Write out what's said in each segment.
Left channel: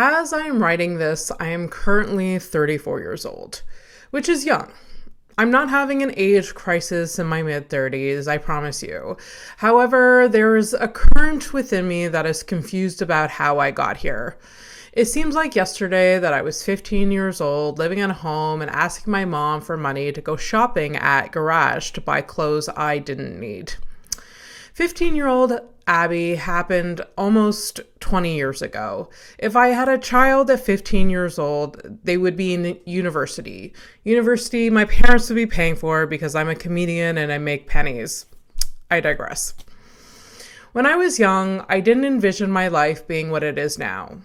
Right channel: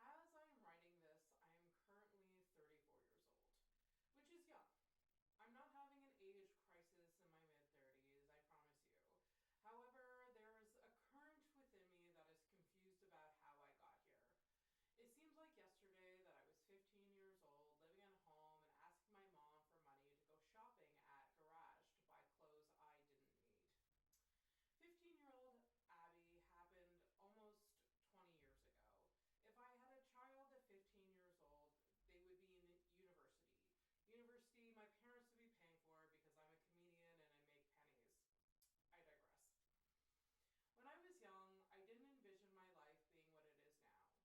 As I am writing this, I am currently 34 years old, which is young. I'm not having an age crisis in my mid-30s, I promise you. However, there is a current within me that is confused about how I got here. It seems like yesterday that I was 15 years old, living at home and asking my mom for money to go shopping at Garage to buy clothes I didn't need. 15-year-old Abby happened almost 20 years ago. If I had a child at 15 years old, they would be in university. University my parents would be paying for because I'm a comedian and I make pennies. I digress. When I was young, I didn't envision my life being what it is now.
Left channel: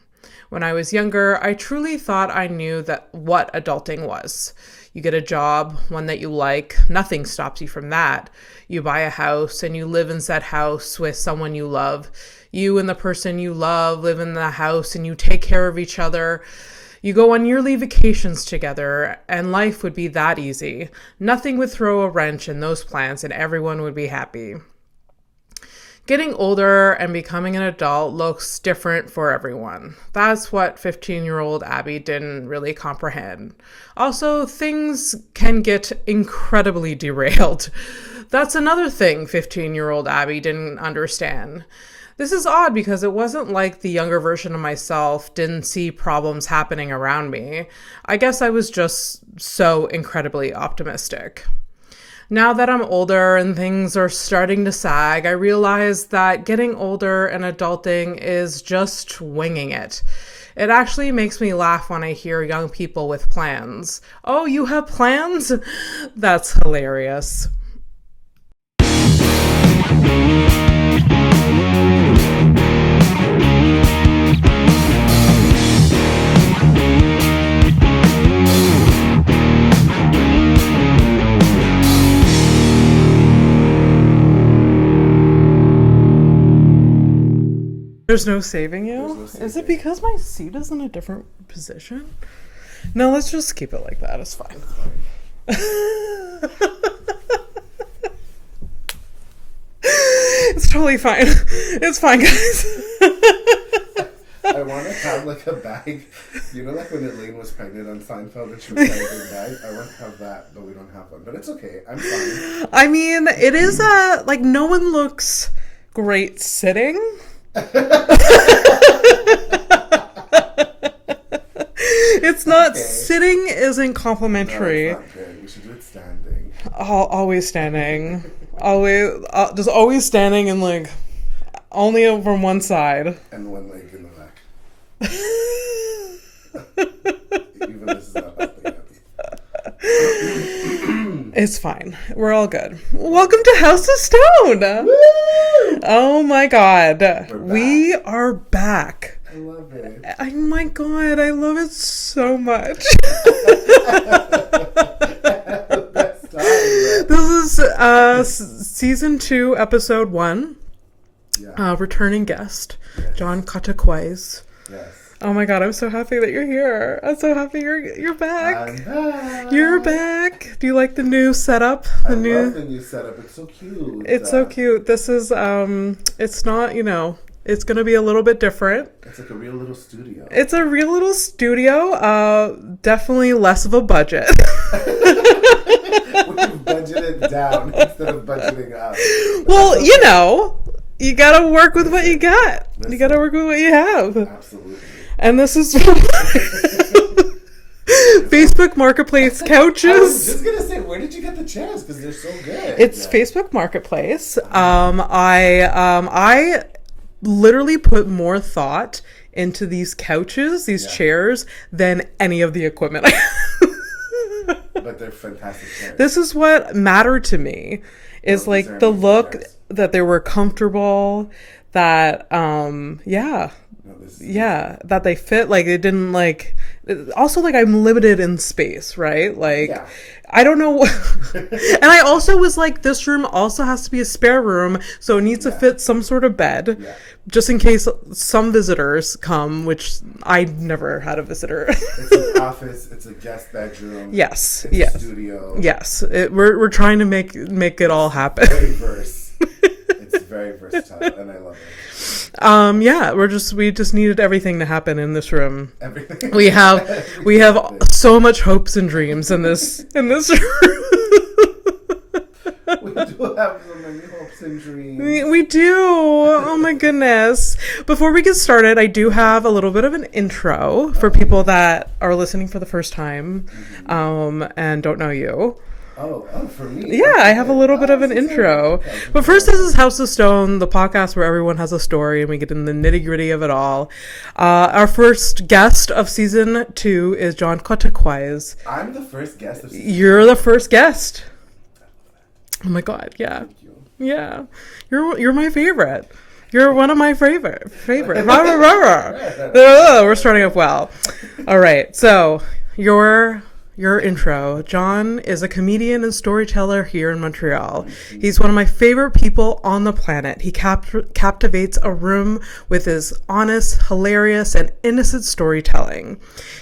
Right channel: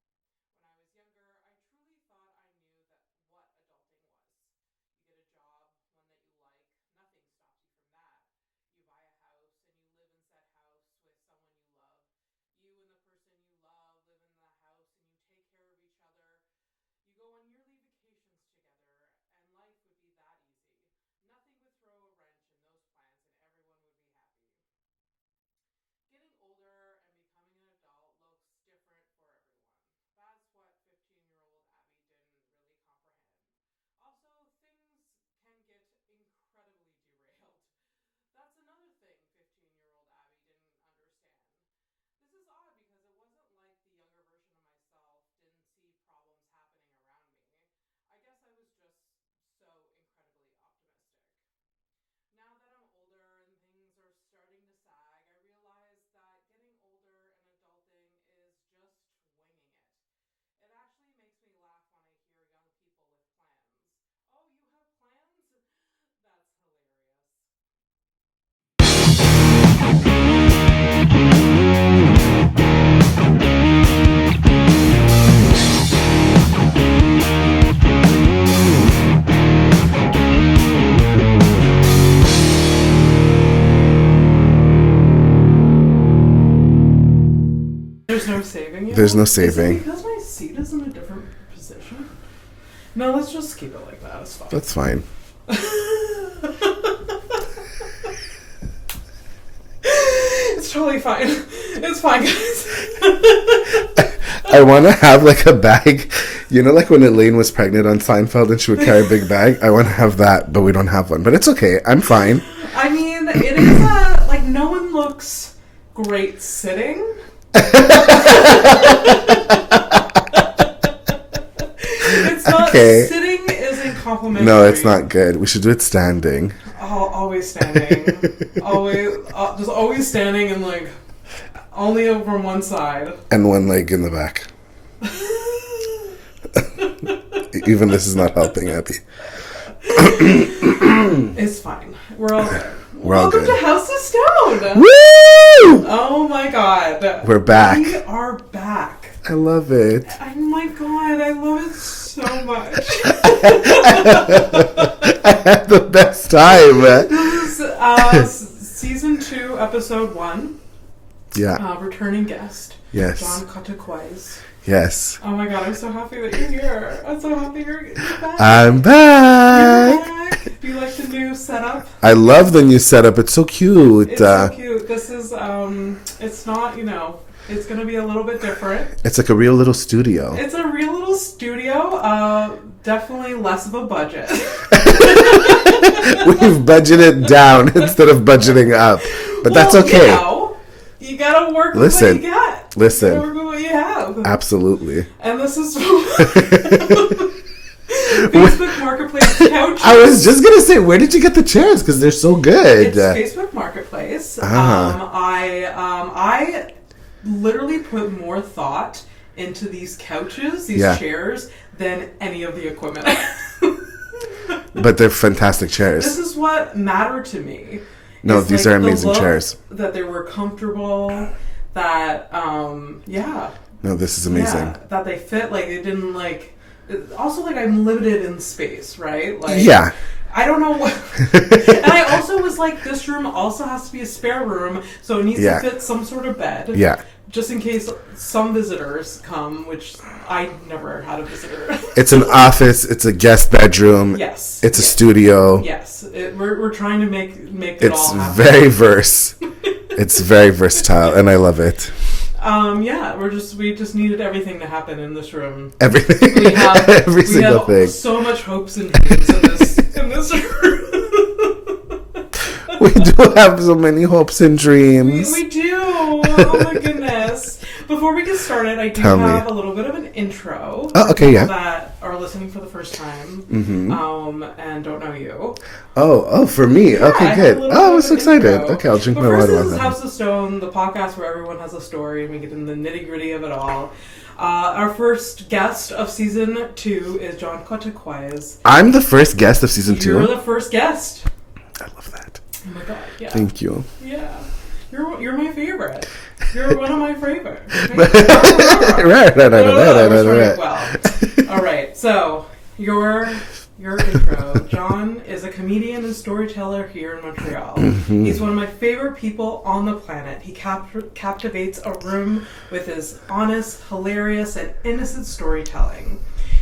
When I was younger, I truly thought I knew that what adulting was. You get a job, one that you like, nothing stops you from that. You buy a house and you live in said house with someone you love. You and the person you love live in the house and you take care of each other. You go on yearly vacations together and life would be that easy. Nothing would throw a wrench in those plans and everyone would be happy. Getting older and becoming an adult looks different for everyone. That's what 15-year-old Abby didn't really comprehend. Also, things can get incredibly derailed. That's another thing 15-year-old Abby didn't understand. This is odd because it wasn't like the younger version of myself didn't see problems happening around me. I guess I was just so incredibly optimistic. Now that I'm older and things are starting to sag, I realize that getting older and adulting is just winging it. It actually makes me laugh when I hear young people with plans. Oh, you have plans? That's hilarious. There's no saving it? There's no saving. Is it because my seat is in a different position? No, let's just keep it like that. It's fine. That's fine. It's totally fine. It's fine, guys. I want to have like a bag. You know, like when Elaine was pregnant on Seinfeld and she would carry a big bag? I want to have that, but we don't have one. But it's okay. I'm fine. I mean, it is like no one looks great sitting. It's not okay. Sitting isn't complimentary. No, it's not good. We should do it standing. Always standing. Just always standing and like only over one side and one leg in the back. Even this is not helping, Abby. It's fine. We're all good. Welcome to House of Stone. Woo! Oh my God. We're back. We are back. I love it. Oh my God. I love it so much. I had the best time. This is season 2, episode 1. Yeah. Returning guest. Yes. John Cortocois. Yes. Oh my God, I'm so happy that you're here. I'm so happy you're back. I'm back. You're back. Do you like the new setup? I love the new setup. It's so cute. It's so cute. This is, it's not, it's going to be a little bit different. It's like a real little studio. It's a real little studio. Definitely less of a budget. We've budgeted down instead of budgeting up. But that's okay. You gotta work with what you got. Listen. You gotta work with what you have. Absolutely. And this is from Facebook Marketplace couches. I was just gonna say, where did you get the chairs? Because they're so good. It's Facebook Marketplace. I literally put more thought into these couches, these chairs, than any of the equipment I have. But they're fantastic chairs. This is what mattered to me. No, these are amazing chairs. That they were comfortable, that, No, this is amazing. Yeah, that they fit, like, it didn't, like... Also, like, I'm limited in space, right? Like, yeah. I don't know. And I also was like, this room also has to be a spare room, so it needs to fit some sort of bed. Yeah. Just in case some visitors come, which I never had a visitor. It's an office. It's a guest bedroom. Yes. It's a studio. Yes. We're trying to make it all happen. Very verse. It's very versatile, and I love it. Yeah, we just needed everything to happen in this room. Everything. We have Every we single have thing. so much hopes and dreams in this room. We do have so many hopes and dreams. We do. Oh my goodness. Before we get started, I do have a little bit of an intro for people that are listening for the first time and don't know you. Oh, for me. Yeah, okay, I have a little bit of an intro. Okay, I'll drink but my first, water this is House of Stone, the podcast where everyone has a story and we get in the nitty-gritty of it all. Our first guest of season 2 is John Cortocois. I'm the first guest of season 2. You're the first guest. I love that. Oh my god, yeah. Thank you. Yeah. You're my favorite. You're one of my favorite. Right. We're starting up well. All right. So, your intro. John is a comedian and storyteller here in Montreal. He's one of my favorite people on the planet. He captivates a room with his honest, hilarious, and innocent storytelling.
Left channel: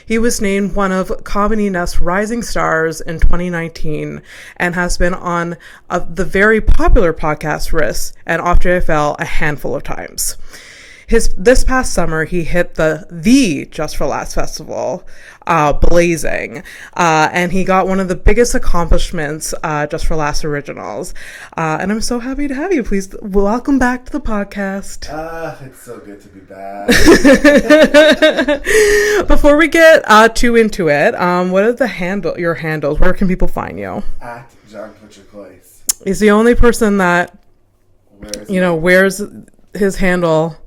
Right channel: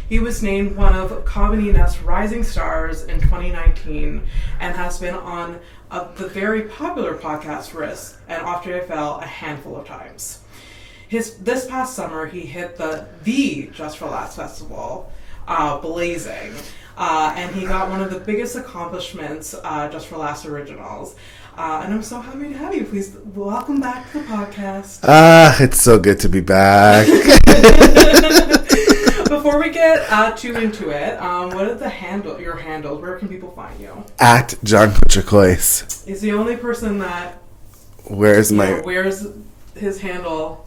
He was named one of Comedy Nest's Rising Stars in 2019 and has been on the very popular podcast Risk and OFFJFL a handful of times. This past summer, he hit the Just for Laughs festival, blazing, and he got one of the biggest accomplishments, Just for Laughs Originals. And I'm so happy to have you. Please welcome back to the podcast. It's so good to be back. Before we get too into it, what are your handles? Where can people find you? At John Cortocois. He's the only person that wears his handle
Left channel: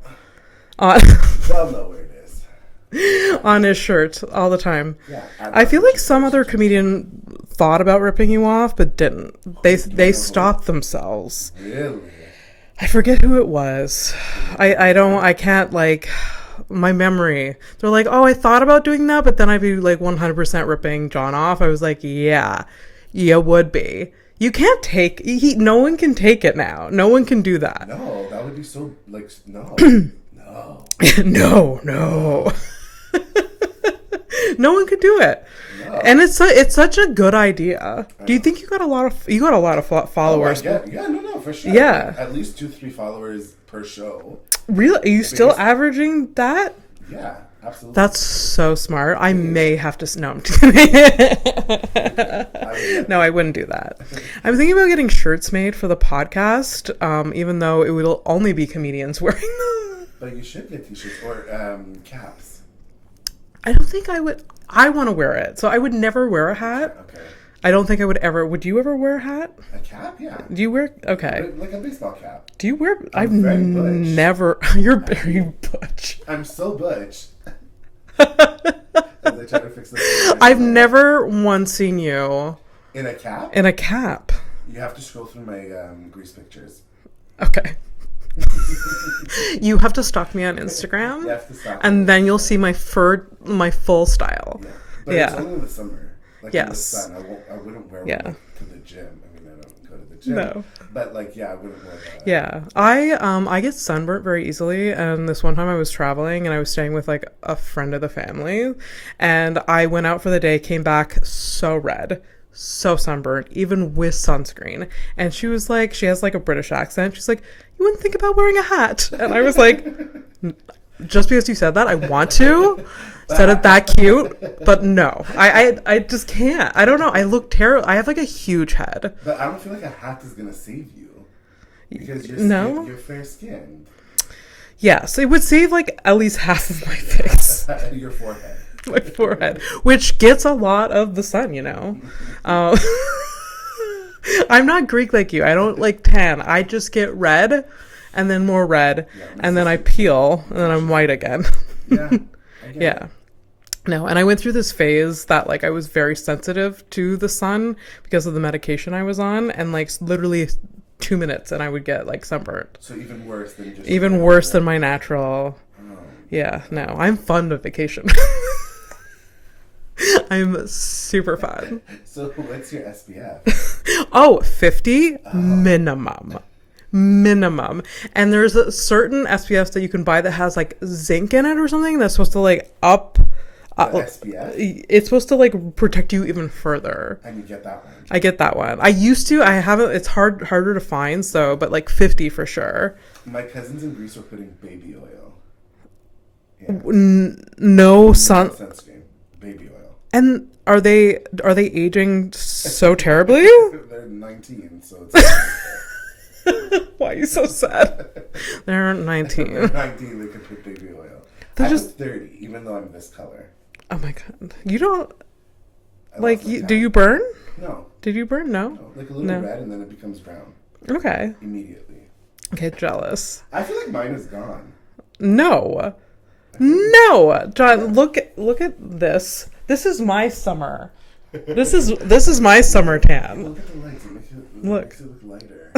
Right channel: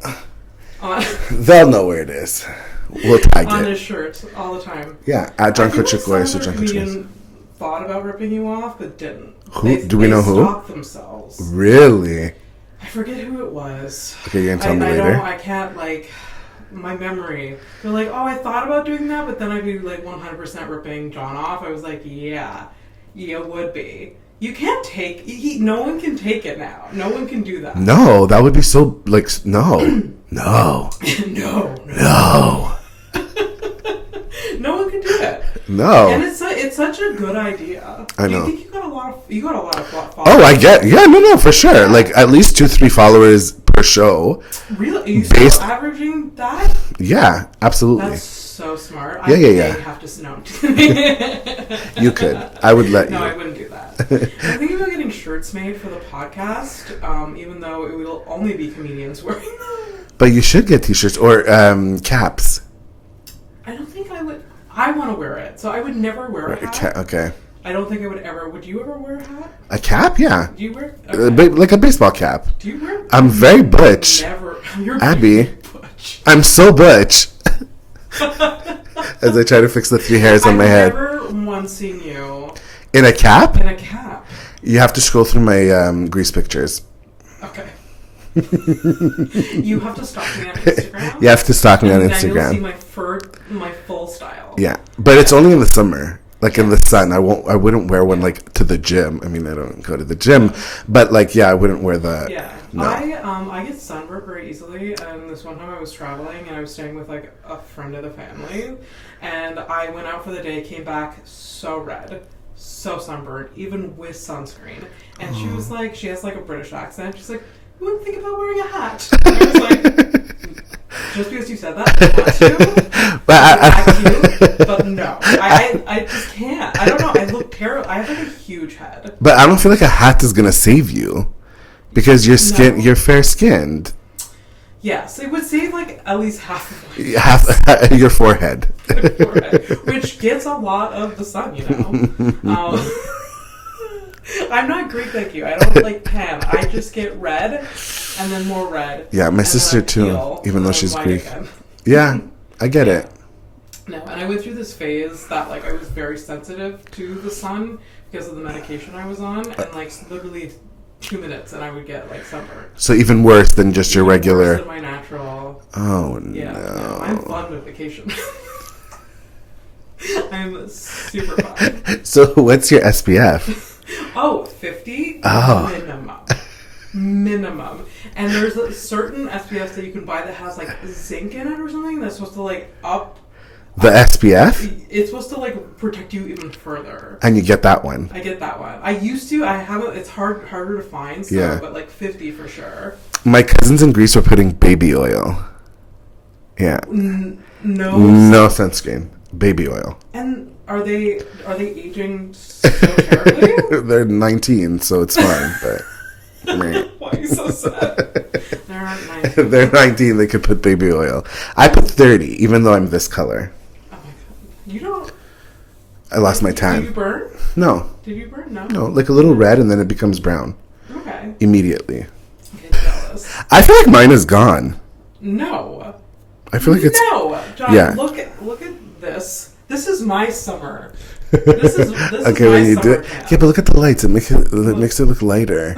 on. They'll know where it is. We'll tag on it. his shirt all the time. Yeah, at John I feel like Cortocois, some other comedian thought about ripping you off, but didn't. They stopped themselves. Really? I forget who it was. Okay, I can't my memory. They're like, oh, I thought about doing that, but then I'd be like 100% ripping John off. I was like, yeah, you would be. You can't take. No one can take it now. No one can do that. No, that would be so no, no, no. No one could do it. No, and it's such a good idea. Do you think you got a lot of followers? Oh, I get. Yeah, no, for sure. Yeah. Like at least 2-3 followers per show. Really? Are you still averaging that? Yeah, absolutely. That's so smart. I have to. No, I'm just You could. I would let you. No, I wouldn't do that. I'm thinking about getting shirts made for the podcast, even though it will only be comedians wearing them. But you should get t-shirts or caps. I don't think I would. I want to wear it, so I would never wear a hat. Okay. I don't think I would ever. Would you ever wear a hat? A cap? Yeah. Do you wear? Okay. Like a baseball cap. Do you wear? I'm very butch. Never. You're Abby. very butch. I'm so butch. As I try to fix the 3 hairs on my head. I've never once seen you in a cap. In a cap. You have to scroll through my Grease pictures. Okay. You have to stalk me on Instagram. You have to stalk me on Instagram. And then you'll see my full style. Yeah. But it's only in the summer. Like in the sun. I wouldn't wear one like to the gym. I mean, I don't go to the gym. No. But I wouldn't wear the. Yeah. No. I get sunburnt very easily, and this one time I was traveling and I was staying with like a friend of the family, and I went out for the day, came back so red. So sunburnt, even with sunscreen. And she was like, she has like a British accent. She's like, you wouldn't think about wearing a hat. And I was like, just because you said that, I want to. But that cute. But no. I just can't. I don't know. I look terrible. I have like a huge head. But I don't feel like a hat is going to save you. Because you're fair skinned. Yes, it would save like at least half of my face. Your forehead. My forehead. Which gets a lot of the sun, you know. I'm not Greek like you. I don't like tan. I just get red and then more red. Yeah, my and sister then I peel, too. Even though she's white Greek. again. Yeah, I get it. No, and I went through this phase that like I was very sensitive to the sun because of the medication I was on, and like literally 2 minutes and I would get like sunburnt. So even worse than just your regular. Worse than my natural. Oh no. Yeah, no. I'm fond of vacation. I'm super fun. So what's your SPF? Oh, 50 minimum. And there's a certain SPF that you can buy that has like zinc in it or something that's supposed to like up The SPF? It's supposed to like protect you even further. And you get that one. I get that one. I used to. I haven't. It's harder to find. So, Yeah. but like 50 for sure. My cousins in Greece were putting baby oil. Yeah. No sunscreen. Baby oil. And are they aging so terribly? They're 19, so it's fine. But why are you so sad? They're 19. They're 19. They could put baby oil. I put 30, even though I'm this color. Oh my god! You don't. I lost my tan. Do you burn? No. Did you burn? No. No, like a little red, and then it becomes brown. Okay. Immediately. Okay, jealous. I feel like mine is gone. No. I feel like it's John. Yeah. Look at this. This is my summer. This is Okay, my summer tan. Yeah, but look at the lights. It makes it look lighter.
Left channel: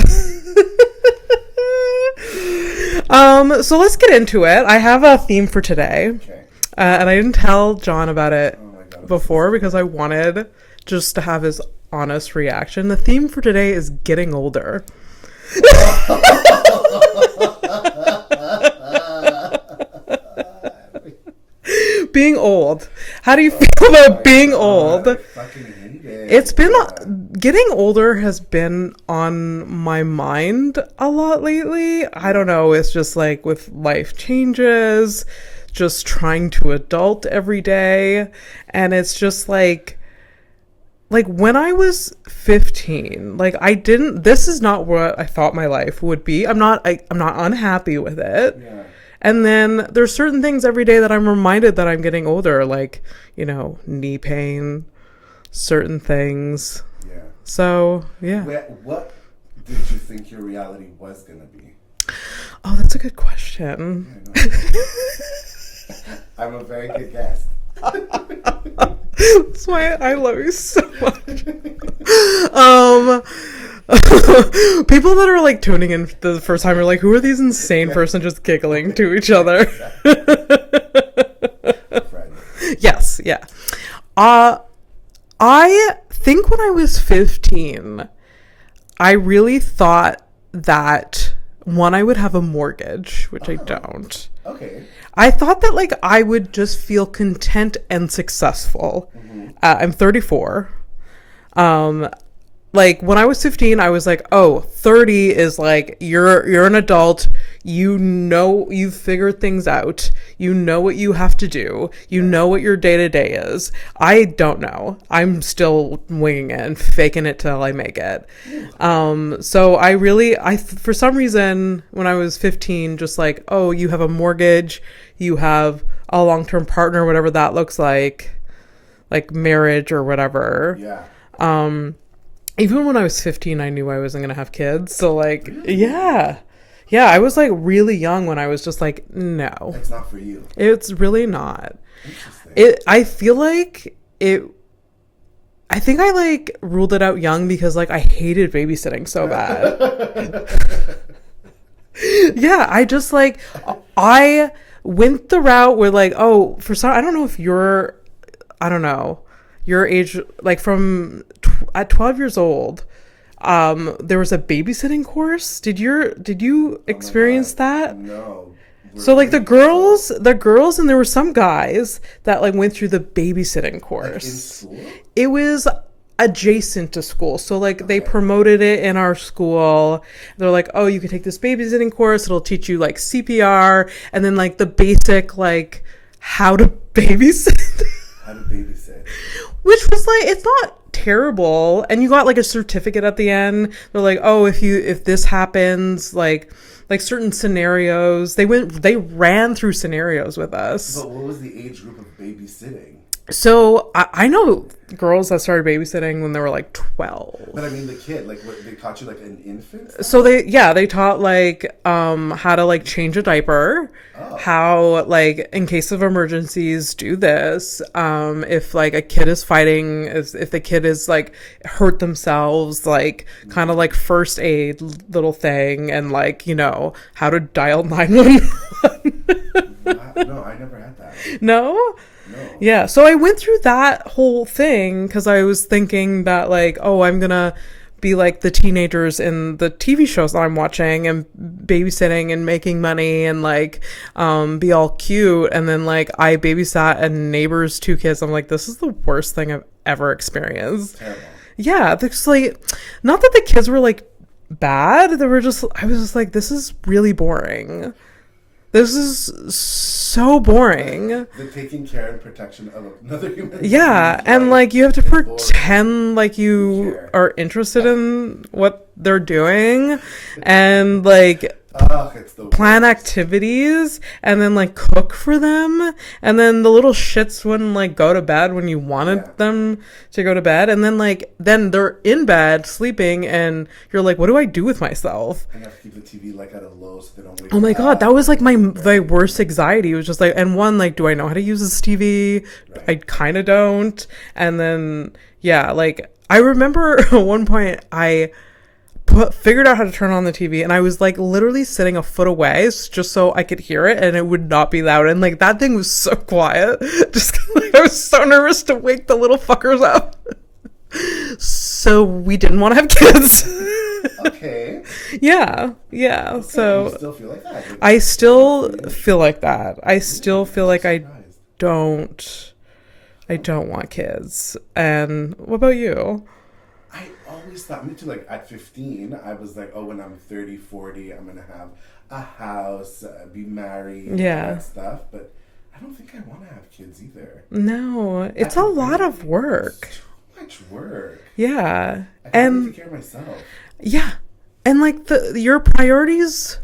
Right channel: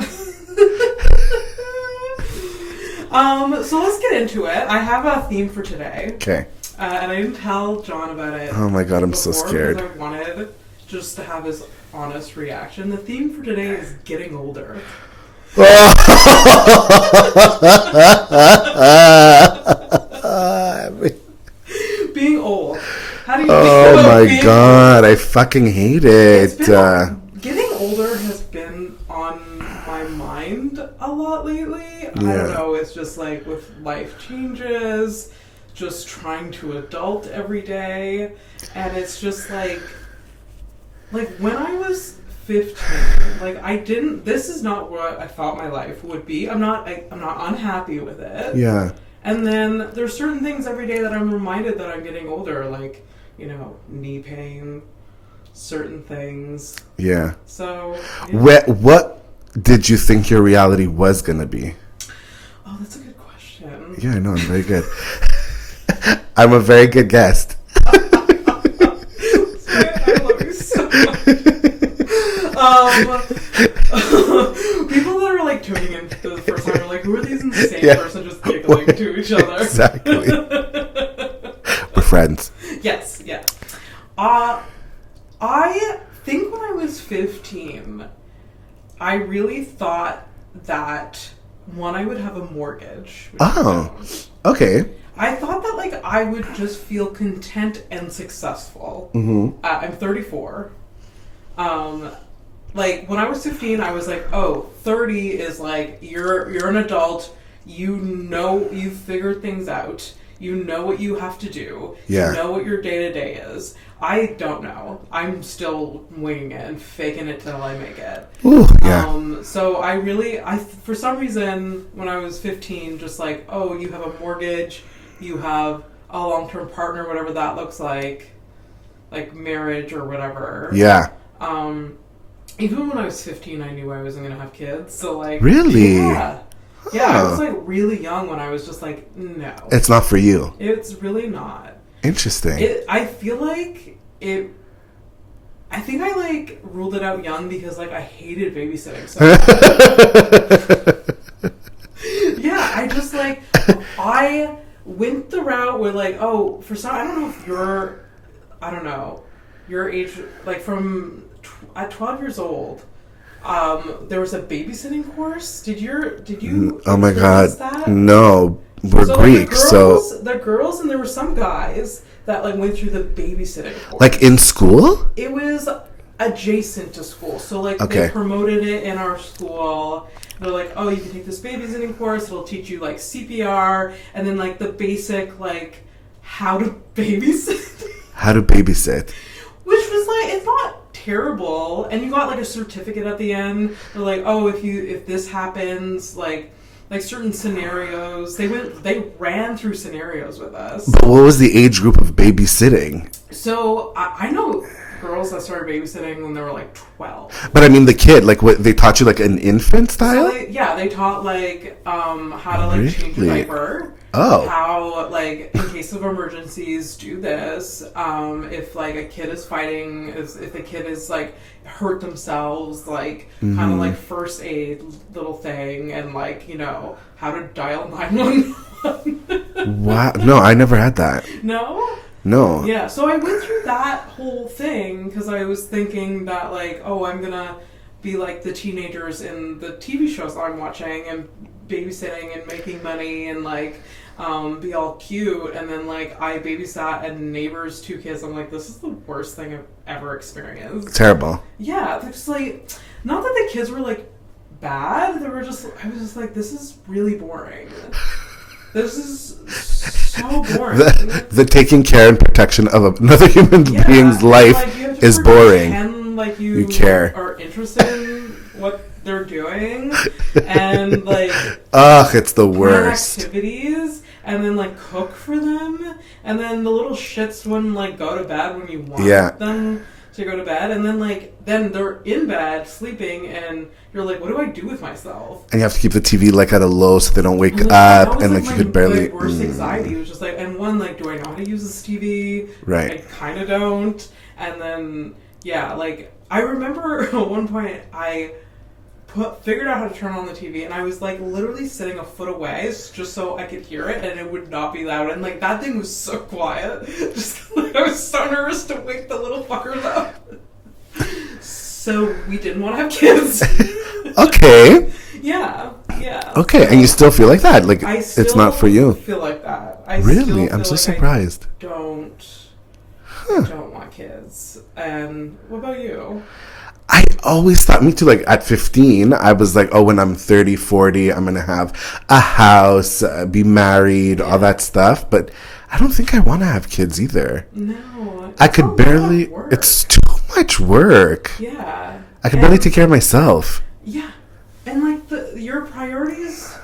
So let's get into it. I have a theme for today. Okay. And I didn't tell John about it. Oh my god, I'm so before scared. because I wanted just to have his honest reaction. The theme for today is getting older. Being old. How do you feel about being old? Oh my god, I fucking hate it. It's been getting older has been on my mind a lot lately. Yeah. I don't know. It's just like with life changes, just trying to adult every day, and it's just like when I was 15, like this is not what I thought my life would be. I'm not unhappy with it. Yeah. And then there's certain things every day that I'm reminded that I'm getting older, like, knee pain, certain things. Yeah. So, yeah. What did you think your reality was going to be? Oh, that's a good question. Yeah, I know. I'm very good. I'm a very good guest. That's why I love you so much. People that are like tuning in the first time are like, who are these insane person just giggling to each other? Exactly. We're friends. Yes, yeah. I think when I was 15, I really thought that I would have a mortgage, which I don't. Okay. I thought that like I would just feel content and successful. Mm-hmm. I'm 34. Like when I was 15, I was like, oh, 30 is like you're an adult. You've figured things out. You know what you have to do. You know what your day-to-day is. I don't know. I'm still winging it and faking it till I make it. Ooh, yeah. So I for some reason, when I was 15, just like, oh, you have a mortgage, you have a long-term partner, whatever that looks like marriage or whatever. Yeah. Even when I was 15, I knew I wasn't going to have kids. So like, really? Yeah. Yeah, I was like really young when I was just like, no. It's not for you. It's really not. Interesting. I feel like I think I like ruled it out young because like I hated babysitting so bad. Yeah, I just like, I went the route where like, oh, I don't know if your age, like at 12 years old, there was a babysitting course. Did you experience that? No. So like the girls and there were some guys that like went through the babysitting course. Like in school? It was adjacent to school. So like they promoted it in our school. They're like, oh, you can take this babysitting course. It'll teach you like CPR and then like the basic like how to babysit. How to babysit. Which was like, it's not terrible. And you got like a certificate at the end. They're like, oh, if this happens, like certain scenarios, they ran through scenarios with us. But what was the age group of babysitting? So I know girls that started babysitting when they were like 12. But I mean the kid, like what they taught you like an infant style? So they taught like how to like change a diaper. Oh. How like in case of emergencies do this. If like a kid is fighting, if the kid is like hurt themselves, like kind of like first aid little thing and like, how to dial 911. Wow. No, I never had that. No? No. Yeah. So I went through that whole thing because I was thinking that like, oh, I'm going to be like the teenagers in the TV shows that I'm watching and babysitting and making money and like be all cute. And then like I babysat a neighbor's 2 kids. I'm like, this is the worst thing I've ever experienced. Terrible. Yeah, it's like, not that the kids were like bad. They were just, I was just like, this is really boring. This is so boring. The taking care and protection of another human being's life and like you have to is pretend boring. like you care. are interested in what they're doing, and like it's the plan worst. activities, and then like cook for them, and then the little shits wouldn't like go to bed when you wanted them to go to bed, and then they're in bed sleeping, and you're like, what do I do with myself? And you have to keep the TV like at a low so they don't wake up. That was like my barely, worst anxiety. It was just like, and one, like, do I know how to use this TV? Right. I kind of don't. And then like I remember at one point I figured out how to turn on the TV, and I was like literally sitting a foot away just so I could hear it and it would not be loud, and like that thing was so quiet just 'cause, like, I was so nervous to wake the little fuckers up. So we didn't want to have kids. Okay. Yeah. Okay, so and you still feel like that? Like I still it's not for you. feel like that. I Really? still feel I'm so like surprised. I don't want kids. And what about you? I always thought, me too, like at 15, I was like, oh, when I'm 30, 40, I'm going to have a house, be married, all that stuff. But I don't think I want to have kids either. No, it's I could a lot barely, of work. It's too much work. Yeah. I can barely take care of myself. Yeah. And like your priorities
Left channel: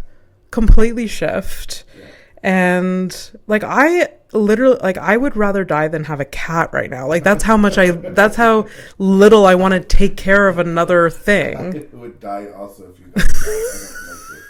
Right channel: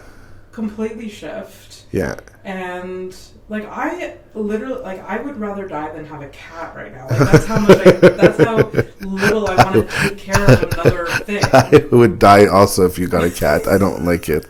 completely shift. Yeah. And like I literally, like I would rather die than have a cat right now. Like that's how how little I want to take care of another thing. I would die also if you got a cat. I don't like it.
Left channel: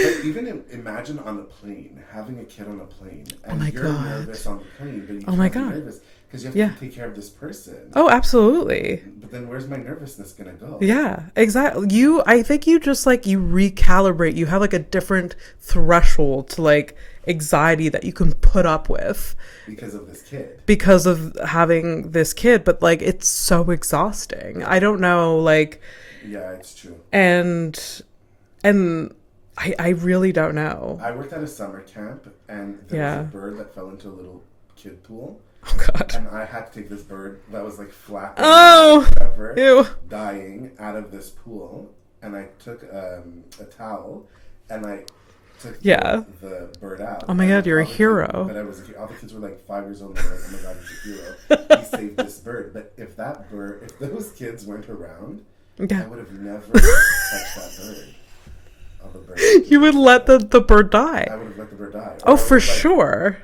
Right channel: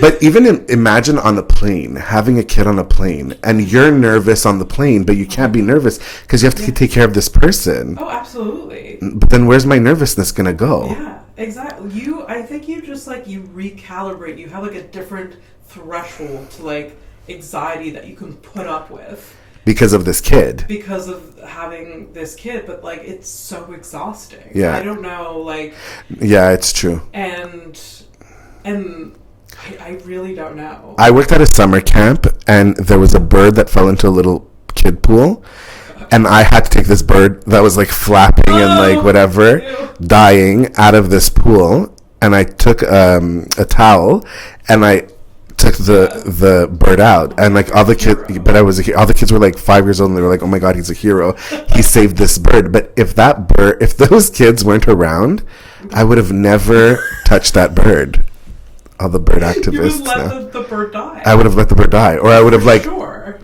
But even imagine on a plane, having a kid on a plane, and you're nervous on the plane, but you can't be nervous because you have to take care of this person. Oh, absolutely. But then where's my nervousness going to go? Yeah, exactly. I think you just like, you recalibrate. You have like a different threshold to like anxiety that you can put up with. Because of this kid. Because of having this kid, but like it's so exhausting. Yeah. I don't know, like. Yeah, it's true. And I really don't know. I worked at a summer camp, and there was a bird that fell into a little kid pool. And I had to take this bird that was like flapping and like whatever, dying out of this pool. And I took a towel and I took the bird out. And like all the kids, but all the kids were like 5 years old, and they were like, oh my God, he's a hero. He saved this bird. But if those kids weren't around, I would have never touched that bird. All the bird activists. You would let the bird die. I would have let the bird die. Or I would have like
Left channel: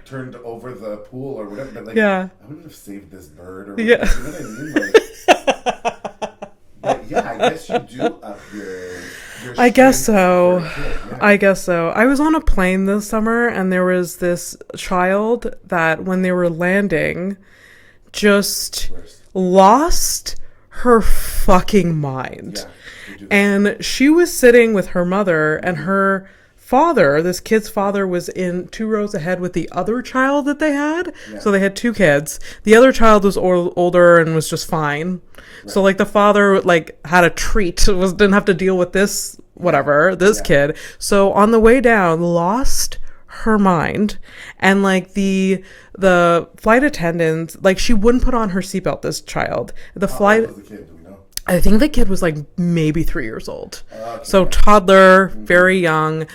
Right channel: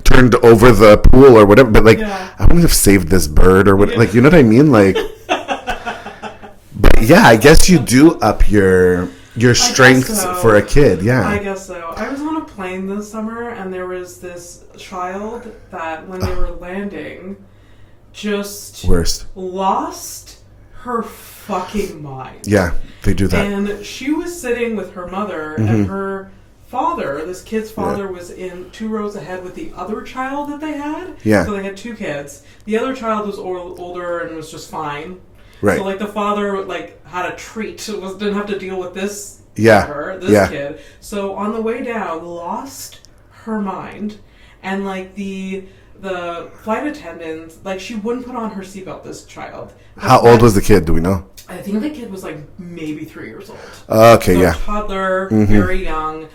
turned over the pool or whatever. But like, I wouldn't have saved this bird or whatever. Like, you know what I mean? Like, but yeah, I guess you do up your strength for a kid. Yeah. I guess so. I was on a plane this summer, and there was this child that when they were landing just lost her fucking mind. Yeah, they do that. And she was sitting with her mother, and her father, this kid's father, was in 2 rows ahead with the other child that they had. Yeah. So they had 2 kids. The other child was older and was just fine. Right. So like the father like had a treat, didn't have to deal with this this kid. So on the way down, lost her mind, and like the flight attendant, like she wouldn't put on her seatbelt, this child. How old was the kid? Do we know? I think the kid was like maybe 3 years old. Okay, so toddler, very young.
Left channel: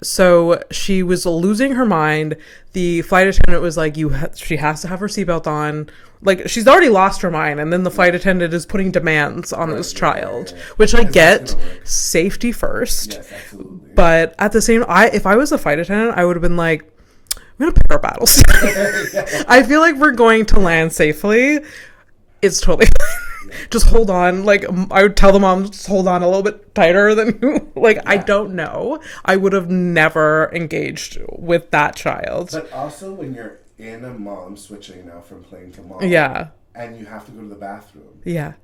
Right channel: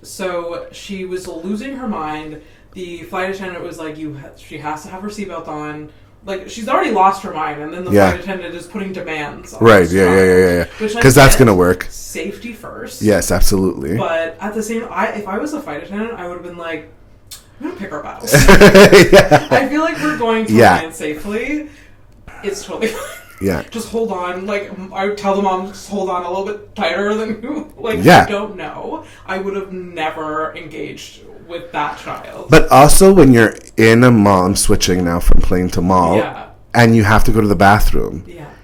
So she was losing her mind. The flight attendant was like, she has to have her seatbelt on. Like, she's already lost her mind, and then the flight attendant is putting demands on this child. Yeah. Which I get, that's going to work. Safety first. Yes, absolutely. But at the same, if I was a flight attendant, I would have been like, I'm going to pick our battles. I feel like we're going to land safely. It's totally fine. Yeah. Just hold on. Like, I would tell the mom, just hold on a little bit tighter than you. Like, I don't know. I would have never engaged with that child. But also when you're in a mall, I'm switching now from plane to mall. Yeah. And you have to go to the bathroom. Yeah.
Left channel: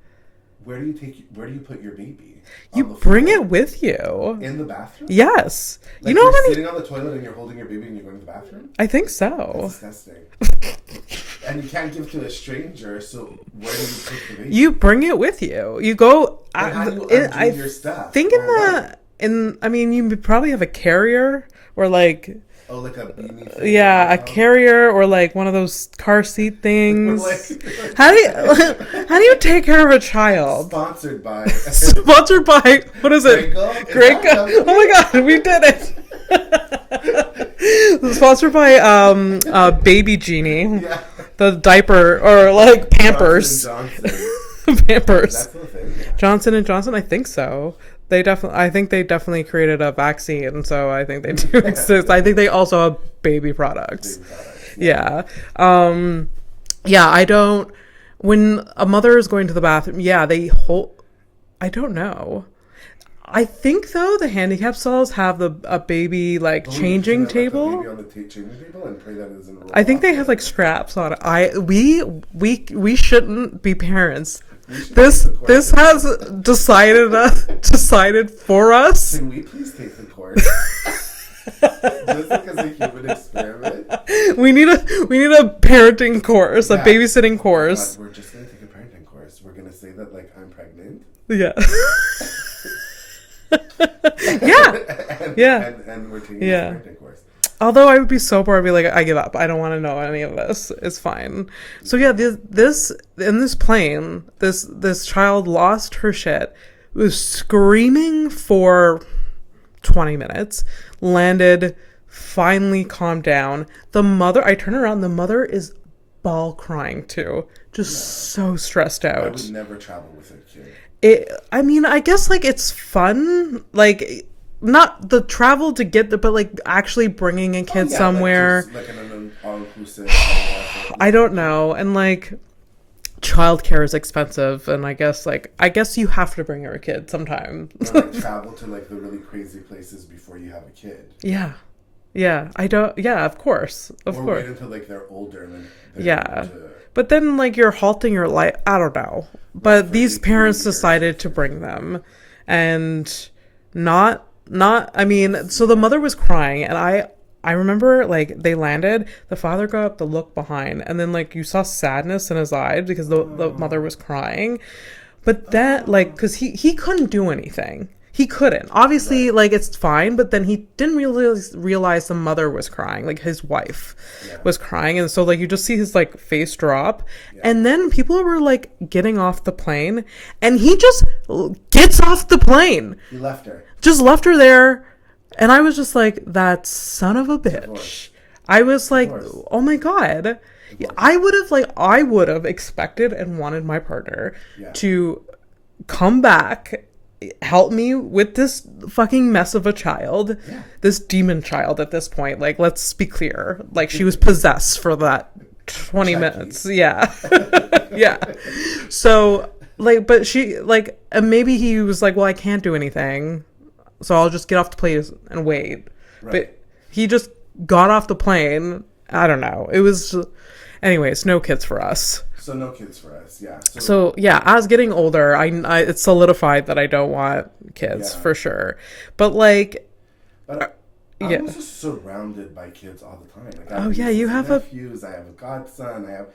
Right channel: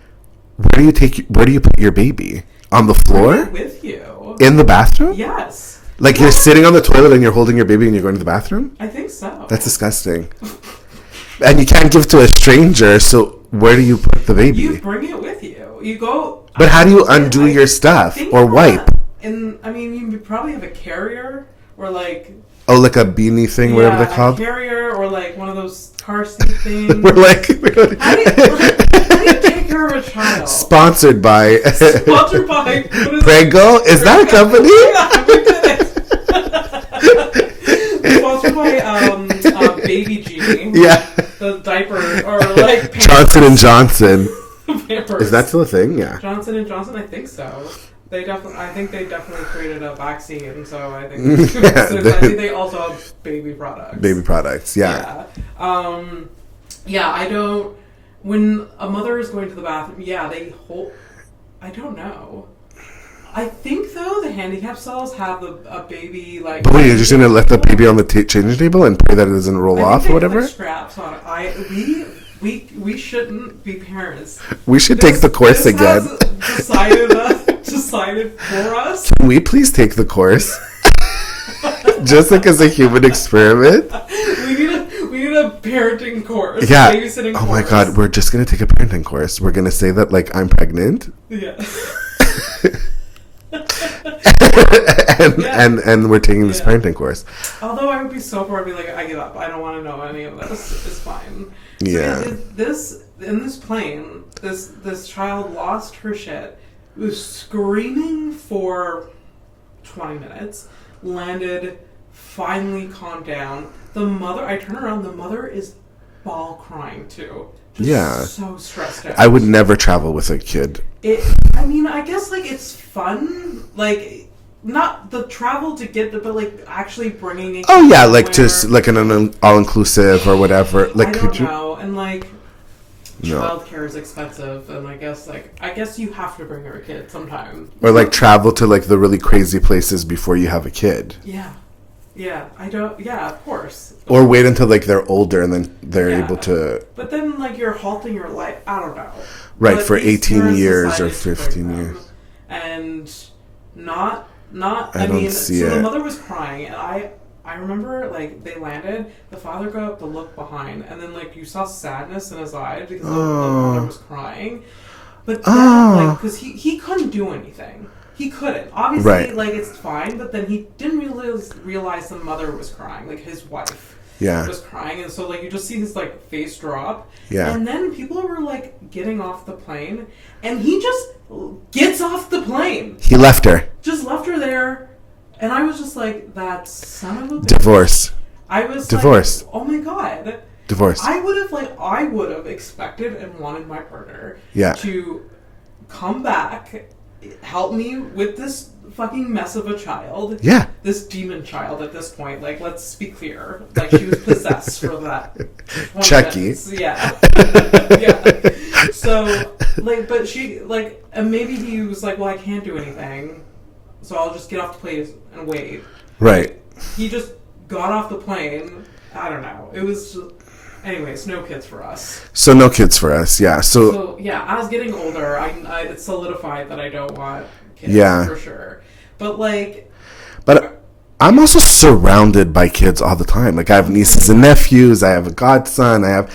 Where do you put your baby? On the floor? Bring it with you. In the bathroom? Yes. Like, you're sitting on the toilet and you're holding your baby and you're going to the bathroom? I think so. That's disgusting. And you can't give to a stranger, so Where do you put the baby? You bring it with you. You go. But how do you undo your stuff or wipe? I mean, you probably have a carrier or like. Oh, like a beanie thing, whatever they're called? A carrier or like one of those car seat things. We're like, how do you take care of a child? Sponsored by what is it? Wrinkles? Is that a company? Oh my god, we did it. Sponsored by Baby Genie. Yeah. The diaper or like Johnson Pampers. & Johnson. Pampers. Is that still a thing? Yeah. Johnson & Johnson, I think so. I think they definitely created a vaccine, so I think they do. I think they also have baby products. Baby products, yeah. Yeah. I don't. When a mother is going to the bathroom, they hold. I don't know. I think though the handicap stalls have a baby like. But wait, you're just gonna let the baby on the changing table and pray that it doesn't roll off or whatever? I think they have like straps on it. We shouldn't be parents. We should take the course again. This has decided for us. Can we please take the course? Just like as a human experiment. We need a parenting course, a babysitting course. Oh my god, we're just gonna take a parenting course. We're gonna say that like I'm pregnant. Yeah. And we're taking this parenting course. Although I would be so bored, I'd be like, I give up. I don't want to know any of this. It's fine. So this in this plane, this child lost her shit, was screaming for 20 minutes, landed, finally calmed down. The mother, I turn around, the mother is bawl crying too. Just so stressed out. I would never travel with a kid. I guess like it's fun, like not the travel to get the, but like actually bringing a kid somewhere. Like just like an all-inclusive or whatever. Like, I don't know, and like childcare is expensive, and I guess you have to bring your kid sometime. Or like travel to like the really crazy places before you have a kid. Yeah, I don't. Yeah, of course. Wait until like they're older and then they're able to. But then like you're halting your life. I don't know. Right, but for these 18 parents years decided or 15 to bring them, years. And not. I mean, so the mother was crying, and I remember like they landed. The father got up to look behind, and then like you saw sadness in his eyes because the mother was crying. But then like because he couldn't do anything. He couldn't. Obviously, like, it's fine, but then he didn't realize the mother was crying, like, his wife was crying, and so, like, you just see his, like, face drop, and then people were, like, getting off the plane, and he just gets off the plane. He left her. Just left her there, and I was just like, that son of a bitch. Divorce. I was Divorce. Like, oh my god. Divorce. I would have expected and wanted my partner to come back, help me with this fucking mess of a child. Yeah. This demon child at this point. Like, let's be clear. Like, she was possessed for that 20 minutes. Yeah. Yeah. So, like, but she, like, and maybe he was like, well, I can't do anything, so I'll just get off the plane and wait. Right. Like, he just got off the plane. I don't know. It was... Anyways, no kids for us. So no kids for us, yeah. So yeah, as getting older, I it's solidified that I don't want kids for sure. But like, I'm also surrounded by kids all the time. Like I have nieces and nephews. I have a godson. I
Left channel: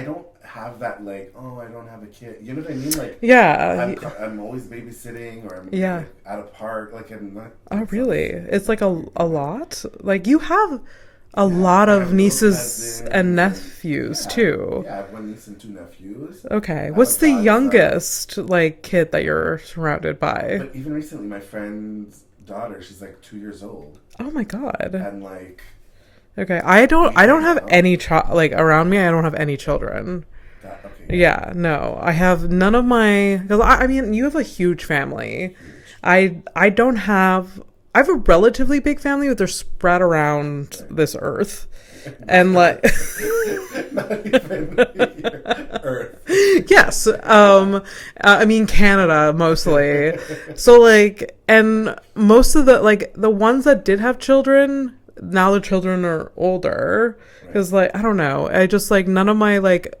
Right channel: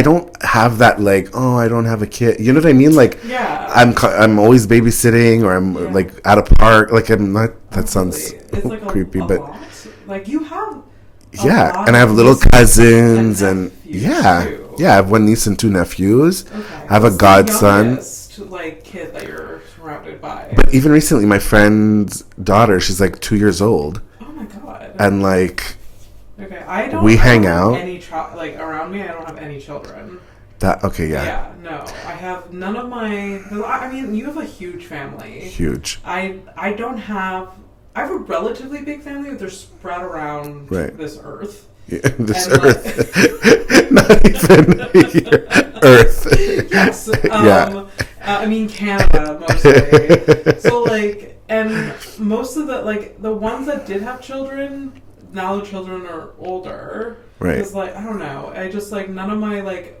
don't have that like, oh, I don't have a kid. You know what I mean? Like, I'm always babysitting, or I'm like at a park. Like I'm not. That sounds it's like creepy, a lot. Like you have. A lot and I have little cousins and nephews too. Yeah, I have one niece and two nephews. Okay, I have a godson. The youngest like kid that you're surrounded by? But even recently, my friend's daughter, she's like 2 years old. Oh my god! And like, okay, I don't have any like around me. I don't have any children. Yeah, no, I have none of my. I mean, you have a huge family. Huge. I don't have. I have a relatively big family, but they're spread around this earth. Yeah, not even Earth. Yes. I mean, Canada, mostly. So, like, and most of the ones that did have children, now the children are older. Right. Because, like, I don't know. I just, like, none of my, like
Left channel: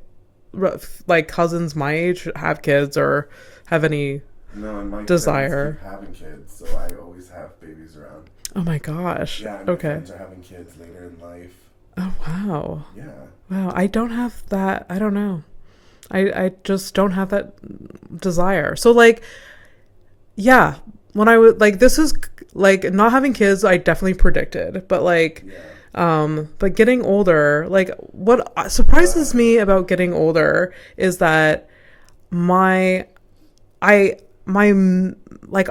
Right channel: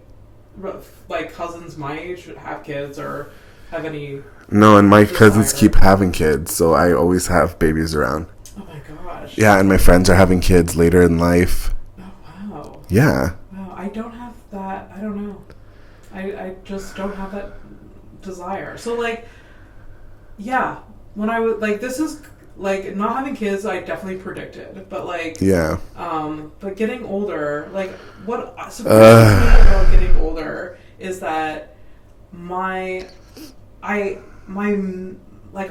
cousins my age have kids or have any... No, and my cousins keep having kids, so I always have babies around. Oh my gosh. Yeah, and my friends are having kids later in life. Oh wow. Yeah. Wow, I don't have that. I don't know. I just don't have that desire. So like, yeah, when I was like, this is like not having kids, I definitely predicted, but like, yeah. But getting older, like what surprises me about getting older is that like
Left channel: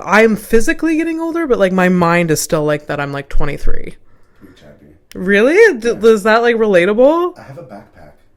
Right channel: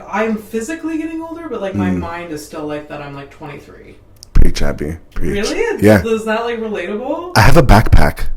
I'm physically getting older, but like my mind is still like that I'm like 23. Pretty chubby. Really? Yeah. Is that like relatable? I have a backpack.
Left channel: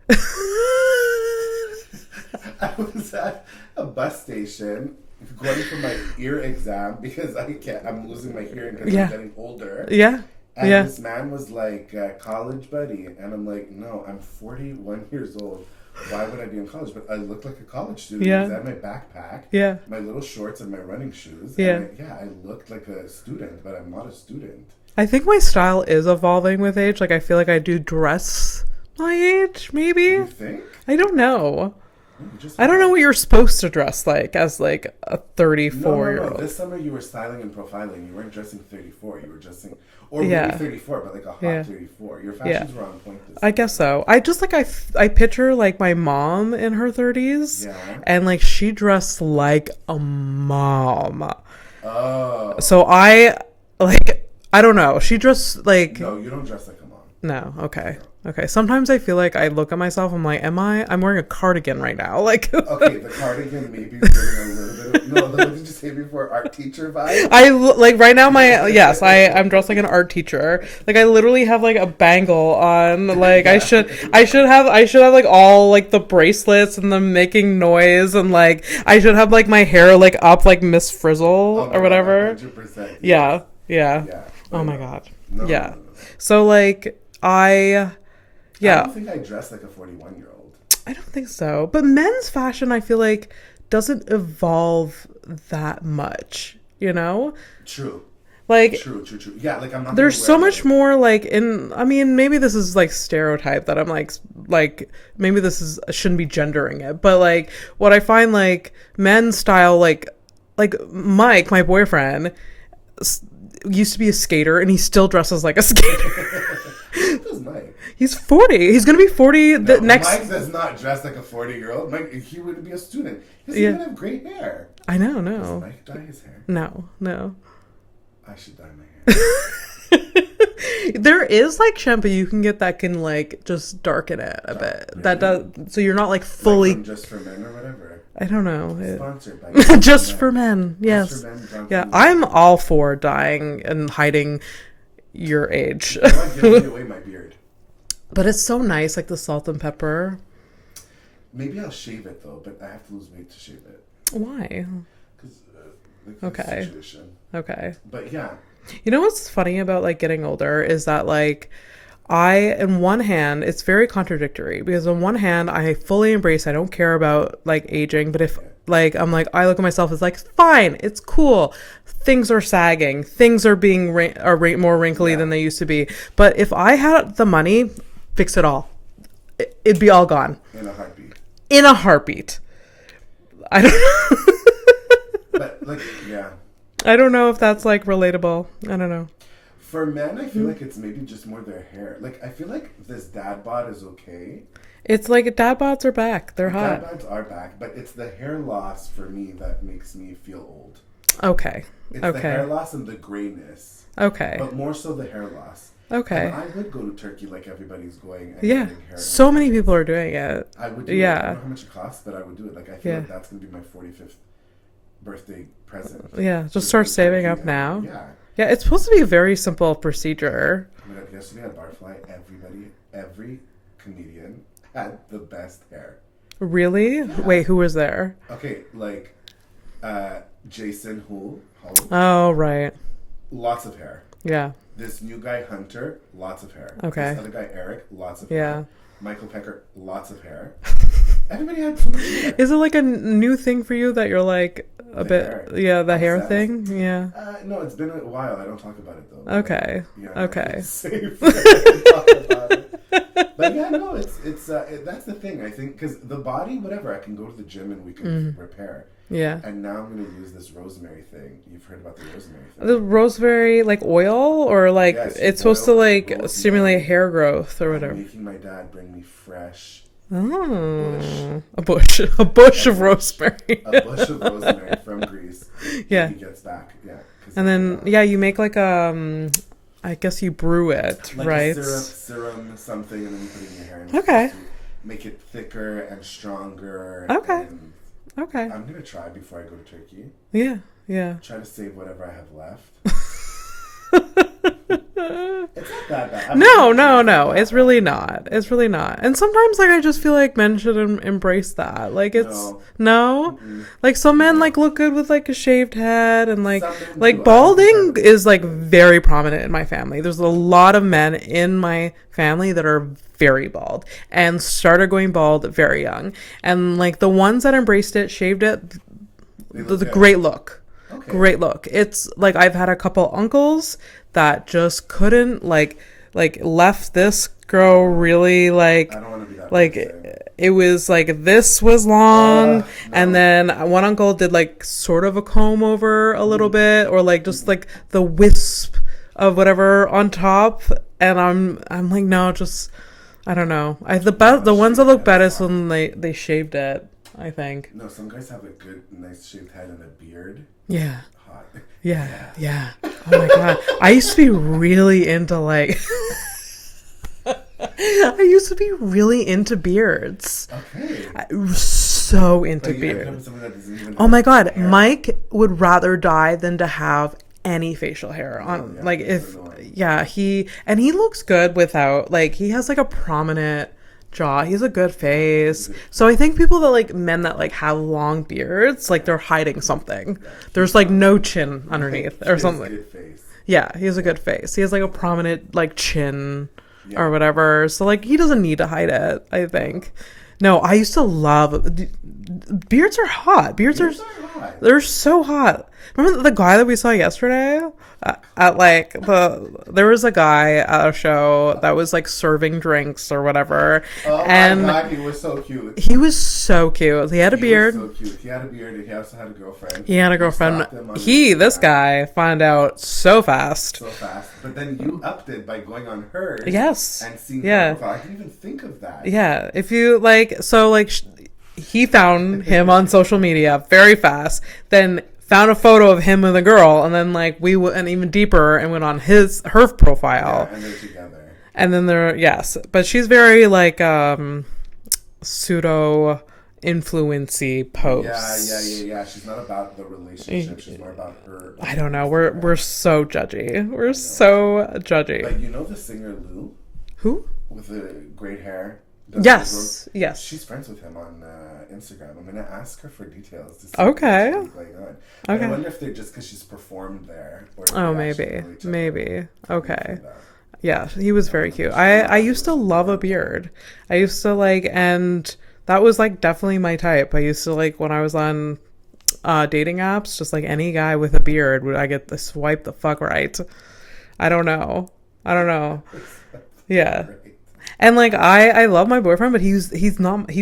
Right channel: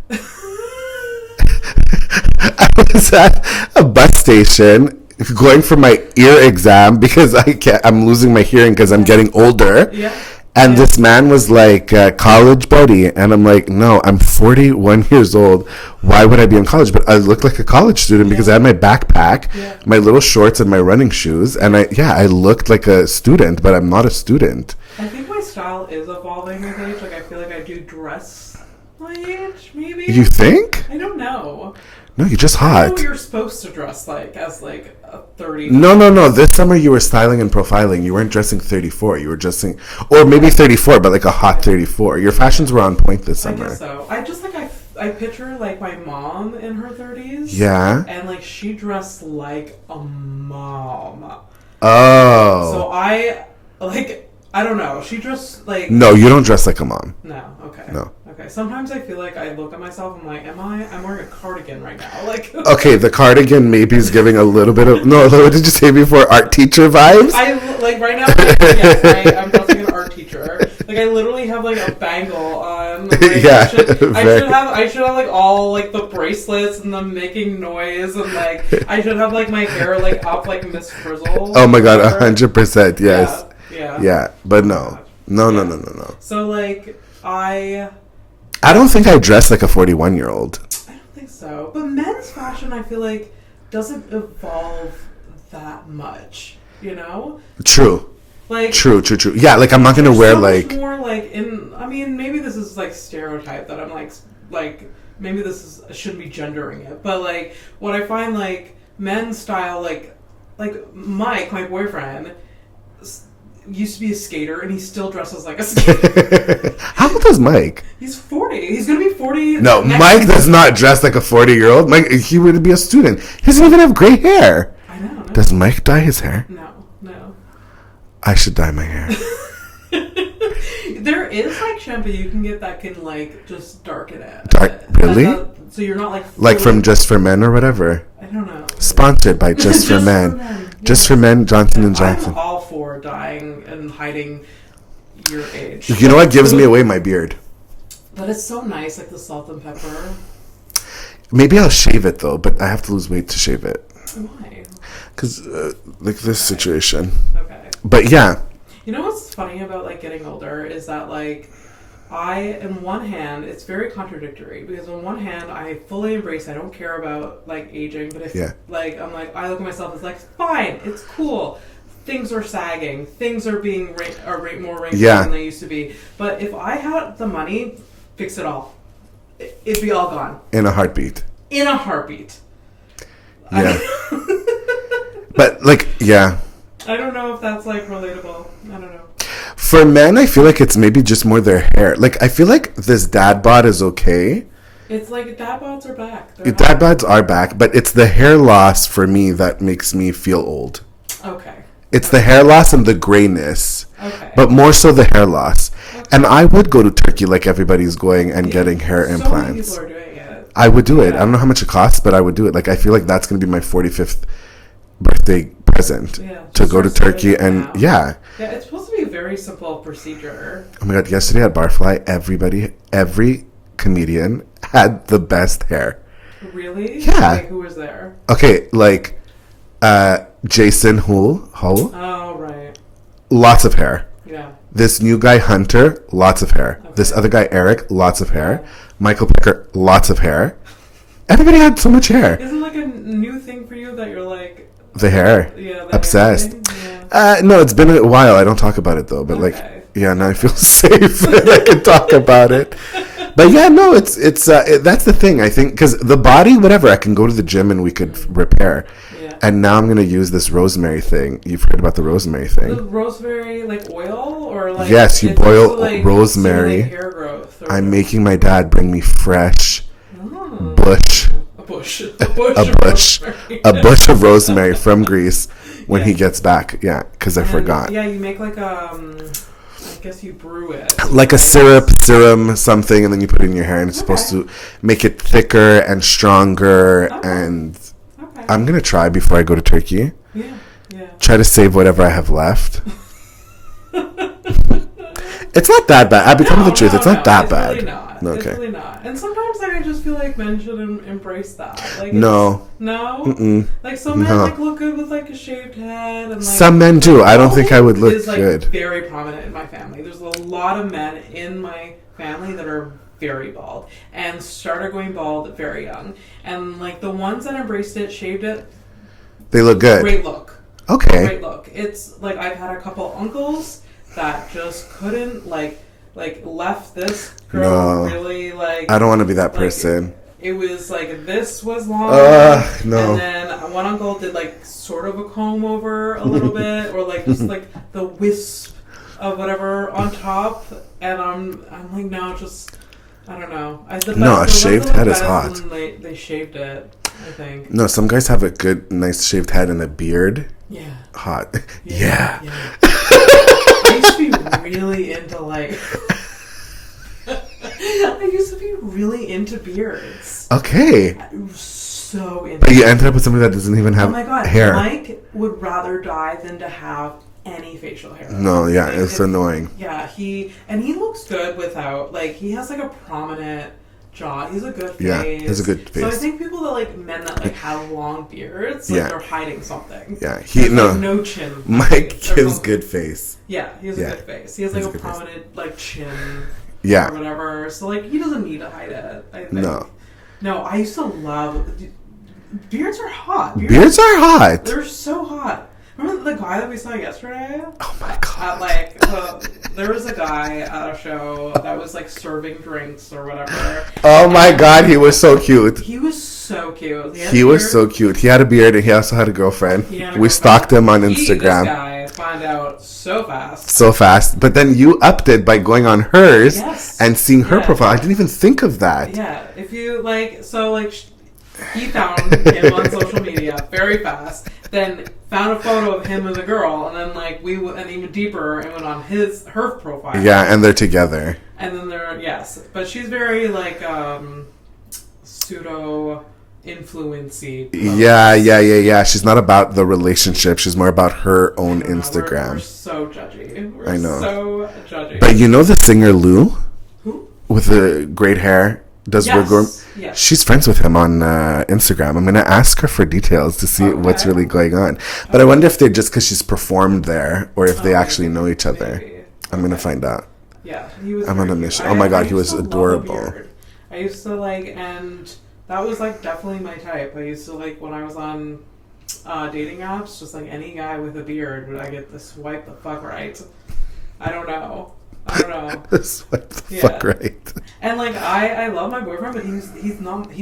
I was at a bus station going for my ear exam because I'm losing my hearing because I'm getting older. Yeah. And this man was like, college buddy. And I'm like, no, I'm 41 years old. Why would I be in college? But I look like a college student because I had my backpack, my little shorts, and my running shoes. And I looked like a student, but I'm not a student. I think my style is evolving with age. Like, I feel like I do dress my age, maybe. You think? I don't know. No, you're just hot. I don't know what you're supposed to dress like as like a 34. No. This summer you were styling and profiling. You weren't dressing 34. You were dressing, or maybe 34, but like a hot 34. Your fashions were on point this summer. I guess so. I just like I picture like my mom in her 30s. Yeah. And like she dressed like a mom. Oh. So I like. I don't know. She dressed like... No, you don't dress like a mom. No. Okay. No. Okay. Sometimes I feel like I look at myself, I'm like, I'm wearing a cardigan right now. Like... Okay, the cardigan maybe is giving a little bit of... No, what did you say before? Art teacher vibes? Like right now I'm dressing an art teacher. Like I literally have like a bangle on. Like I should have like all like the bracelets and the making noise and like I should have like my hair like up like Miss Frizzle. Oh my God, 100%. Yes. Yeah, but no. No. So like I don't think I dress like a 41-year-old. I don't think so. But men's fashion, I feel like, doesn't evolve that much. You know? True. Like true. Yeah, like I'm not gonna wear so like much more like I mean, maybe this is like stereotype that I'm like maybe this is I shouldn't be gendering it, but like what I find like men's style like Mike, my boyfriend, used to be a skater and he still dresses like a skater. How old is Mike? He's 40. He's gonna be 40. No, Mike does not dress like a 40-year-old. Mike, he would be a student. He doesn't even have gray hair. I know. No. Does Mike dye his hair? No. I should dye my hair. There is like shampoo you can get that can like just darken it. Really? So you're not like fully... like from Just for Men or whatever. I don't know. Sponsored by Just for Men. For Men. Just for Men. Johnson and Johnson. I'm all for dyeing and hiding your age. You know what gives me away? My beard. But it's so nice, like the salt and pepper. Maybe I'll shave it though, but I have to lose weight to shave it. Why? Because like this situation. Okay. But yeah. You know what's funny about like getting older is that like in one hand it's very contradictory because on one hand I fully embrace I don't care about like aging, but if like I'm like I look at myself as like fine, it's cool, things are sagging, things are being more wrinkly than they used to be, but if I had the money, fix it all, it'd be all gone in a heartbeat. I don't but like I don't know if that's like relatable. I don't know. For men, I feel like it's maybe just more their hair. Like I feel like this dad bod is okay. It's like dad bods are back. Dad bods are back, but it's the hair loss for me that makes me feel old. Okay. It's the hair loss and the grayness. Okay. But more so the hair loss. Okay. And I would go to Turkey like everybody's going and getting hair implants. So many people are doing it. I would do it. I don't know how much it costs, but I would do it. Like I feel like that's going to be my 45th birthday present. Yeah. To go to Turkey and Yeah, it's supposed to be a very simple procedure. Oh my God, yesterday at Barfly, every comedian had the best hair. Really? Yeah. Wait, who was there? Okay, like Jason Hull. Oh, right. Lots of hair. Yeah. This new guy, Hunter, lots of hair. Okay. This other guy, Eric, lots of hair. Michael Pecker, lots of hair. Everybody had so much hair. Is it like a new thing for you that you're like... The hair. Yeah, the obsessed. hair thing? Yeah. No, it's been a while. I don't talk about it though. But now I feel safe. I can talk about it. But yeah, no, it's that's the thing. I think because the body, whatever, I can go to the gym and we could repair. Yeah. And now I'm gonna use this rosemary thing. You've heard about the rosemary thing? The rosemary, like oil, or like yes, you it's boil supposed to, like, rosemary. stimulate hair growth. Or I'm making my dad bring me fresh bush A bush of rosemary. A bush of rosemary from Greece when he gets back. Yeah, because I forgot. Yeah, you make like I guess you brew it. Like a serum, something, and then you put it in your hair, and it's supposed to make it thicker and stronger. And I'm going to try before I go to Turkey. Yeah. Try to save whatever I have left. It's not that bad. I'll be telling the truth. It's not that bad. It's really not. Okay. It's really not. And sometimes, like, I just feel like men should embrace that. Like, it's, no. Mm-mm. Like, some men like look good with like a shaved head, and like some men do. I don't think I would look is like good. Very prominent in my family. There's a lot of men in my family that are very bald and started going bald very young. And like the ones that embraced it, shaved it, they look good. Great look. Okay. Great look. It's like I've had a couple uncles that just couldn't like left this girl really like. I don't want to be that person. It was like this was long, and then one uncle did like sort of a comb over a little bit, or like just like the wisp of whatever on top, and I'm like no, just I don't know. The ones that look better is when they shaved it. I think. No, some guys have a good, nice shaved head and a beard. Yeah. Hot. Yeah. I used to be really into like. I used to be really into beards. Okay. So into. But you ended up with somebody that doesn't even have. Oh my god, hair. Mike would rather die than to have any facial hair. No, yeah, like, it's annoying. Yeah, he looks good without like he has like a prominent jaw. He's a good face. Yeah, he's a good face. So I think people that like men that like have long beards, like they're hiding something. Yeah, there's like no chin. Mike has good face. Yeah, he has a good face. He has like a prominent like chin. Yeah, or whatever. So like he doesn't need to hide it. I think. No, I used to love beards. Are hot. Beards are hot. They're so hot. Remember the guy that we saw yesterday? Oh my god! At like there was a guy at a show that was like serving drinks or whatever. Oh my god, he was so cute. He was so cute. He had a beard. He was so cute. He had a beard and he also had a girlfriend. We stalked him on Instagram. This guy found out so fast. But then you upped it by going on hers and seeing her profile. I didn't even think of that. Yeah, if you like, so like. He found him on social media very fast, then found a photo of him with a girl, and then like we went even deeper and went on her profile. Yeah, and they're together. And then but she's very like pseudo influency posts. Yeah. She's not about the relationship. She's more about her own Instagram. We're so judgy. We're so judgy. But you know the singer Lou? Who? With the great hair. Yes. She's friends with him on Instagram. I'm going to ask her for details to see what's really going on. But I wonder if they're just because she's performed there or if they actually know each other. Maybe. I'm going to find out. Yeah, he was very cute. Oh my god, I used to love a beard. I used to like, and that was like definitely my type. I used to like when I was on dating apps, just like any guy with a beard, would I get the swipe the fuck right? I don't know. Right. And like I love my boyfriend, but he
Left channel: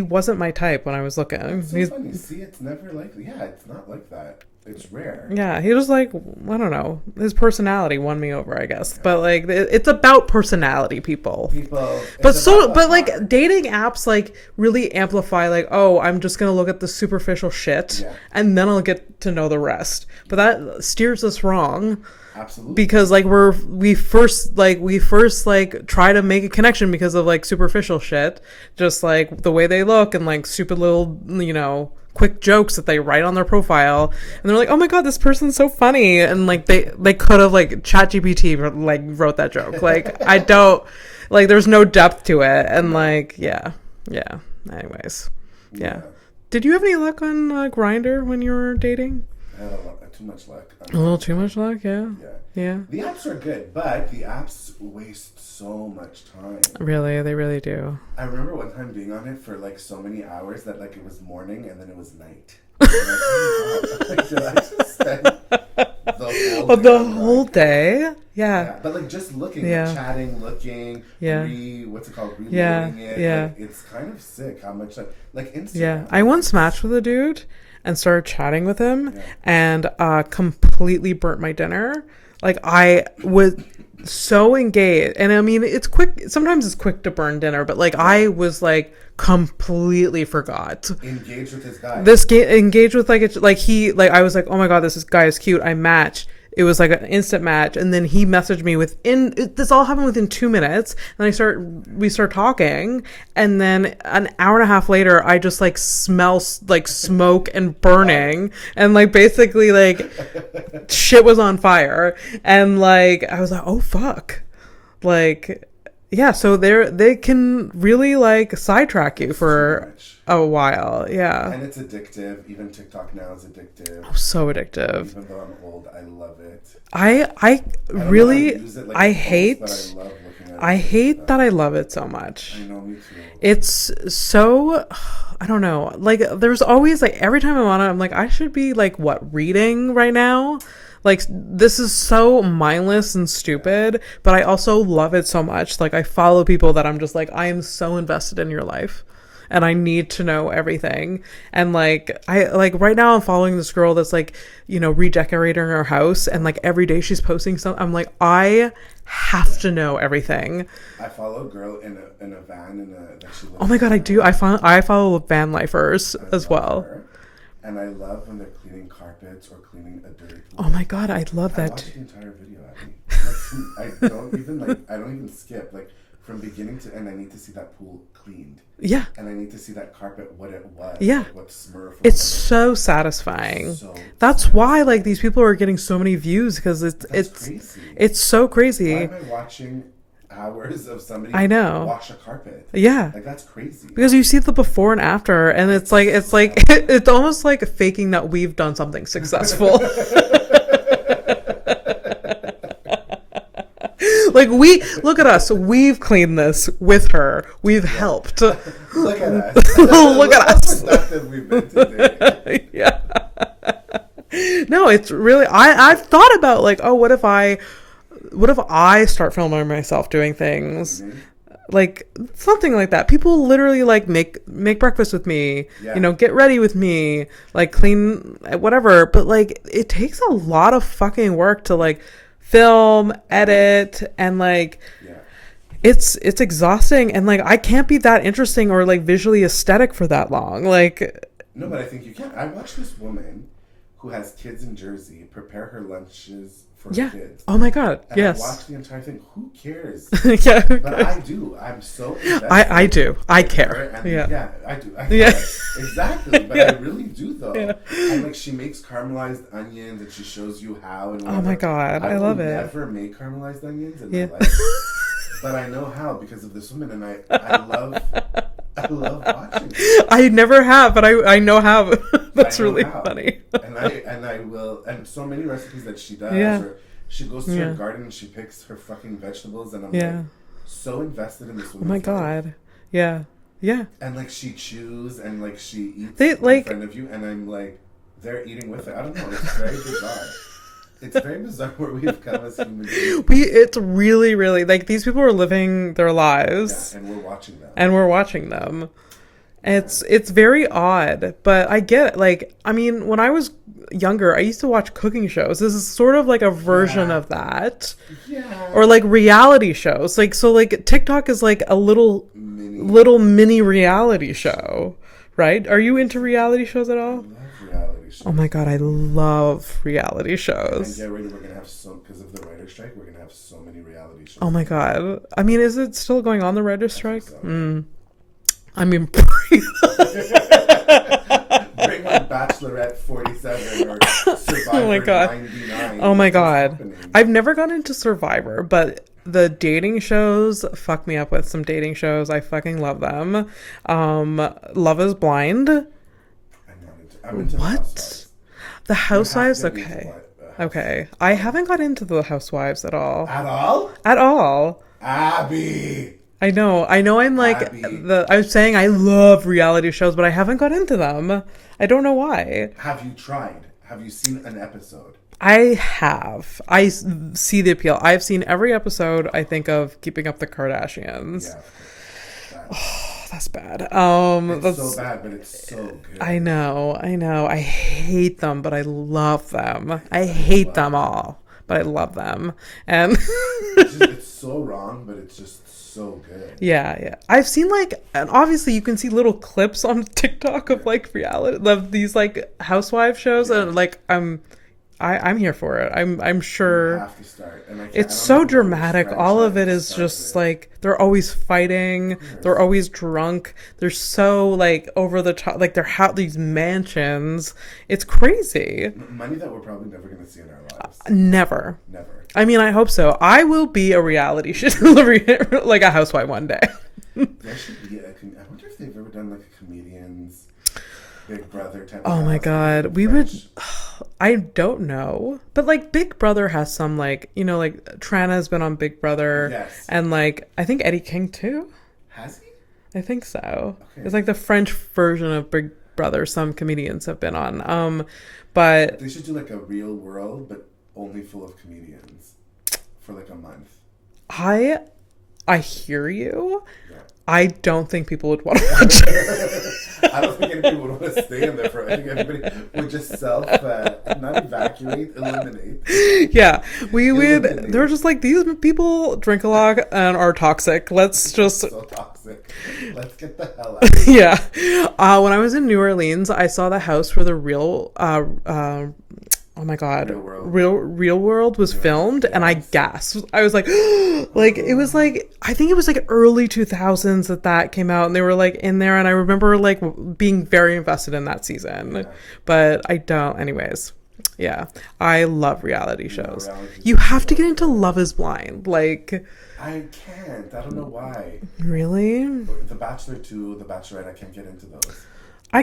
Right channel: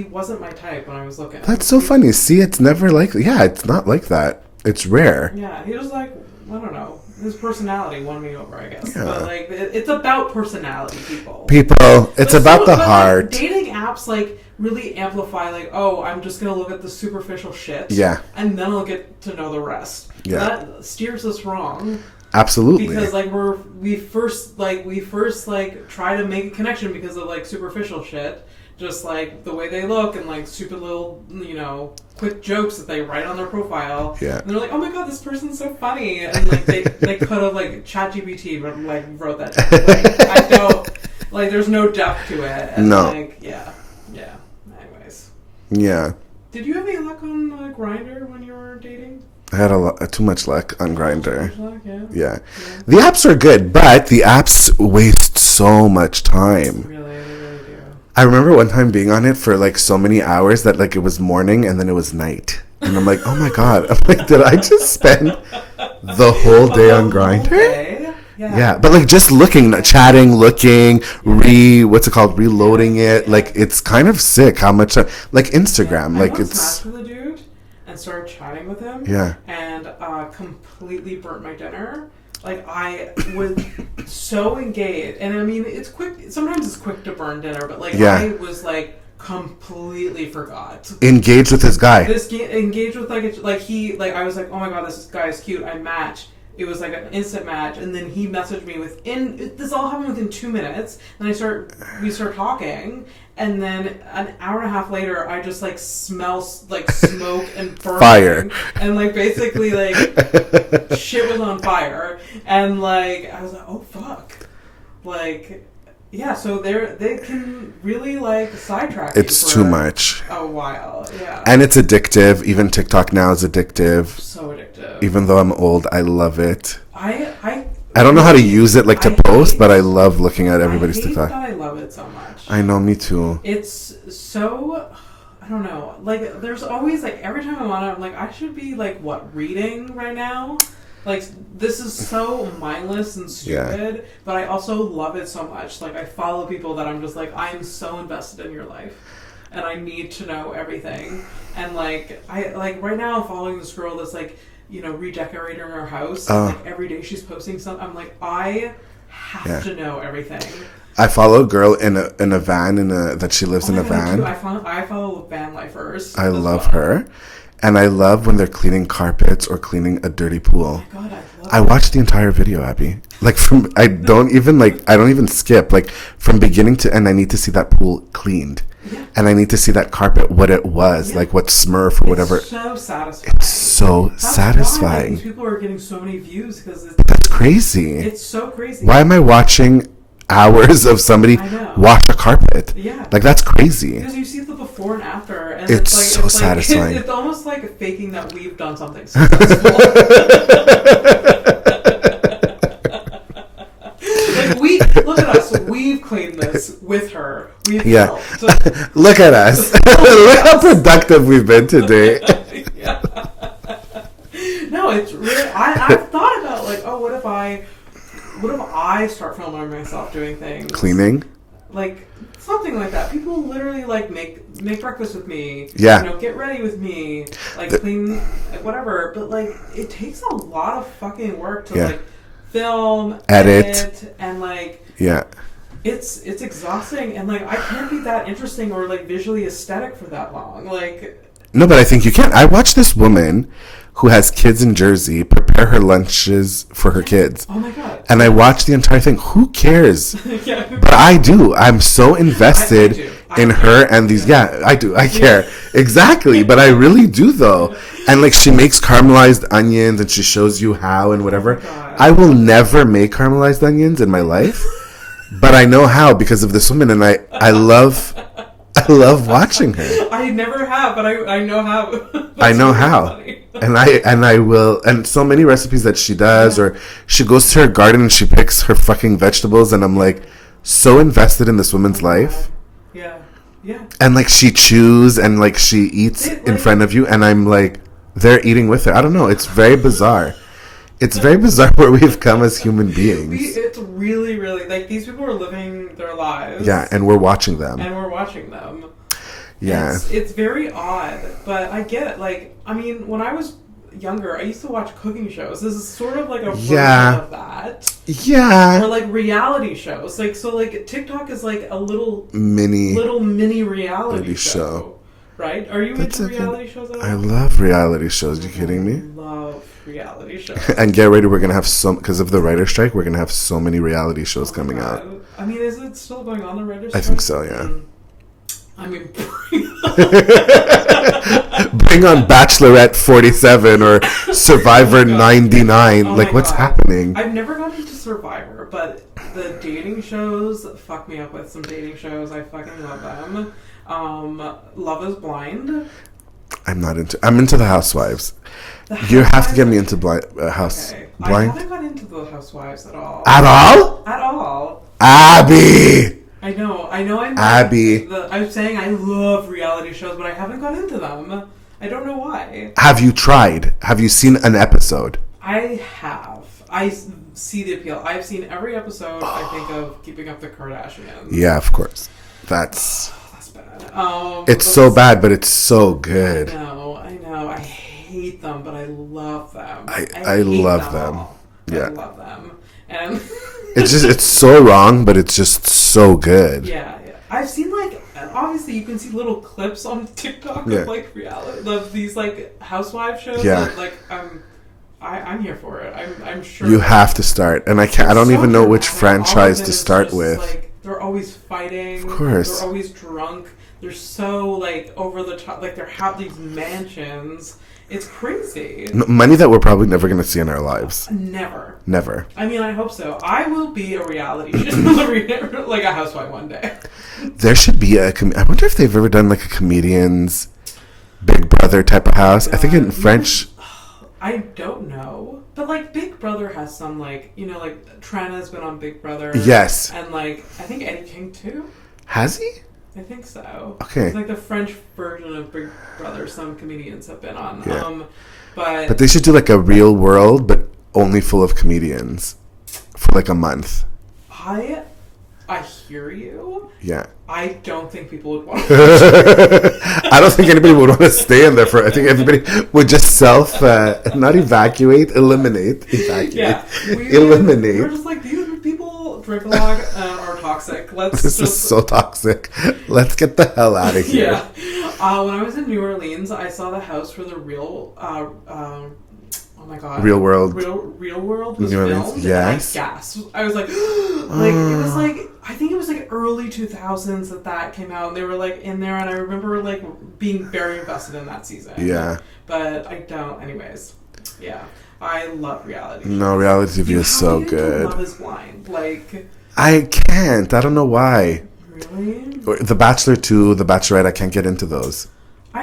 wasn't my type when I was looking. That's so funny. See, it's never like it's not like that. It's rare. Yeah, he was like, I don't know, his personality won me over, I guess. Yeah. But like, it's about personality, people. It's about the heart. Like, dating apps like really amplify like, oh, I'm just gonna look at the superficial shit. Yeah. And then I'll get to know the rest. But that steers us wrong. Absolutely. Because like we first try to make a connection because of like superficial shit, just like the way they look and like stupid little quick jokes that they write on their profile. Yeah. And they're like, oh my god, this person's so funny, and like they could have like ChatGPT like wrote that joke. Like I don't like there's no depth to it, and Anyways. Yeah. Did you have any luck on Grindr when you were dating? I had too much luck on Grindr. Too much luck, yeah. The apps are good, but the apps waste so much time. Really, they really do. I remember one time being on it for like so many hours that like it was morning and then it was night. And I'm like, oh my god. I'm like, did I just spend the whole day on Grindr? Whole day? Yeah, but like just looking, chatting, looking, reloading it. Yeah. Like it's kind of sick how much time, like Instagram. I once matched with a dude and started chatting with him and completely burnt my dinner. Like I was so engaged, and I mean it's quick, sometimes it's quick to burn dinner, but like I was like completely forgot. Engaged with this guy. Engaged with I was like, oh my god, this guy is cute. I matched. It was like an instant match, and then he messaged me this all happened within 2 minutes. Then we start talking, and then an hour and a half later, I just like smell like smoke and burning, fire. And like basically like shit was on fire, and like I was like, oh fuck, like. Yeah, so they can really like sidetrack you for too much. A while, yeah. And it's addictive. Even TikTok now is addictive. So addictive. Even though I'm old, I love it. I don't know how to use it to post, but I love looking at everybody's TikTok. I hate that I love it so much. I know, me too. It's so... I don't know. Like, there's always, like, every time I'm on it, I'm like, I should be, like, reading right now? Like, this is so mindless and stupid, but I also love it so much. Like, I follow people that I'm just like, I'm so invested in your life, and I need to know everything. And, like, right now I'm following this girl that's, like, redecorating her house, and, like, every day she's posting something. I'm like, I have to know everything. I follow a girl in a van that she lives in a van. Oh my god, I follow van lifers. I love her. And I love when they're cleaning carpets or cleaning a dirty pool. Oh my god, I love it. I watched the entire video, Abby. Like I don't even skip. Like from beginning to end, I need to see that pool cleaned. Yeah. And I need to see that carpet, what it was, like what smurf or whatever. It's so satisfying. That's why like these people are getting so many views, because it's crazy. It's so crazy. Why am I watching hours of somebody wash a carpet? Yeah, like that's crazy, because you see the before and after, and it's almost like faking that we've done something successful. Like, look at us, we've cleaned this with her, we've helped. Look at us. Look how productive we've been today. Yeah. No, it's really I've thought about like, oh, what if I start filming myself doing things? Cleaning? Like, something like that. People literally, like, make breakfast with me. Yeah. Get ready with me. Like, clean, whatever. But, like, it takes a lot of fucking work to, like, film, edit, and, like... Yeah. It's exhausting. And, like, I can't be that interesting or, like, visually aesthetic for that long. Like... No, but I think you can. I watched this woman who has kids in Jersey prepare her lunches for her kids. Oh my god. And I watched the entire thing. Who cares? But I do. I'm so invested in her and these. Yeah, I do. I care. Exactly. But I really do though. And like she makes caramelized onions and she shows you how and whatever. Oh my god. I will never make caramelized onions in my life. But I know how because of this woman, and I love watching her. I never have, but I know how. I know really how. Funny. and I will, and so many recipes that she does, or she goes to her garden and she picks her fucking vegetables, and I'm like so invested in this woman's life. Yeah. Yeah. And like she chews and like she eats in front of you, and I'm like, they're eating with her. I don't know. It's very bizarre. It's very bizarre where we've come as human beings. It's really, really, like, these people are living their lives. Yeah, and we're watching them. Yeah. It's very odd, but I get it. Like, I mean, when I was younger, I used to watch cooking shows. This is sort of like a version of that. Yeah. Or like reality shows. Like, so like TikTok is like a little mini reality show. Right? Are you into reality shows at all? I love reality shows. Oh my god, I love reality shows. And get ready, we're going to have because of the writer's strike, we're going to have so many reality shows coming out. Oh my god. I mean, is it still going on, the writer's strike? I think so, yeah. I mean, bring on Bachelorette 47 or Survivor 99. Oh like, what's happening? I've never gone into Survivor, but the dating shows fuck me up with some dating shows. I fucking love them. Love is Blind. I'm into the Housewives. You have to get me into House. Okay. Blind. I haven't got into the Housewives at all. At all? At all. Abby! I know. I'm like Abby. I'm saying I love reality shows, but I haven't got into them. I don't know why. Have you tried? Have you seen an episode? I have. I see the appeal. I've seen every episode, I think, of Keeping Up the Kardashians. Yeah, of course. That's bad. It's so bad, but it's so good. I know. I hate them, but I love them. I hate love them them all. I love them. And it's so wrong, but it's just so good. Yeah. I've seen like, and obviously you can see little clips on TikTok of like reality of these like housewife shows, and like I'm here for it. I'm sure you have to start, and I don't even know which franchise to start with. Like they're always fighting. Of course. They're always drunk. They're so like over the top. Like they're these mansions. It's crazy. Money that we're probably never going to see in our lives. Never. I mean, I hope so. I will be a reality show, like a housewife one day. There should be I wonder if they've ever done like a comedian's Big Brother type of house. I think in French. I don't know. But, like, Big Brother has some, like, you know, like, Trana's been on Big Brother. Yes. And, like, I think Eddie King, too. Has he? I think so. Okay. It's, like, the French version of Big Brother some comedians have been on. Yeah. But they should do, like, a Real World, but only full of comedians for, like, a month. I hear you. Yeah. I don't think people would want to watch it. I don't think anybody would want to stay in there for. I think everybody would just not evacuate, eliminate. Yeah, eliminate. They're just like, these people drink a lot and are toxic. This is so toxic. Let's get the hell out of here. Yeah. When I was in New Orleans, I saw the house where the real. Oh my god! Real World was filmed, and I gasped. I was like, it was like, I think it was like early 2000s that came out, and they were like in there, and I remember like being very invested in that season. Yeah, but I don't. Anyways, yeah, I love reality shows. No, reality TV is so good. You have to get into Love Is Blind, like. I can't. I don't know why. Really? The Bachelor 2, The Bachelorette. I can't get into those. I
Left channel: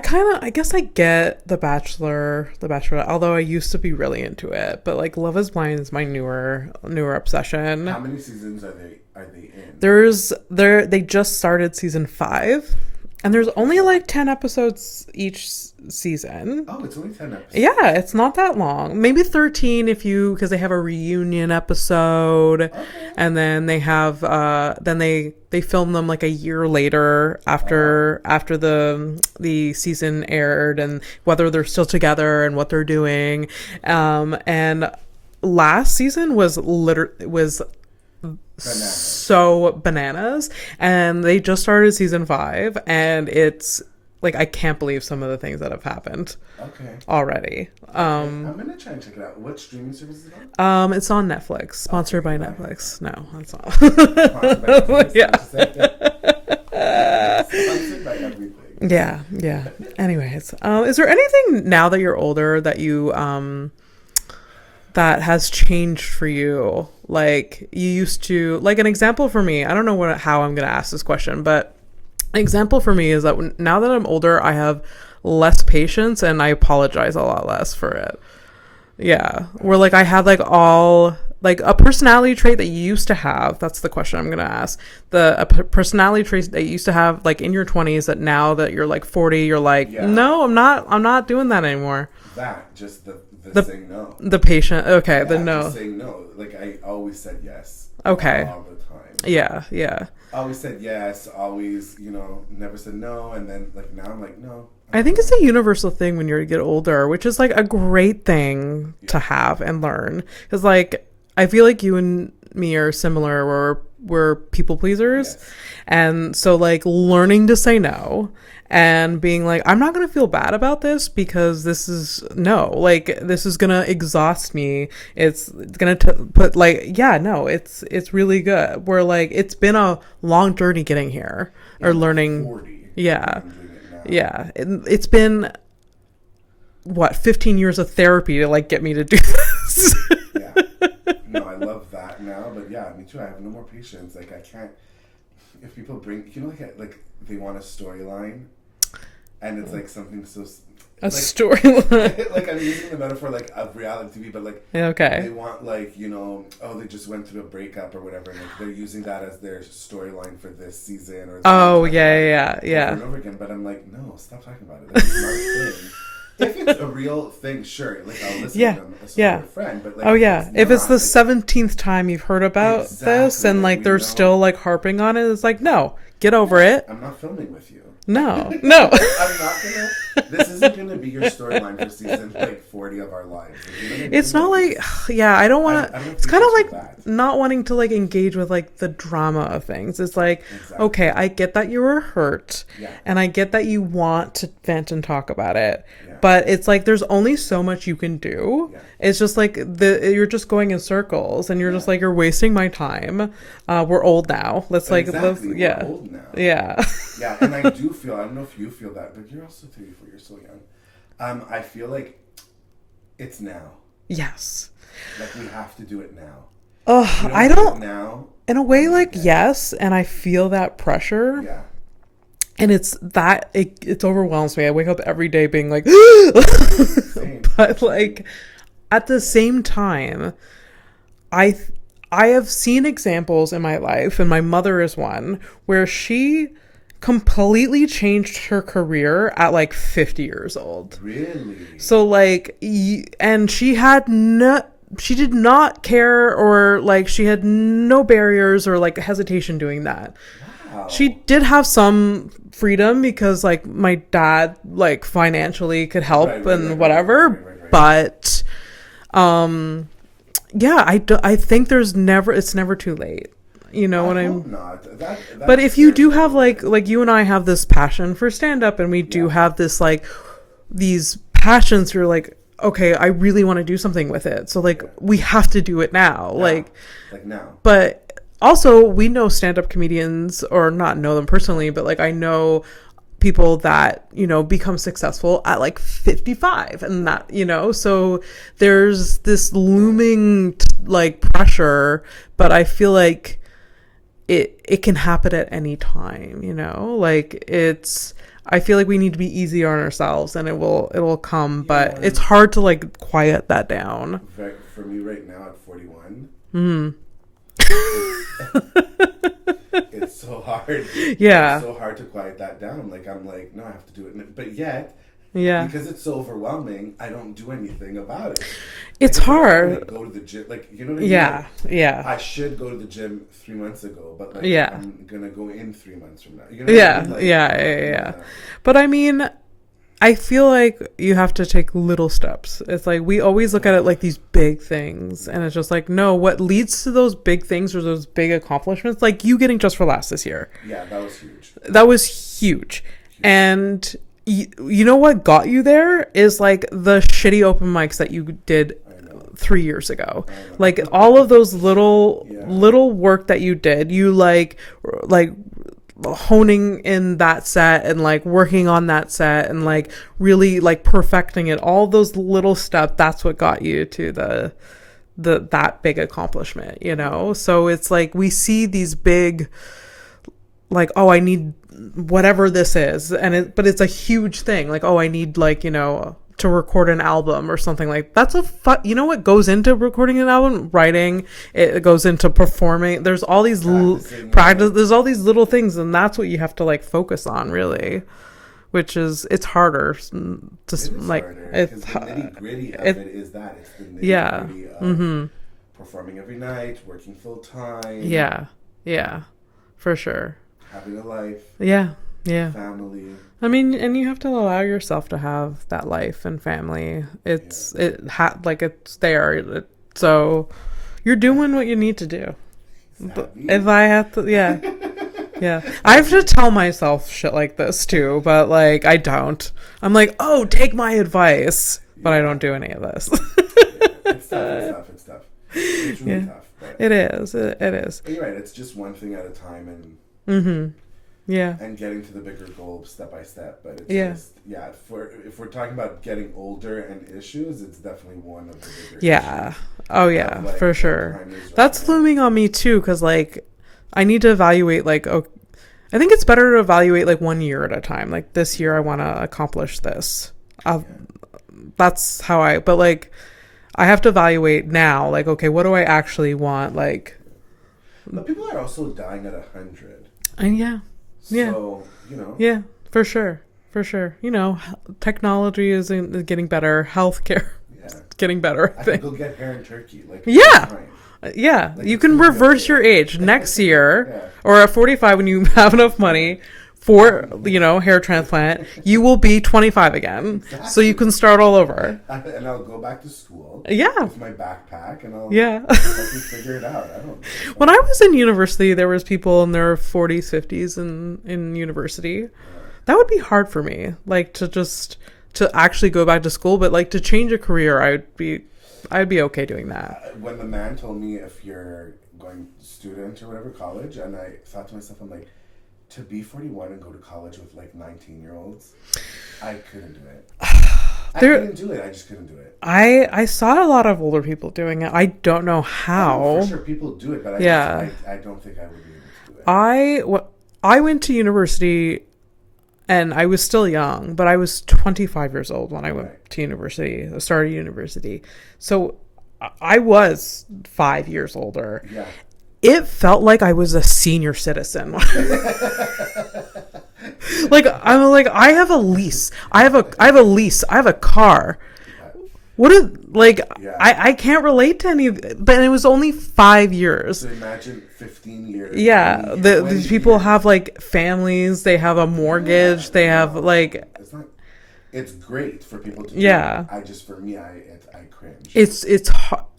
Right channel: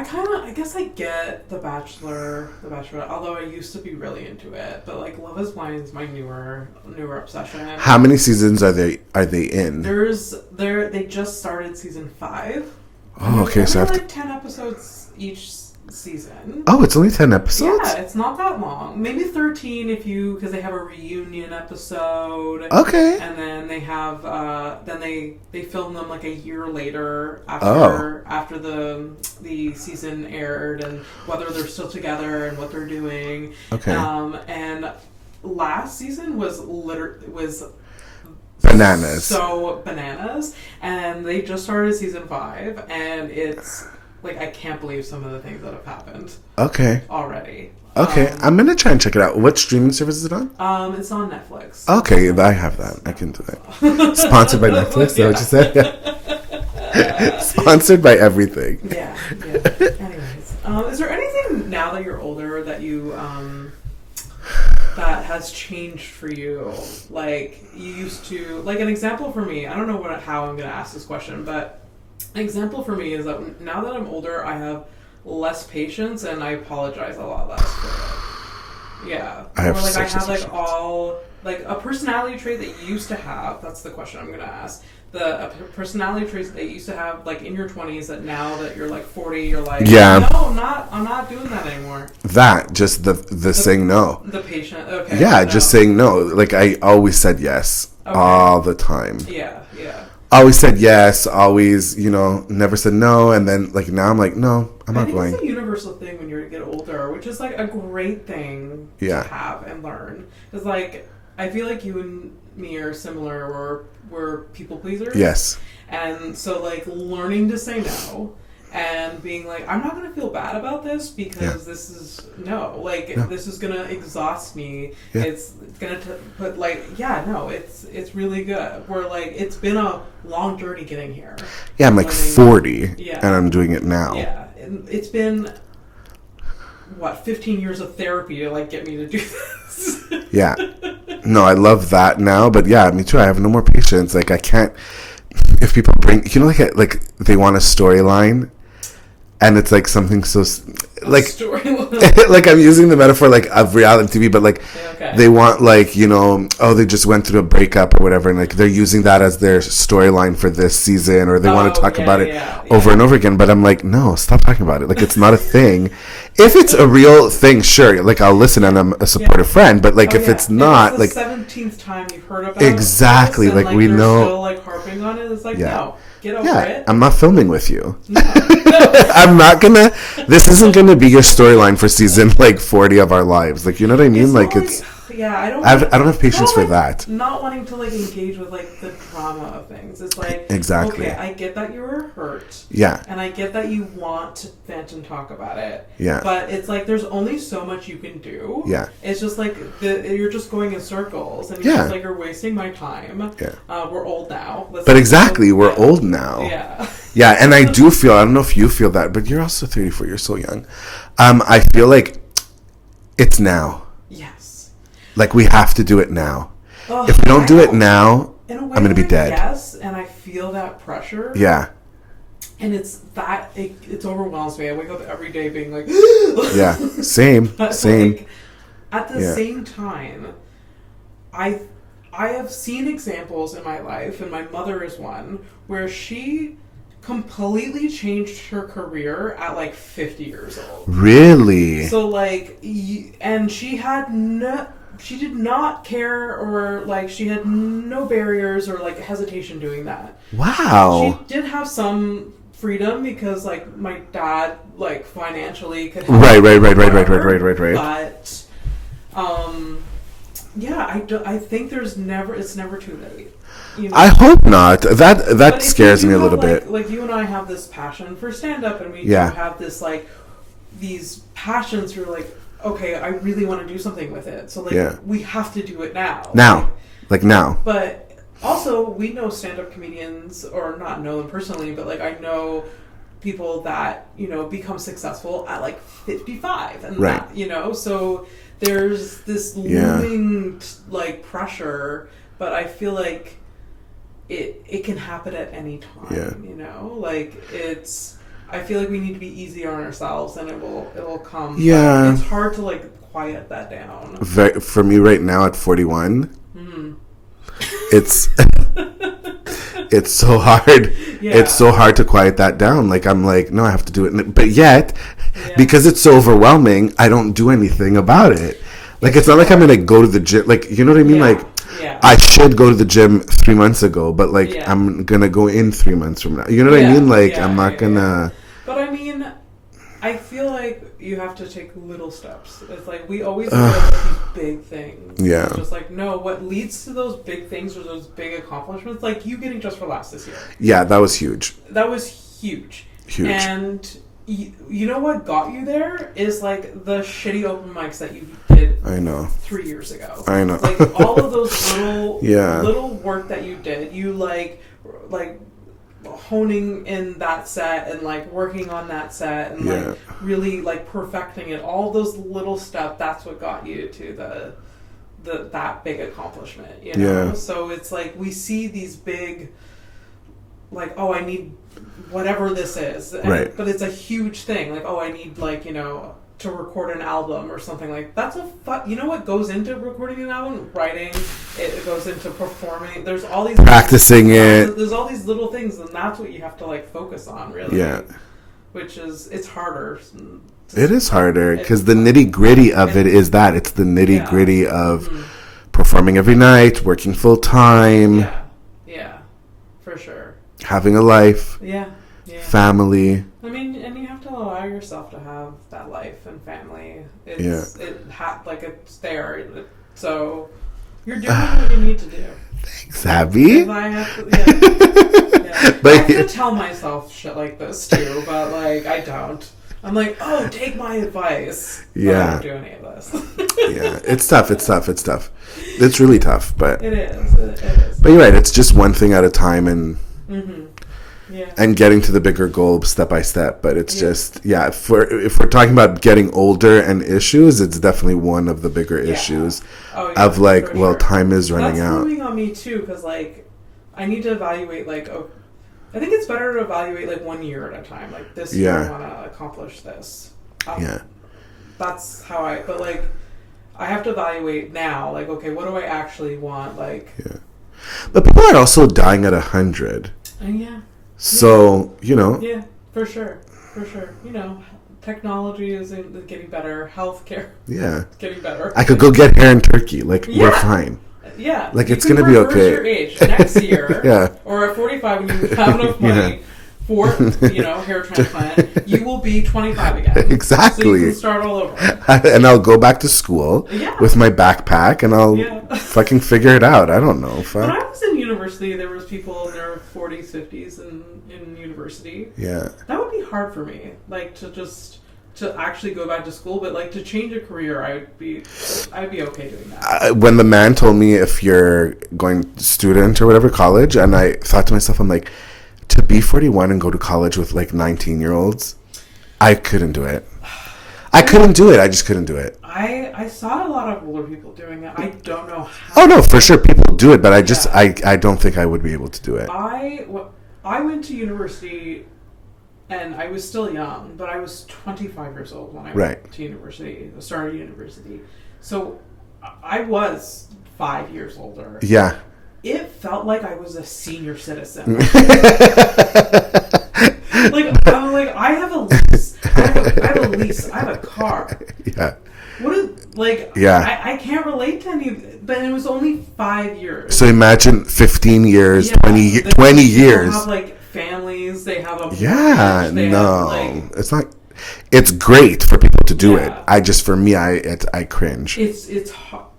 guess I get The Bachelor, The Bachelorette, although I used to be really into it. But like Love Is Blind is my newer obsession. How many seasons are they in? They just started season 5. And there's only like 10 episodes each season. Oh, it's only 10 episodes? Yeah, it's not that long. Maybe 13 because they have a reunion episode. Okay. And then they have then they film them like a year later after the season aired, and whether they're still together and what they're doing. Okay. And last season was bananas. So bananas, and they just started season 5, and it's like, I can't believe some of the things that have happened. Okay. Already. Okay, I'm gonna try and check it out. What streaming service is it on? It's on Netflix. Okay, I have that. No, I can do that. Sponsored by Netflix. Yeah. Is that what you said? Sponsored by everything. Yeah. Anyways, is there anything now that you're older that you that has changed for you? Like, you used to, like, an example for me. I don't know how I'm gonna ask this question, but. An example for me is that now that I'm older, I have less patience and I apologize a lot less for it. Yeah. Where like I have like like a personality trait that you used to have. That's the question I'm going to ask. A personality trait that you used to have like in your 20s that now that you're like 40, you're like, no, I'm not doing that anymore. That, just the saying no. The patient. Okay. Yeah, just saying no. Like I always said yes all the time. Yeah. Always said yes, always, never said no. And then, like, now I'm like, no, I think it's a universal thing when you get older, which is, like, a great thing to have and learn. Because, like, I feel like you and me are similar, where we're people pleasers. Yes. And so, like, learning to say no and being like, I'm not going to feel bad about this because this is, this is going to exhaust me. Yeah. It's going to put, like, it's really good. Where, like, it's been a long journey getting here. Yeah, I'm like 40. Yeah. And I'm doing it now. Yeah. It's been, 15 years of therapy to, like, get me to do this. Yeah. No, I love that now. But, yeah, me too. I have no more patience. Like, I can't, if people bring, like they want a storyline. And it's like something so like storyline. Like I'm using the metaphor like of reality TV, but like they want like they just went through a breakup or whatever, and like they're using that as their storyline for this season, or they want to talk about it over and over again. But I'm like, no, stop talking about it. Like it's not a thing. If it's a real thing, sure. Like, I'll listen and I'm a supportive friend. But, like, if it's not... If it's the 17th time you've heard about exactly, this and, like, they're still, like, harping on it, it's like, no. Get over it. I'm not filming with you. No. I'm not gonna. This isn't gonna be your storyline for season like 40 of our lives. Like, you know what I mean? It's like, not I don't have patience for that. Not wanting to like engage with like the drama of things. It's like, exactly. Okay, I get that you were hurt. Yeah. And I get that you want to vent and talk about it. Yeah. But it's like there's only so much you can do. Yeah. It's just like you're just going in circles and you're just like, you're wasting my time. Yeah. We're old now. We're old now. Yeah. Yeah, and I do feel, I don't know if you feel that, but you're also 34, you're so young. I feel like it's now. Yes. Like, we have to do it now. If we don't do it now, in a way, I'm gonna like, be dead. Yes, and I feel that pressure. Yeah. And it's overwhelms me. I wake up every day being like, yeah, same. But like, at the same time, I have seen examples in my life, and my mother is one, where she completely changed her career at like 50 years old. Really? So like, and she did not care, or like she had no barriers or like hesitation doing that. Wow. She did have some freedom because like my dad like financially could help. Right. But yeah, I think it's never too late. You know, I hope not. That scares me a little bit. Like you and I have this passion for stand up, and we do have this like these passions. You're like, okay, I really want to do something with it. So like we have to do it now. Like now. But also we know stand up comedians, or not know them personally, but like I know people that, you know, become successful at like 55 and that, you know, so there's this looming like pressure, but I feel like it can happen at any time, you know, like I feel like we need to be easy on ourselves, and it'll come, but it's hard to like quiet that down. For me right now at 41, it's so hard. Yeah. It's so hard to quiet that down. Like, I'm like, no, I have to do it. But yet, because it's so overwhelming, I don't do anything about it. Like, it's not like I'm going to go to the gym. Like, you know what I mean? Like, I should go to the gym 3 months ago, but like, I'm going to go in 3 months from now. You know what I mean? Like, I'm not going to. But I mean, I feel like you have to take little steps. It's like we always look at it like these big things. Yeah. And it's just like, no, what leads to those big things or those big accomplishments, like you getting Just for Laughs this year. Yeah, that was huge. That was huge. And you know what got you there is like the shitty open mics that you did 3 years ago. I know. Like all of those little work that you did, you like honing in that set and like working on that set and like really like perfecting it, all those little steps, that's what got you to that big accomplishment, you know. So it's like we see these big like, oh, I need whatever this is, and but it's a huge thing, like, oh, I need like, you know, to record an album or something. Like that's you know what goes into recording an album? Writing, it goes into performing, there's all these practicing there's all these little things, and that's what you have to like focus on, really. Which is, it's harder. It is harder because the nitty gritty of it is that it's the nitty gritty of performing every night, working full time, for sure, having a life, family. I mean, and you have to allow yourself to have that life and family. It's it's there. So you're doing what you need to do. Thanks, Abby. If I have to, I have to tell myself shit like this too, but like I don't. I'm like, oh, take my advice, but I don't do any of this. It's tough. It's tough. It's really tough, but it is. It is. But you're right. It's just one thing at a time, and and getting to the bigger goal step by step. But it's just if we're talking about getting older and issues, it's definitely one of the bigger issues. Oh yeah, of like, well, time is running out. That's looming on me too, because like I need to evaluate like, I think it's better to evaluate like 1 year at a time. Like this year I want to accomplish this. That's how but like I have to evaluate now. Like, okay, what do I actually want? Like, but people are also dying at 100. So, you know. Yeah, for sure. for sure. You know, technology is getting better. Healthcare, getting better. I could go get hair in Turkey. Like, you're fine. Yeah, like you it's can gonna reverse be okay. your age next year, or at 45 when you have enough money for hair transplant. You will be 25 again. Exactly. So you can start all over. And I'll go back to school. With my backpack, and I'll fucking figure it out. I don't know. When I was in university, there was people in their 40s, 50s in university. Yeah, that would be hard for me. Like to actually go back to school, but like to change a career, I'd be okay doing that. When the man told me if you're going student or whatever, college, and I thought to myself, I'm like, to be 41 and go to college with like 19-year-olds, I couldn't do it. I couldn't do it. I just couldn't do it. I saw a lot of older people doing it. I don't know how. Oh no, for sure people do it, but I don't think I would be able to do it. I went to university. And I was still young, but I was 25 years old when I went to university, started university. So I was 5 years older. Yeah. It felt like I was a senior citizen. Like I'm like, I have a lease. I have a lease. I have a car. Yeah. I can't relate to any of it, but it was only 5 years. So imagine 15 years, 20 years. People have like families, they have a mortgage, have like... It's great for people to do it. I cringe.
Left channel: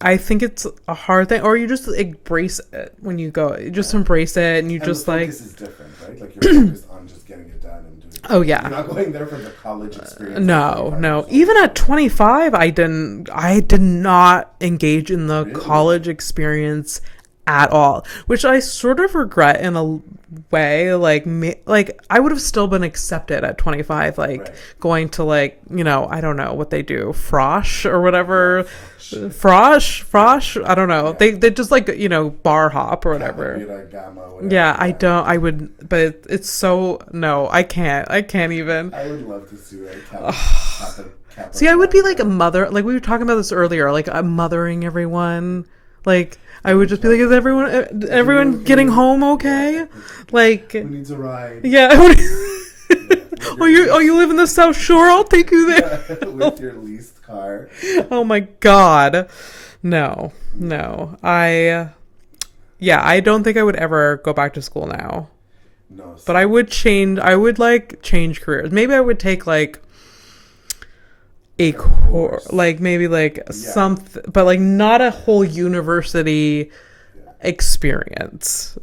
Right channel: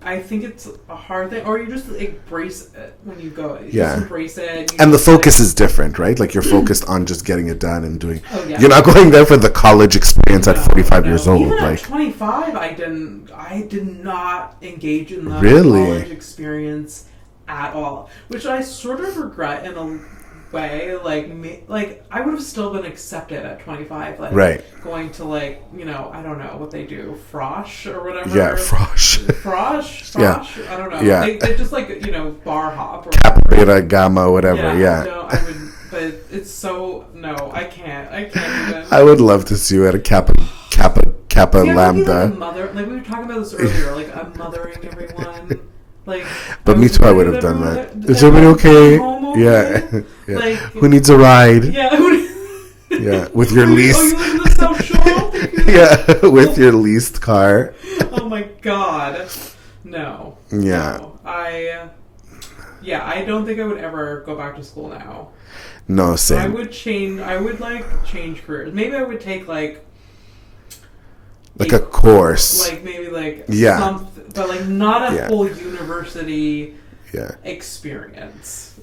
I think it's a hard thing, or you just embrace it when you go. You just embrace it, and the focus is different, right? Like you're focused on just getting it done and doing. Oh yeah, you're not going there for the college experience at 45 years old. Even at 25, I did not engage in the college experience at all, which I sort of regret in a way. Like I would have still been accepted at 25, going to I don't know what they do, frosh or whatever. Frosh. I don't know. They just bar hop or Kappa, Beta, Gamma, whatever. I would, but it's so I can't even. I would love to see you at a Kappa See, Lambda. I would be like a mother. Like we were talking about this earlier. Like I'm mothering everyone. Like I would just is everyone okay? Getting home okay? Yeah. Like who needs a ride? Yeah. With your lease. You live in the South Shore? I'll take you there. Yeah, with your leased car. Oh my God. No. Yeah. No. I don't think I would ever go back to school now. No, same. But I would change careers. Maybe I would take like a course, maybe something, but not a whole university experience.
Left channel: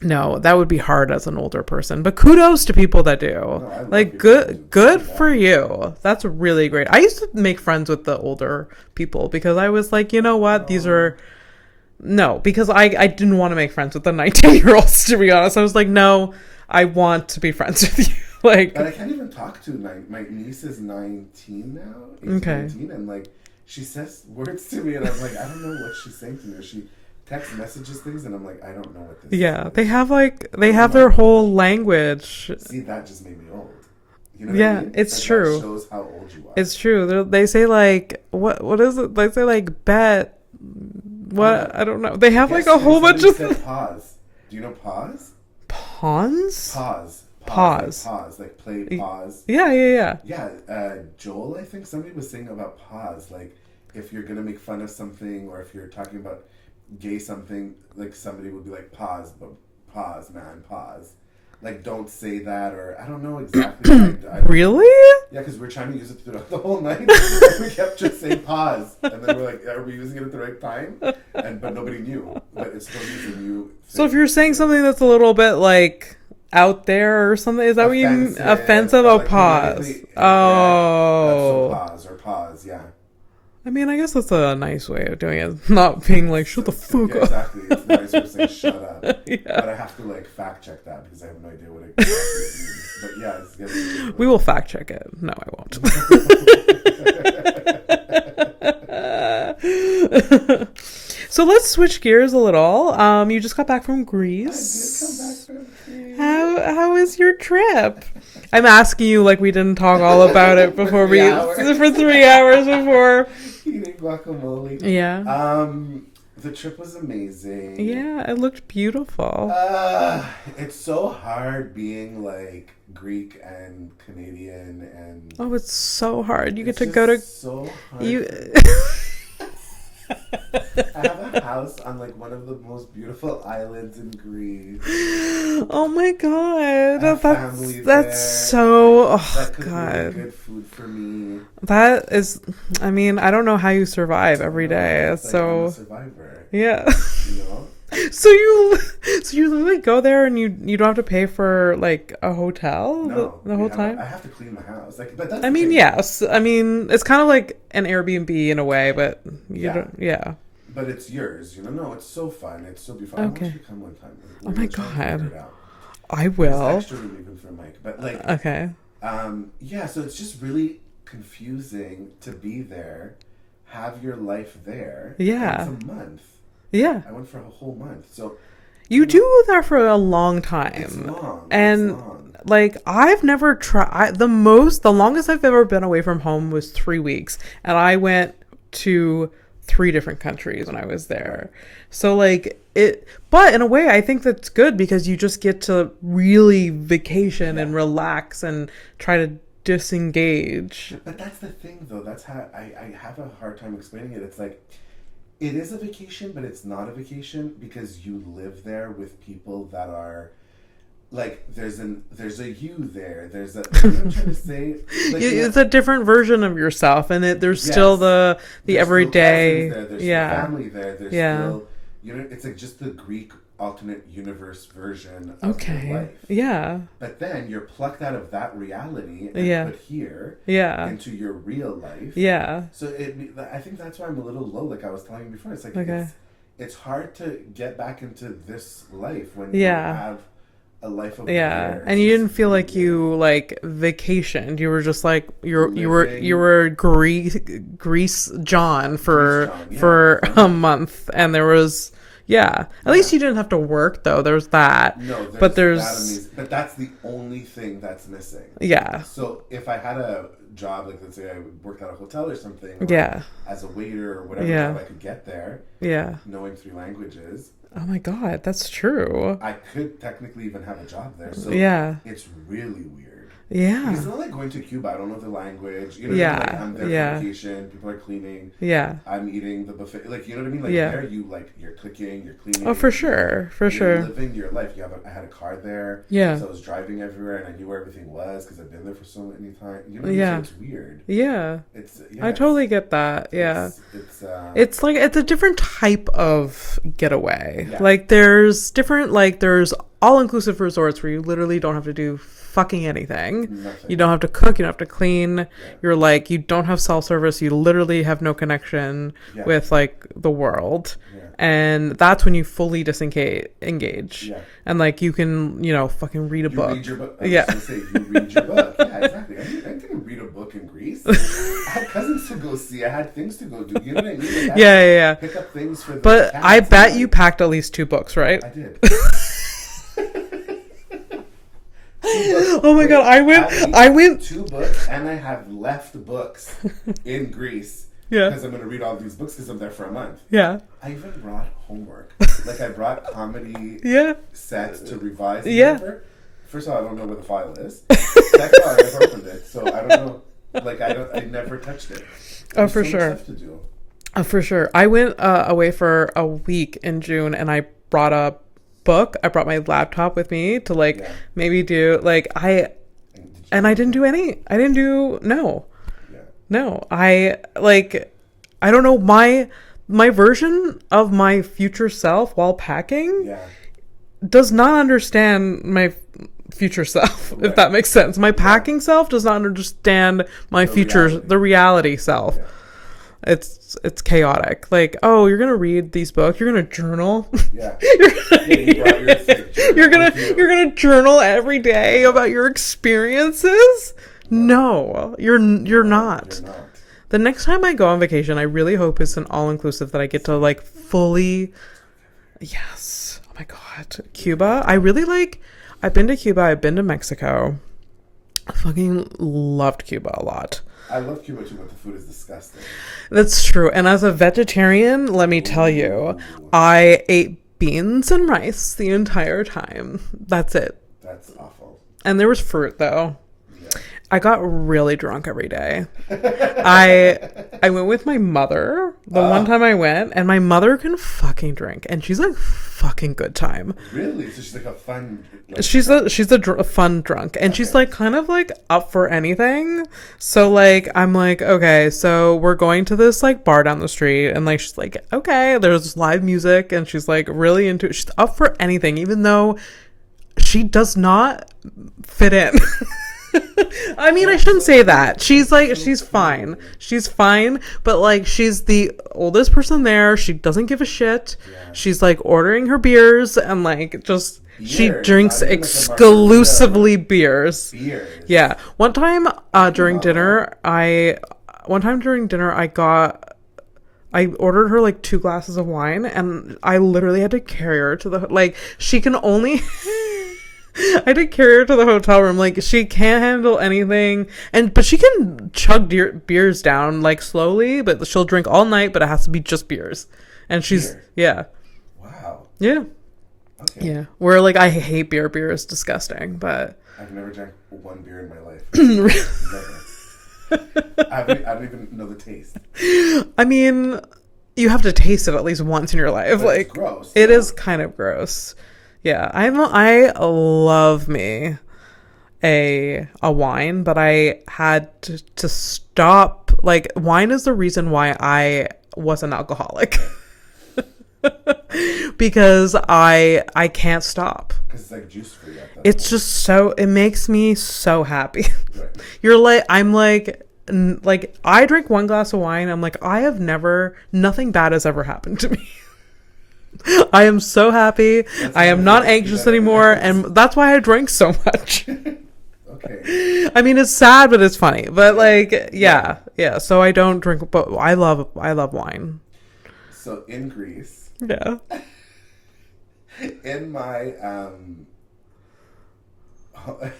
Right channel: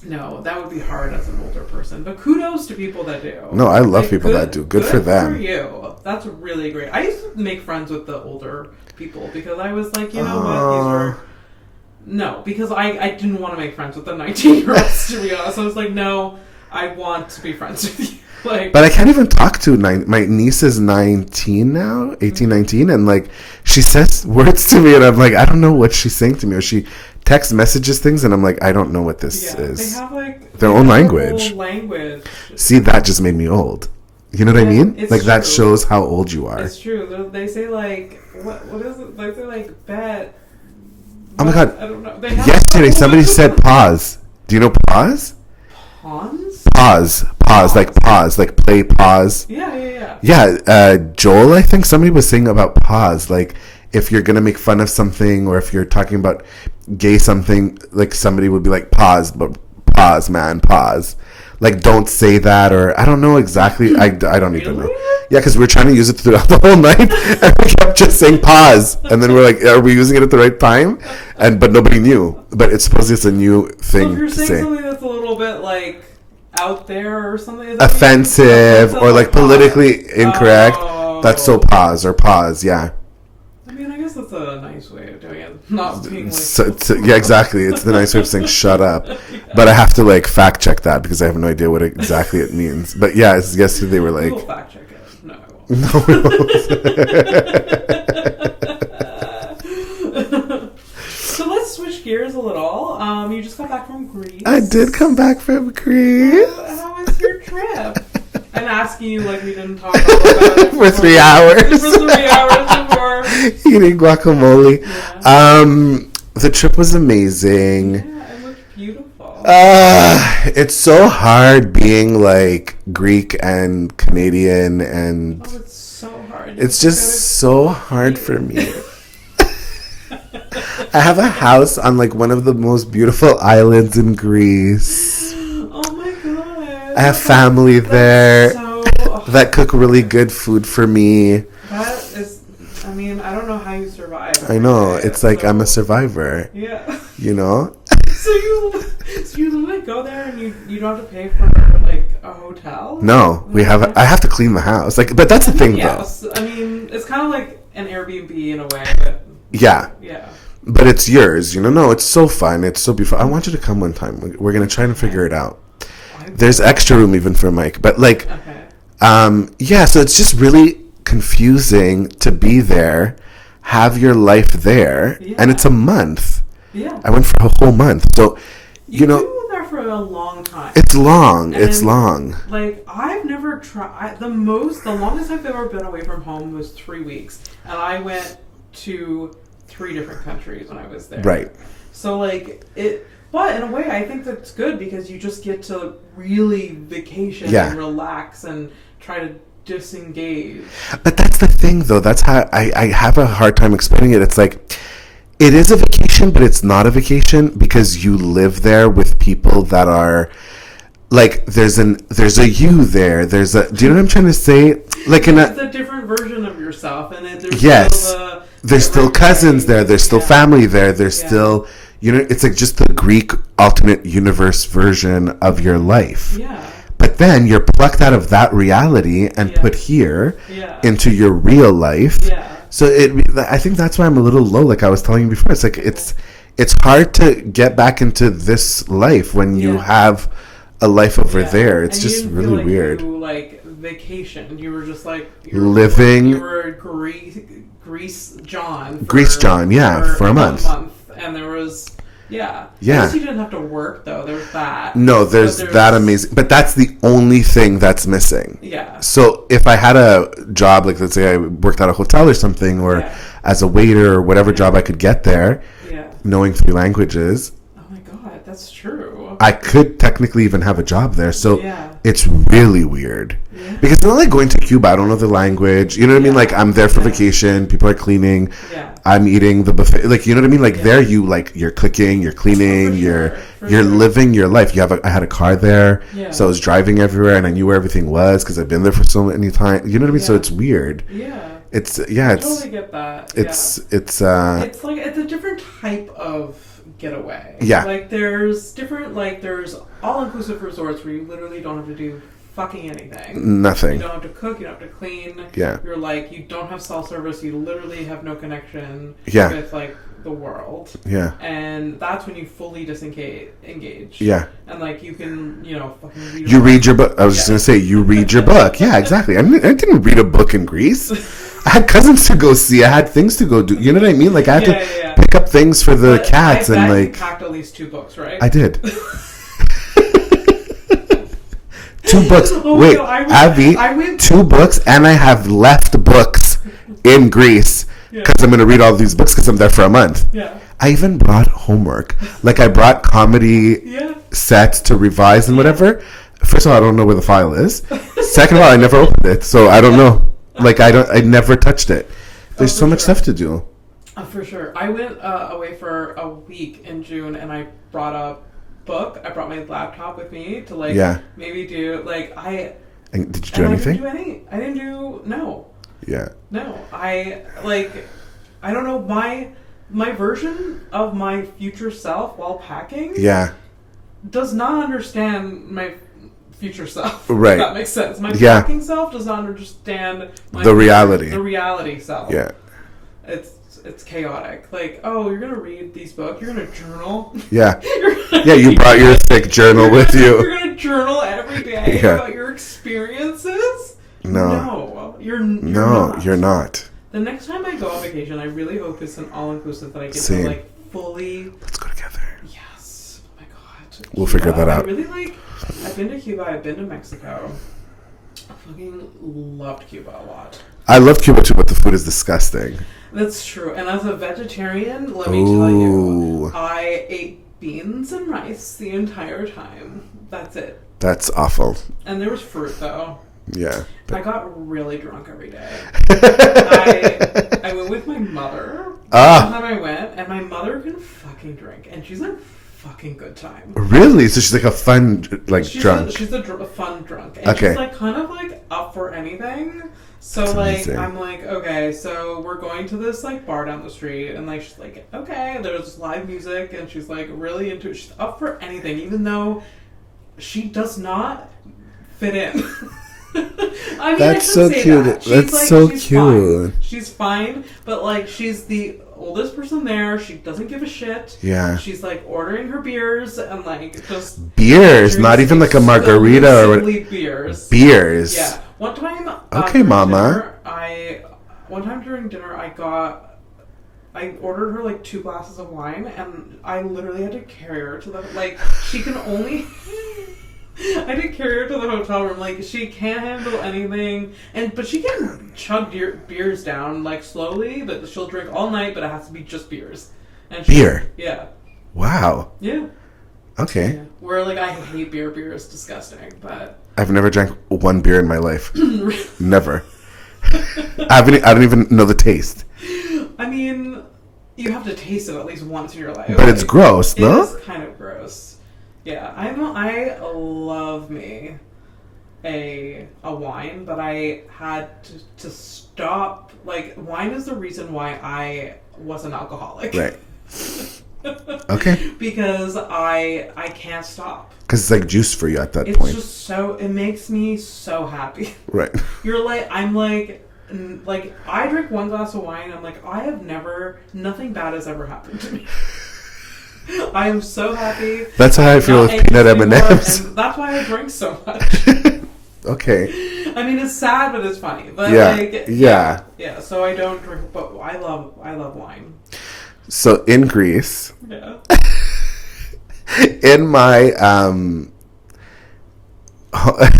No, that would be hard as an older person, but kudos to people that do. No, I love people that do. Good for them. For you. That's really great. I used to make friends with the older people because I was like, what, these are because I didn't want to make friends with the 19-year-olds, to be honest. I was like, no, I want to be friends with you. But I can't even talk to my niece is 19 now, 18, 19, and she says words to me, and I'm like, I don't know what she's saying to me, or she text messages things, and I'm like, I don't know what this is. They have their whole language. See, that just made me old. You know what I mean? It's true. That shows how old you are. It's true. They say what is it? They say bet. What? Oh my God. I don't know. They have yesterday somebody said pause. Do you know pause? Pause, like play pause. Yeah. Joel, I think somebody was saying about pause, like if you're gonna make fun of something or if you're talking about gay something, like somebody would be like pause, but pause, man, pause. Like don't say that, or I don't know exactly. I don't really. Yeah, because we were trying to use it throughout the whole night. And we kept just saying pause, and then we're like, "Are we using it at the right time?" But nobody knew. But it's supposedly it's a new thing. So if you're saying something that's a little bit out there or something, is that offensive or politically incorrect, that's so pause or pause. Yeah. I mean, I guess that's a nice way of doing it. Not being yeah, exactly. It's the nice way of saying shut up. Yeah. But I have to fact check that because I have no idea what exactly it means. But yeah, yesterday they were like... We will fact check it. No, I won't. No, we won't. So let's switch gears a little. You just got back from Greece. I did come back from Greece. How was your trip? I'm asking you we didn't talk all about it for 3 hours. For 3 hours before eating guacamole. Yeah. The trip was amazing. Yeah, it looked beautiful. It's so hard being like Greek and Canadian, and oh, it's so hard. It's just so hard for me. I have a house on like one of the most beautiful islands in Greece. Oh my god! I have family there that cook really God. good food for me. That is, I mean, I don't know how you survive every day. I know. It's like I'm a survivor. Yeah. You know? So you literally go there and you don't have to pay for like a hotel? No, I have to clean the house. Like, but that's the thing. Yes. Though. I mean, it's kind of like an Airbnb in a way, but yeah. Yeah. But it's yours, you know? No, it's so fun. It's so beautiful. I want you to come one time. We're going to try and figure it out. I will. There's extra room even for Mike. But like, okay. Yeah, so it's just really confusing to be there, have your life there, and it's a month. Yeah. I went for a whole month. So, you know, do there for a long time. It's long. And it's long. Like, I've never tried, the longest I've ever been away from home was 3 weeks. And I went to 3 different countries when I was there. Right. So, like, but in a way, I think that's good because you just get to really vacation and relax and try to disengage. But that's the thing, though. That's how I have a hard time explaining it. It's like, it is a vacation, but it's not a vacation because you live there with people that are like, there's a you there. Do you know what I'm trying to say? Like, it's a different version of yourself, and there's still there's still cousins there. There's still family there. There's still, you know, it's like just the Greek alternate universe version of your life. Yeah. But then you're plucked out of that reality and put here into your real life. Yeah. So I think that's why I'm a little low. Like I was telling you before, it's like it's hard to get back into this life when you have a life over there. It's just really weird. And you didn't feel like you vacationed. You were just like you were Greece John for a month, and there was. Yeah. At least you didn't have to work, though. There's that. No, there's that amazing. But that's the only thing that's missing. Yeah. So if I had a job, like let's say I worked at a hotel or something, or as a waiter or whatever job I could get there, knowing 3 languages. Oh my God, that's true. I could technically even have a job there. So it's really weird. Yeah. Because it's not like going to Cuba. I don't know the language. You know what I mean? Like I'm there for vacation. People are cleaning. Yeah. I'm eating the buffet. Like, you know what I mean? Like there you're cooking, you're cleaning, you're living your life. I had a car there. Yeah. So I was driving everywhere and I knew where everything was because I've been there for so many times. You know what I mean? So it's weird. Yeah. I totally get that. Yeah. It's like it's a different type of getaway. Yeah. Like there's all-inclusive resorts where you literally don't have to do fucking anything. Nothing. You don't have to cook. You don't have to clean. Yeah. You're like, you don't have self-service. You literally have no connection with like the world. Yeah. And that's when you fully engage. Yeah. And like you can, fucking read a book. You read your book. I was just going to say, you read your book. Yeah, exactly. I didn't read a book in Greece. I had cousins to go see. I had things to go do. You know what I mean? Like I had to pick up things for the cats. I bet you packed at least 2 books, right? I did. 2 books. Oh my God, I went 2 books, and I have left books in Greece because I'm going to read all these books because I'm there for a month. Yeah. I even brought homework. Like I brought comedy sets to revise and whatever. First of all, I don't know where the file is. Second of all, I never opened it, so I don't know. Like I never touched it. There's so much stuff to do. For sure. I went away for a week in June, and I brought a book. I brought my laptop with me to maybe do And did you do anything? I didn't do no. Yeah. No. I don't know my version of my future self while packing. Yeah. Does not understand my future self. Right. If that makes sense. My packing self does not understand the reality self. Yeah. It's chaotic. Like, oh, you're gonna read these books. You're gonna journal. Yeah. You brought your thick journal with you. You're gonna journal every day about your experiences. No, you're not. You're not. The next time I go on vacation, I really hope it's an all-inclusive that I get to like fully. Let's go together. Yes. Oh my God. We'll figure that out. I really like. I've been to Cuba. I've been to Mexico. I fucking loved Cuba a lot. I love Cuba too, but the food is disgusting. That's true. And as a vegetarian, let me tell you, I ate beans and rice the entire time. That's it. That's awful. And there was fruit, though. Yeah. I got really drunk every day. I went with my mother the one time I went, and my mother can fucking drink, and she's like fucking good time. Really? So she's like a fun drunk. She's a fun drunk, and she's like kind of like up for anything. So that's like amazing. I'm like, okay, so we're going to this like bar down the street, and like she's like, okay, there's live music, and she's like really into it. She's up for anything, even though she does not fit in. I mean, I shouldn't say that. She's like, she's fine. She's fine, but like, she's the oldest person there. She doesn't give a shit. Yeah. She's like ordering her beers and like just beers, not even like a margarita. Exclusively beers. Beers. Yeah. One time during dinner, I ordered her like 2 glasses of wine, and I literally had to carry her to the like. She can only. I had to carry her to the hotel room. Like, she can't handle anything, but she can chug beers down like slowly. But she'll drink all night. But it has to be just beers. And beer. Yeah. Wow. Yeah. Okay. Yeah. Where like I hate beer. Beer is disgusting. But I've never drank one beer in my life. Never. I don't even know the taste. I mean, you have to taste it at least once in your life. But like, it's gross. It is kind of gross. Yeah, I love me a wine, but I had to stop. Like, wine is the reason why I was an alcoholic. Right. Okay. Because I can't stop. Because it's like juice for you at that point. It's just so, it makes me so happy. Right. You're like, I'm like I drink 1 glass of wine. I'm like, nothing bad has ever happened to me. I am so happy. That's how I feel with peanut anymore, M&Ms. and that's why I drink so much. Okay. I mean, it's sad, but it's funny. But yeah. So I don't drink, but I love wine. So in Greece, yeah. In my what?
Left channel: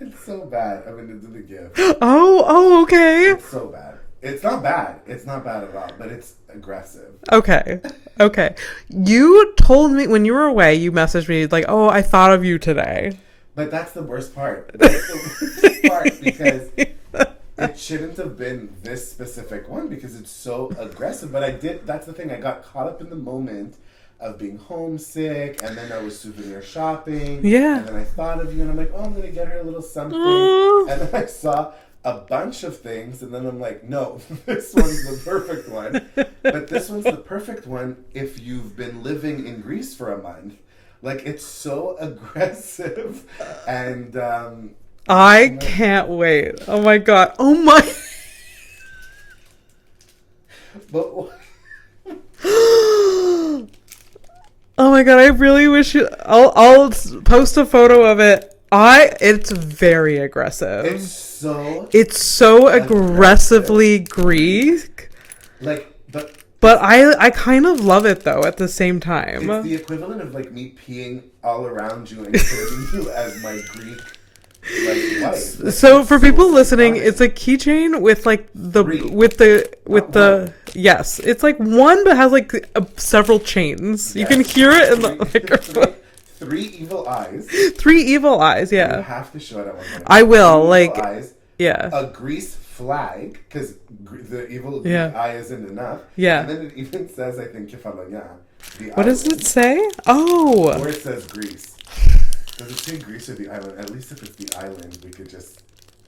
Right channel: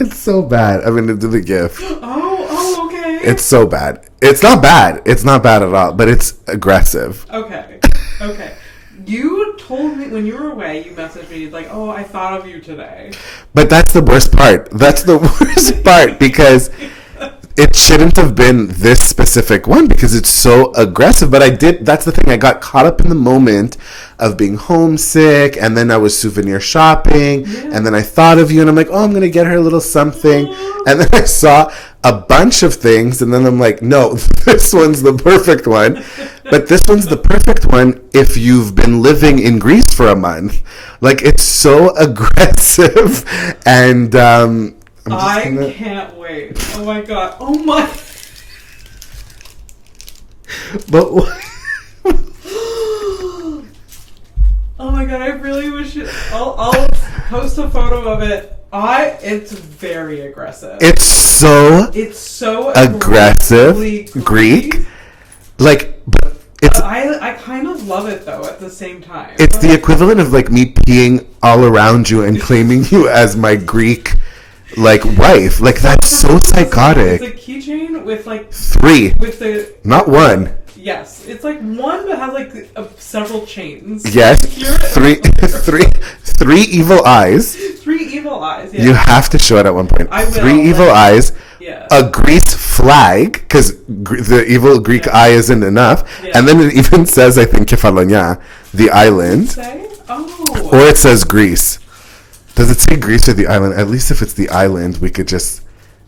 It's so bad. I'm gonna do the GIF. Oh, okay. It's so bad. It's not bad. It's not bad at all, but it's aggressive. Okay. You told me when you were away, you messaged me like, oh, I thought of you today. But that's the worst part. That's the worst part because it shouldn't have been this specific one because it's so aggressive. But that's the thing. I got caught up in the moment of being homesick, and then I was souvenir shopping, and then I thought of you, and I'm like, oh, I'm going to get her a little something. And then I saw a bunch of things, and then I'm like, no, this one's the perfect one. But this one's the perfect one if you've been living in Greece for a month. Like, it's so aggressive, and I can't wait. Oh my god. Oh my. But oh my god, I really wish I'll post a photo of it. It's very aggressive. It's so aggressively Greek. Like, but I kind of love it though at the same time. It's the equivalent of like me peeing all around you and claiming you as my Greek like wife. Like, so that's so psychotic. It's a keychain with like not one. Yes, it's like one, but has like several chains. Yes, you can hear it. Three evil eyes. 3 evil eyes. Yeah, you have to show it at one point. I will. 3 evil eyes. Yeah. A Greece flag, because the evil Greek eye isn't enough. Yeah. And then it even says, I think, Kefalonia, the island. Does it say? Oh. Or it says Greece. Does it say Greece or the island? At least if it's the island, we could just.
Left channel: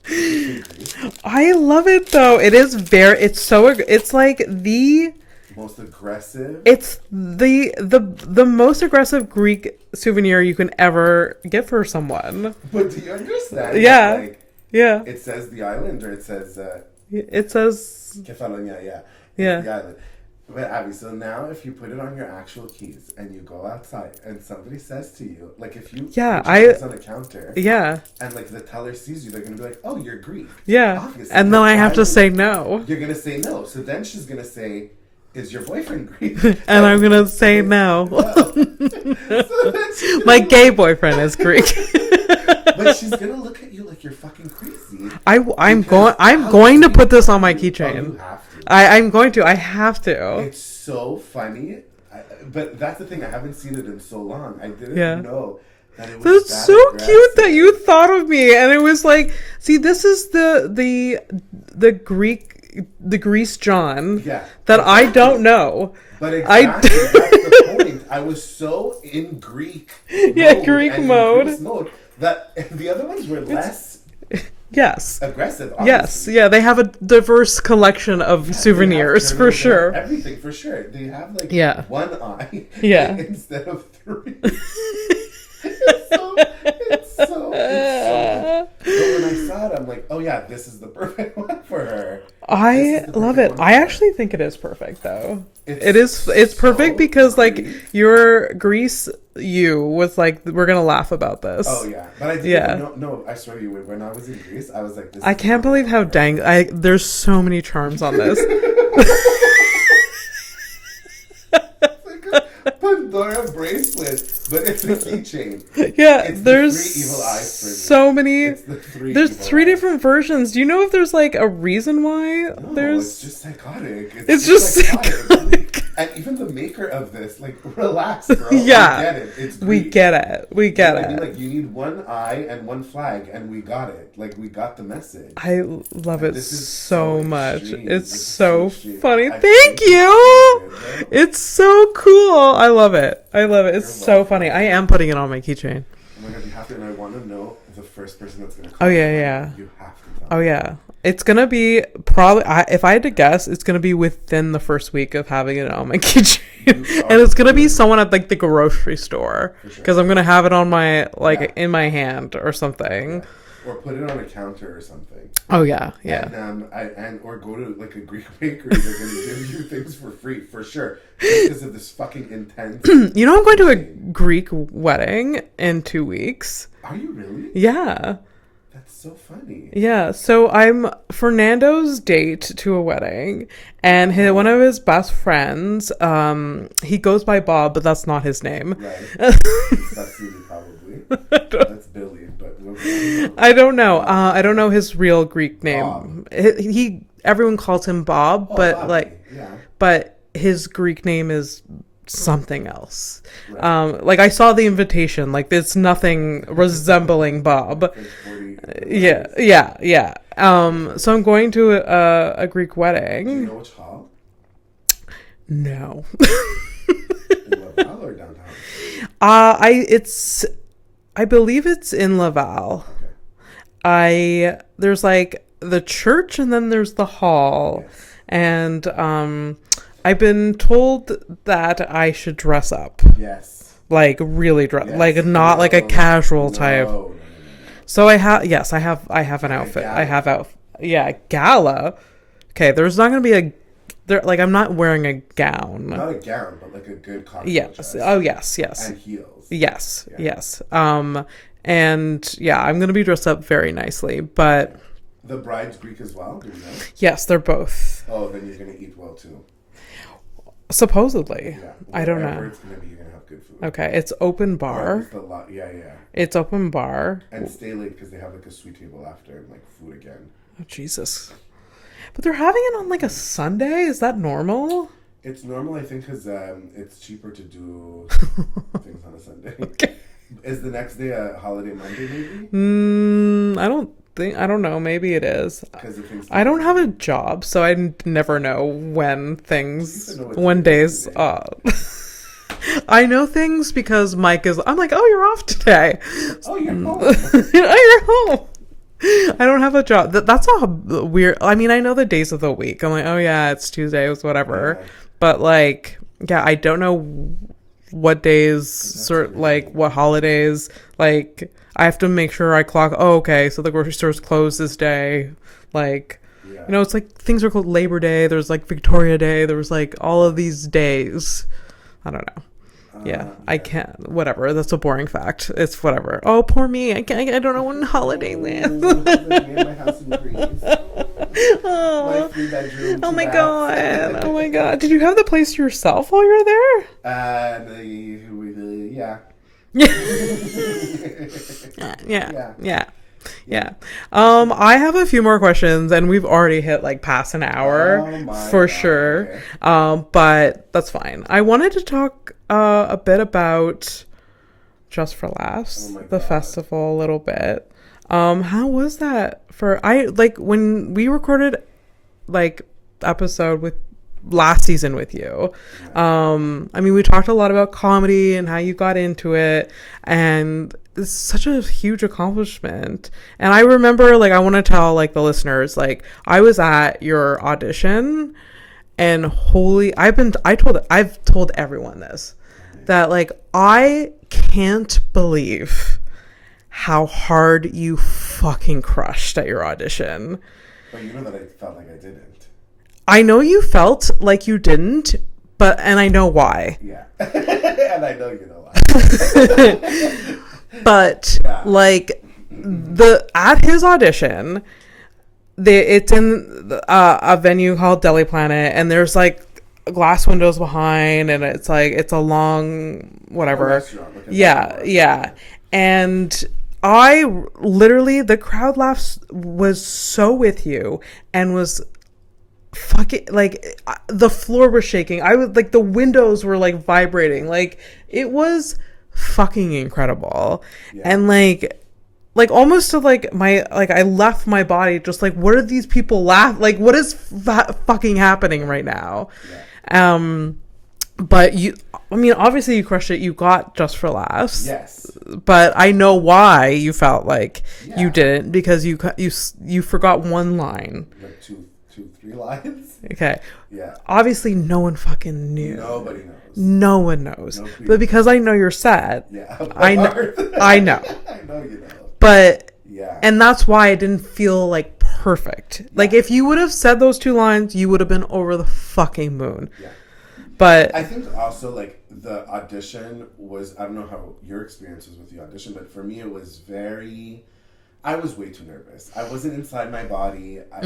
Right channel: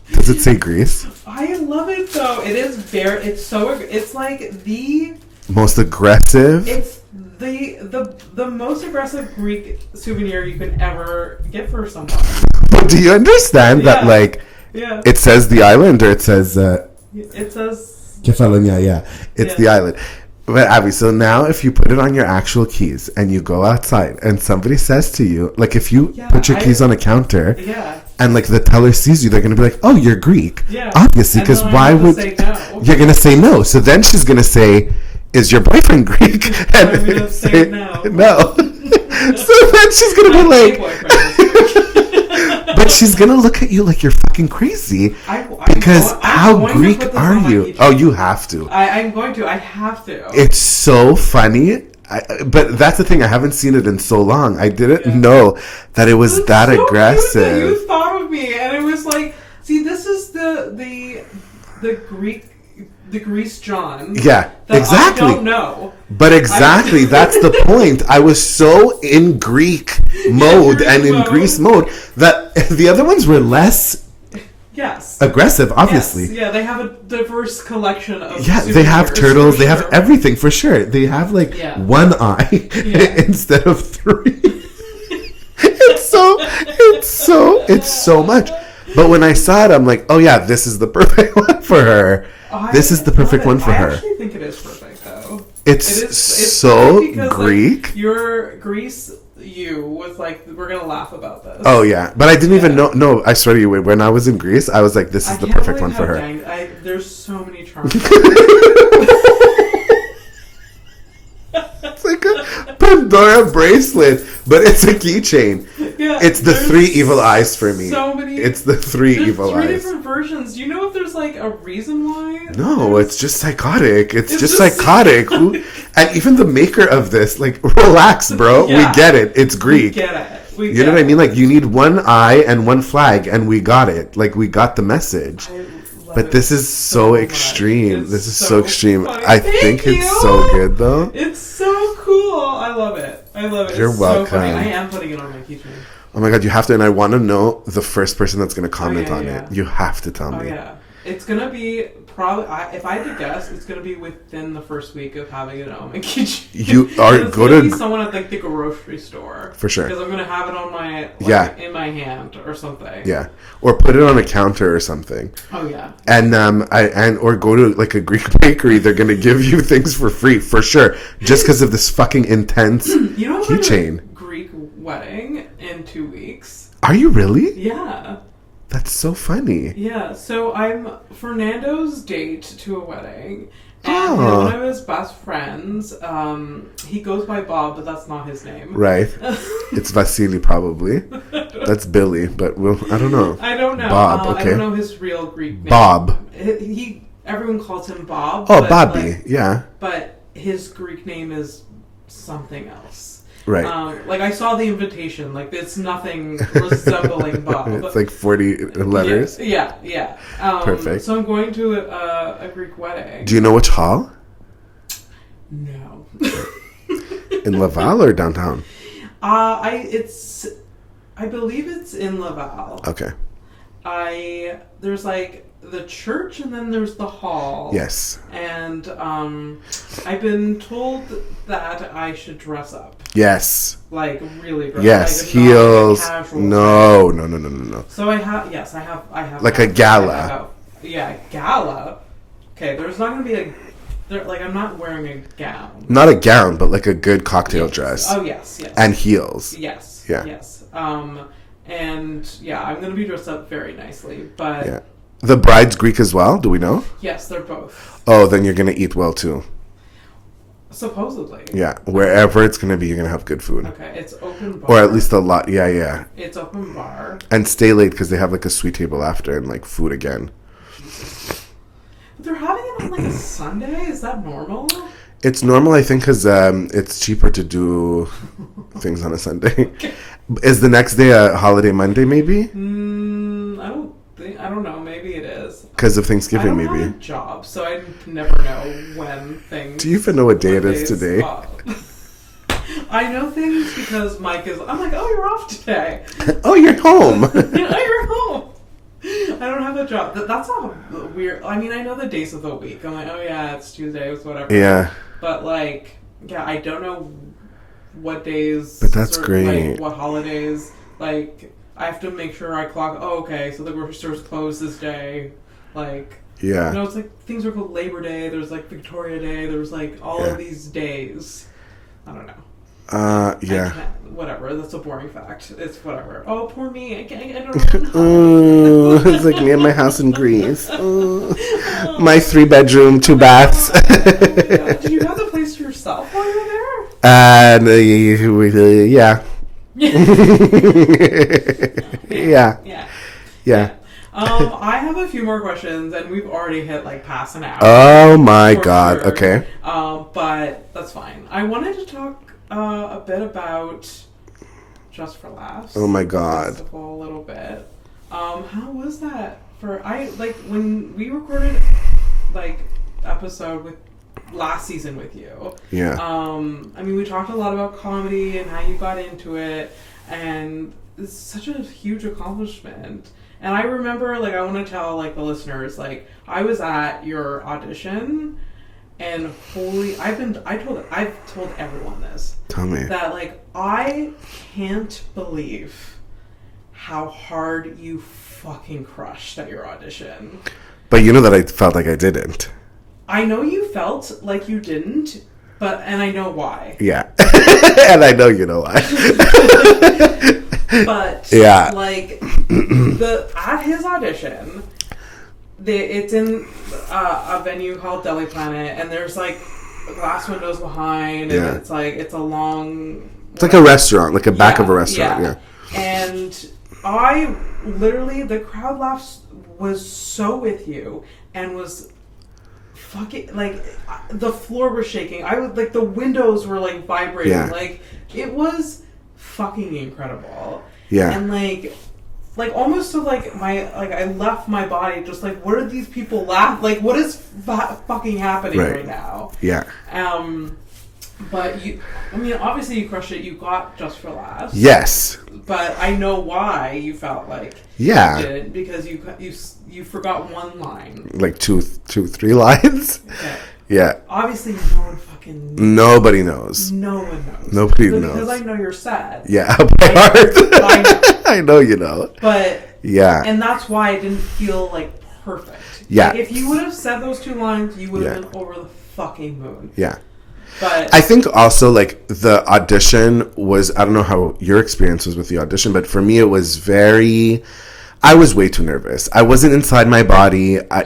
Does it say Greece? I love it though. It's like the most aggressive. It's the most aggressive Greek souvenir you can ever get for someone. But do you understand that like it says the island or it says Kefalonia, it's the island. But Abby, so now if you put it on your actual keys and you go outside and somebody says to you, like if you put your keys on a counter, and like the teller sees you, they're gonna be like, "Oh, you're Greek." Yeah, obviously. And then I have to say no. You're gonna say no. So then she's gonna say, "Is your boyfriend Greek?" And I'm gonna say no. No. So then she's gonna my gay boyfriend is Greek. But she's gonna look at you like you're fucking crazy. I'm going to put this on my keychain. Oh, you have to. I'm going to. I have to. It's so funny. But that's the thing. I haven't seen it in so long. I didn't know that it was that so aggressive. Cute that you thought of me, and it was like, see, this is the Grease John. Yeah, that exactly. I don't know. But exactly, that's the point. I was so in Greek mode in Grease mode that the other ones were less. Yes. Aggressive, obviously. Yes. Yeah, they have a diverse collection of souvenirs. They have turtles, they have everything for sure. They have like one eye instead of three. It's so much. But when I saw it, I'm like, oh yeah, this is the perfect one for her. This is the perfect one for her. I actually think it is perfect though. It's so perfect because Greek. Like your Greece was like, we're gonna laugh about this. Oh yeah, but I didn't even know. No, I swear to you, when I was in Greece, I was like, this is the perfect one for her. I can't believe how there's so many charms on this. It's like a Pandora bracelet, but it's a keychain. Yeah, it's the 3 evil eyes for me. So many. It's the 3 evil eyes. There's 3 different versions. Do you know if there's like a reason why? No, it's just psychotic. It's just psychotic. And even the maker of this, like, relax, bro. We get it. It's Greek. We get it. You know what I mean? Like, you need 1 eye and 1 flag, and we got it. Like, we got the message. I love it. But this is so extreme. This is so extreme. Funny. I think it's so good, though. It's so cool. I love it. You're it's welcome. So funny. I am putting it on my keychain. Oh my god, you have to, and I want to know the first person that's going to comment on it. You have to tell me. Oh yeah. It's going to be probably, if I had to guess, it's going to be within the first week of having it on my keychain. And it's going to be someone at like the grocery store. For sure. Because I'm going to have it on my, in my hand or something. Yeah. Or put it on a counter or something. Oh yeah. And or go to like a Greek bakery. They're gonna give you things for free for sure, just because of this fucking intense. You know, I'm going to a Greek wedding in 2 weeks. Are you really? Yeah. That's so funny. Yeah. So I'm Fernando's date to a wedding. And one of his best friends, he goes by Bob, but that's not his name. Right. It's Vasily, probably. That's Billy, but I don't know. I don't know. Bob, okay. I don't know his real Greek name. Bob. Everyone calls him Bob. Oh, Bobby, yeah. But his Greek name is something else. Right. Like I saw the invitation. Like there's nothing resembling Bob. It's like 40 letters. Yeah. Perfect. So I'm going to a Greek wedding. Do you know which hall? No. In Laval or downtown? I believe it's in Laval. Okay. There's like the church and then there's the hall. Yes. And I've been told that I should dress up. Yes. Like really dress. Yes. Like not like a casual type. No. So I have like a gala. Gala. Okay, there's not going to be like I'm not wearing a gown. Not a gown, but like a good cocktail dress. Oh yes. And heels. Yes. Yeah. Yes. And yeah, I'm going to be dressed up very nicely, but yeah. The bride's Greek as well, do we know? Yes, they're both. Oh, then you're going to eat well too. Supposedly. Yeah, wherever it's going to be, you're going to have good food. Okay, it's open bar. Or at least a lot, yeah. It's open bar. And stay late because they have like a sweet table after and like food again. Jesus. But they're having it on like a Sunday? Is that normal? It's normal, I think, because it's cheaper to do things on a Sunday. Okay. Is the next day a holiday Monday, maybe? I don't know. Maybe it is. Because of Thanksgiving, I don't have a job, so I never know when things... Do you even know what day it is today? I know things because Mike is... I'm like, oh, you're off today. Oh, you're home. You're home. I don't have a job. That's all weird. I mean, I know the days of the week. I'm like, oh, yeah, it's Tuesday. It's whatever. Yeah. But, like, yeah, I don't know what days... But that's great. Like, what holidays... Like, I have to make sure I clock, oh, okay, so the grocery store's closed this day. Like, yeah. You know, it's like things are called Labor Day. There's like Victoria Day. There's like all of these days. I don't know. Yeah. I can't, whatever. That's a boring fact. It's whatever. Oh, poor me. I don't know when holiday is. It's like me and my house in Greece. My 3-bedroom, 2 baths. Oh my God. Did you have the place to yourself while you were there? Yeah. Yeah. I have a few more questions, and we've already hit like past an hour. Oh my God. Sure. Okay. But that's fine. I wanted to talk a bit about Just for Laughs. Oh my God. The festival a little bit. How was that when we recorded like episode with last season with you. Yeah. I mean, we talked a lot about comedy and how you got into it, and it's such a huge accomplishment. And I remember, like, I want to tell like the listeners, like, I was at your audition, and I've told everyone this. Tell me. That, like, I can't believe how hard you fucking crushed at your audition. But you know that I felt like I didn't. I know you felt like you didn't, and I know why. Yeah. And I know you know why. But yeah, like at his audition, it's in a venue called Deli Planet, and there's like glass windows behind, and it's a long, it's like a restaurant, like a back of a restaurant. Yeah. And I literally, the crowd laughs was so with you, and was fucking like the floor was shaking. I was like, the windows were like vibrating. Like, it was fucking incredible. And like almost to like I left my body just like, what are these people like, what is fucking happening right now? But I mean, obviously you crushed it. You got Just for Laughs. Yes. But I know why you felt like you didn't, because you forgot one line. Like two, 3 lines. Okay. Yeah. Obviously, no one fucking knew. Nobody knows. No one knows. Nobody knows. But because I know you're sad. Yeah. I know. I know you know. But yeah. And that's why I didn't feel like perfect. Yeah. Like, if you would have said those 2 lines, you would have been over the fucking moon. Yeah. But I think also, like, the audition was, I don't know how your experience was with the audition, but for me it was I was way too nervous. I wasn't inside my body. I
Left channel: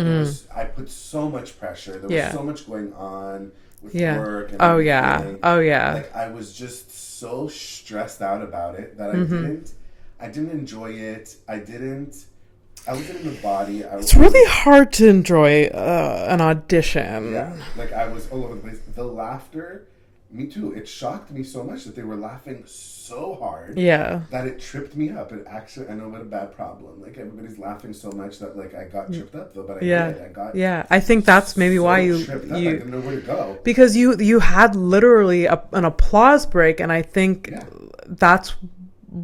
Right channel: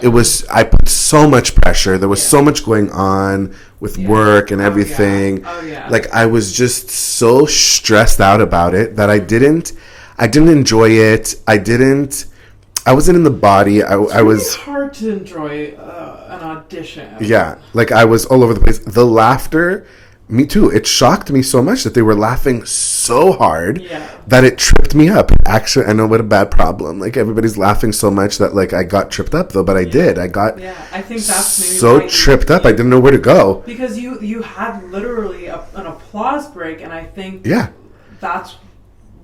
put so much pressure. There was so much going on with work and everything. Oh yeah. Like, I was just so stressed out about it that I didn't enjoy it. I wasn't in the body. It's really hard to enjoy an audition. Yeah. Like, I was all over the place. The laughter, me too. It shocked me so much that they were laughing so hard that it tripped me up. Actually, I know what a bad problem. Like, everybody's laughing so much that, like, I got tripped up, though. But I did. I got I think that's maybe so why you tripped up. I didn't know where to go. Because you had literally an applause break, and I think that's